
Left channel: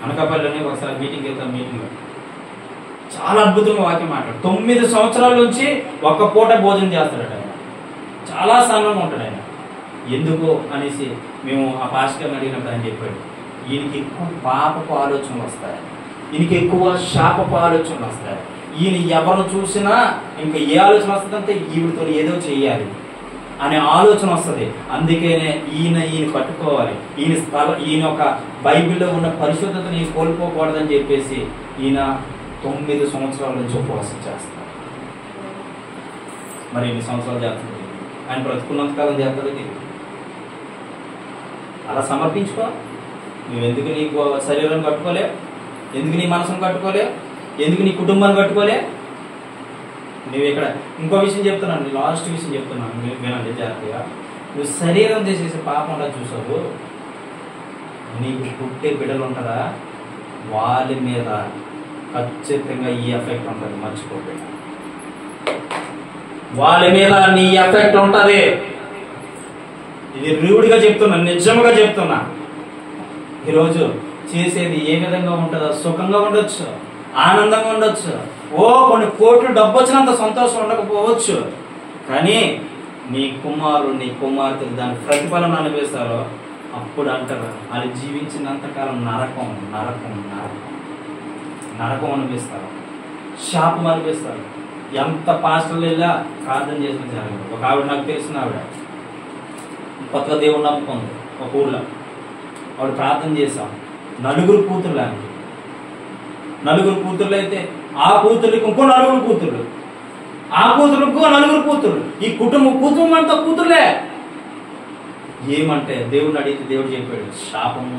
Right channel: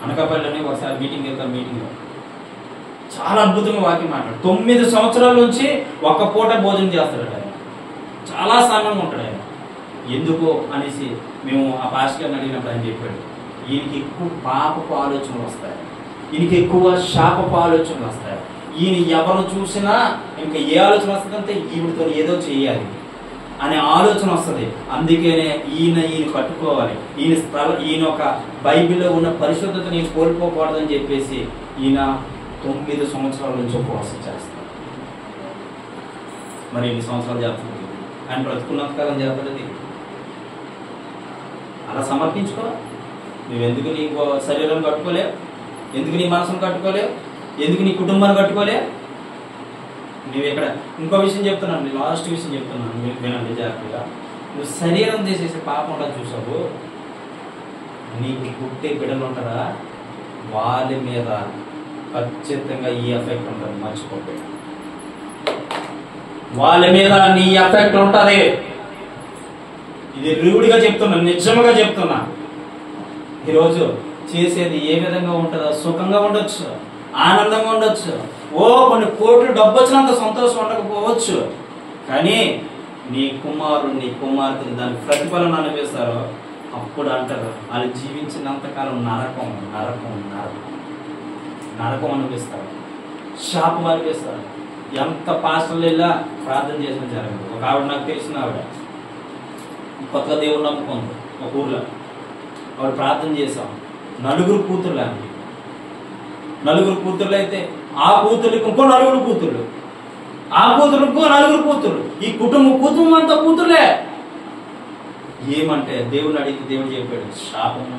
అనకాపల్లిలోనే ఒకసారి మీటింగ్ వెళ్తాం, మీటింగ్ చాలా అద్భుతంగా వాక్యం మాట్లాడు. 9 సంవత్సరాల నుంచి ఒక్క పూట భోజనం చేస్తాడట ఆయన. చాలా సమయం ఉంటాడు ఆయన. ఎందుకు అనేసి మేము ఆ పాస్టర్ని అడిగినప్పుడు ఆయన చెప్పాడు, ఈయనకి ఎక్కువ పాపపు ఆలోచనలు వస్తాయి, ఈయనకి ఎక్కువ శాపపు ఆలోచనలు వస్తాయి. ఈయన ఎవరు చూసినా ఇంకా ఏ ఆలోచన వస్తుందంటే ఈవిడితో ఏదో చెయ్యాలి అనే ఆలోచన వస్తుంది. అందుకనే ఈయన పట్టుకోవాలి, ఈయన ఒక బైబిల్లో ఉన్న పరిశుద్ధత నేను కోల్పోకూడదని చెప్పేసి ఈయన 9 సంవత్సరాల నుంచి ఉపవాసం చేస్తారు. మరి ఎన్ని సంవత్సరాలు చేస్తుంది? ఆయన బ్రతుకున్నంతకాలం చేస్తుంది. అలా సమర్పించుకో. నువ్వెందుకు నీ శరీరం కట్టుకోలే, ఎందుకు నీ మనసును కట్టుకోలే, ఎందుకు నీ కుటుంబాన్ని కట్టుకోలే? నువ్వు ఇక్కడ ఇంకో విషయం చెప్తున్నాను, లాస్ట్ విషయం చెప్తున్నాను, వినండి జాగ్రత్తగా. నువ్వు శరీరం చేసేసి పాపంలా చూసావు, నీకు పుట్టే బిడ్డలు ఉంటారా, వాళ్ళ మీద ఖచ్చితంగా ఈ ఎఫెక్ట్ ఉంటుంది, మర్చిపోయి. వాళ్ళ మీద నీ ఎఫెక్ట్ ఉంటుంది. ఇది రూఢిగా చెప్తున్నా, నిజంగా చెప్తున్నా. ఈరోజు చేసేది ఏ విధంగా ఉంటుందో, సుఖంగా ఉండొచ్చు, ఆనందంగా ఉండొచ్చు, కొన్ని కోట్లు డబ్బు వచ్చినంత సంతోషం ఉండకపోవచ్చు, కానీ నీ కుమారుడు నీ కుమార్తెలు దాని ప్రతిఫలం అనుభవిస్తారో అప్పుడు అంటారు వాళ్ళు జీవించినంతకాలం నరకం నరకం నరకం నరకం అనుభవిస్తారు. శాపం అనిపిస్తారు. ఎంత పాస్టర్లు వెళ్ళా ప్రార్థన చేసిన జరగదు. ఒక ఆవిడ నాకు తెలిసిన ఆవిడ కొత్తగా దేవుడు నమ్ముకుంది. ఒక ఊర్లో ఆవిడ ప్రార్థన చేశాం. 4 కూతుర్లు ఆమెకి. 4 కూతుర్లు అయితే ఆ కూతుర్లకి ఇంకో 4 కూతుర్లు, ఆ కూతుర్లకు ఇంకో 4 కూతుర్లు, ఈ కుటుంబం అంతా కూతుర్లే. ఏమంటే దేవుడిని అడిగితే దేవుడు చెప్పాడు, శాపము.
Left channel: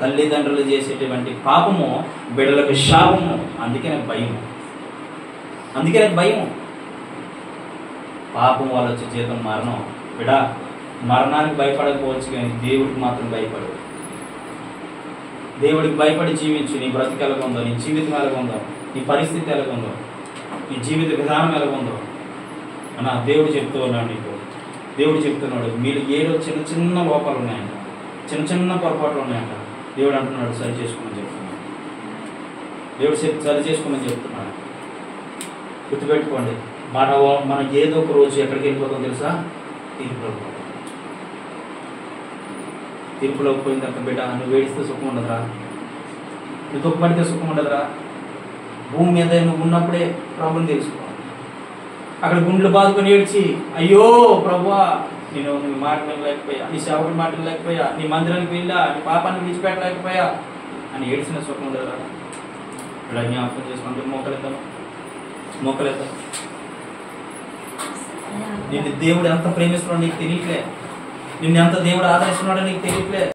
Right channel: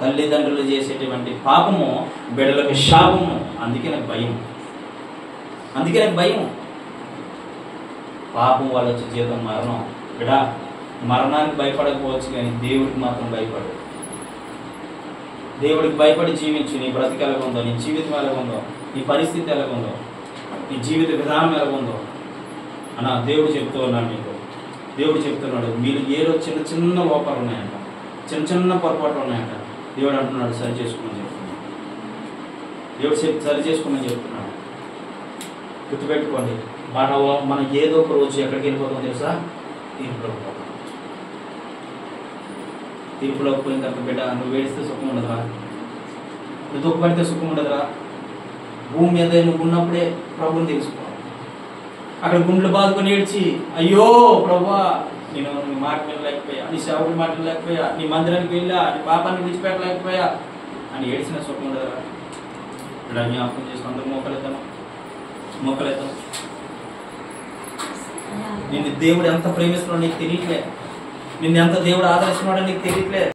తల్లిదండ్రులు చేసేటువంటి పాపము బిడ్డలకు శాపము. అందుకే నాకు భయం. పాపం వల్ల వచ్చే జీతం మరణం. బిడ్డ, మరణానికి భయపడకపోవచ్చు కానీ దేవుడికి మాత్రం భయపడు. దేవుడికి భయపడి జీవించు. నీ బ్రతికి ఎలాగుందో, నీ జీవితం ఎలాగుందో, నీ పరిస్థితి ఎలాగుందో, నీ జీవిత విధానం ఎలాగుందో అన్న దేవుడు చెప్తూ ఉన్నాడు నీకు. దేవుడు చెప్తున్నాడు, మీరు ఏదో చిన్న చిన్న లోపాలు ఉన్నాయంట, చిన్న పొరపాట్లు ఉన్నాయంట. దేవుడు అంటున్నాడు సరి చేసుకోమని చెప్తున్నాడు. దేవుడు సరి చేసుకోమని చెప్తున్నాడు. గుర్తుపెట్టుకోండి, మనం ఏదో ఒక రోజు ఎక్కడికి వెళ్ళిపోతాం తెలుసా? తీర్పులోకి పోతాం. తీర్పులోకి పోయిన తర్వాత బిడ్డ, నువ్వు ఏడిస్తే సుఖం ఉండదురా, నువ్వు దుఃఖపడితే సుఖం ఉండదురా. భూమి మీద నువ్వు ఉన్నప్పుడే ప్రభుని తెలుసుకో. అక్కడ గుండెలు బాదుకొని ఏడ్చి, అయ్యో ప్రభువా, నేను నీ మాట వినలేకపోయా, నీ సేవకుడి మాట వినలేకపోయా, నీ మందిరానికి వెళ్ళా, నీ పాపాన్ని విడిచిపెట్టలేకపోయా అని ఏడ్చిన సుఖం ఉండదురా. ఇలా జ్ఞాపకం చేసుకుని అందరూ మోకలేద్దాం. నిన్ను దేవుడు ఎంత ప్రేమిస్తున్నాడో నీకు తెలియట్లే. నిన్ను ఎంత దేవుడు ఆదరిస్తున్నాడో నీకు తెలియట్లే.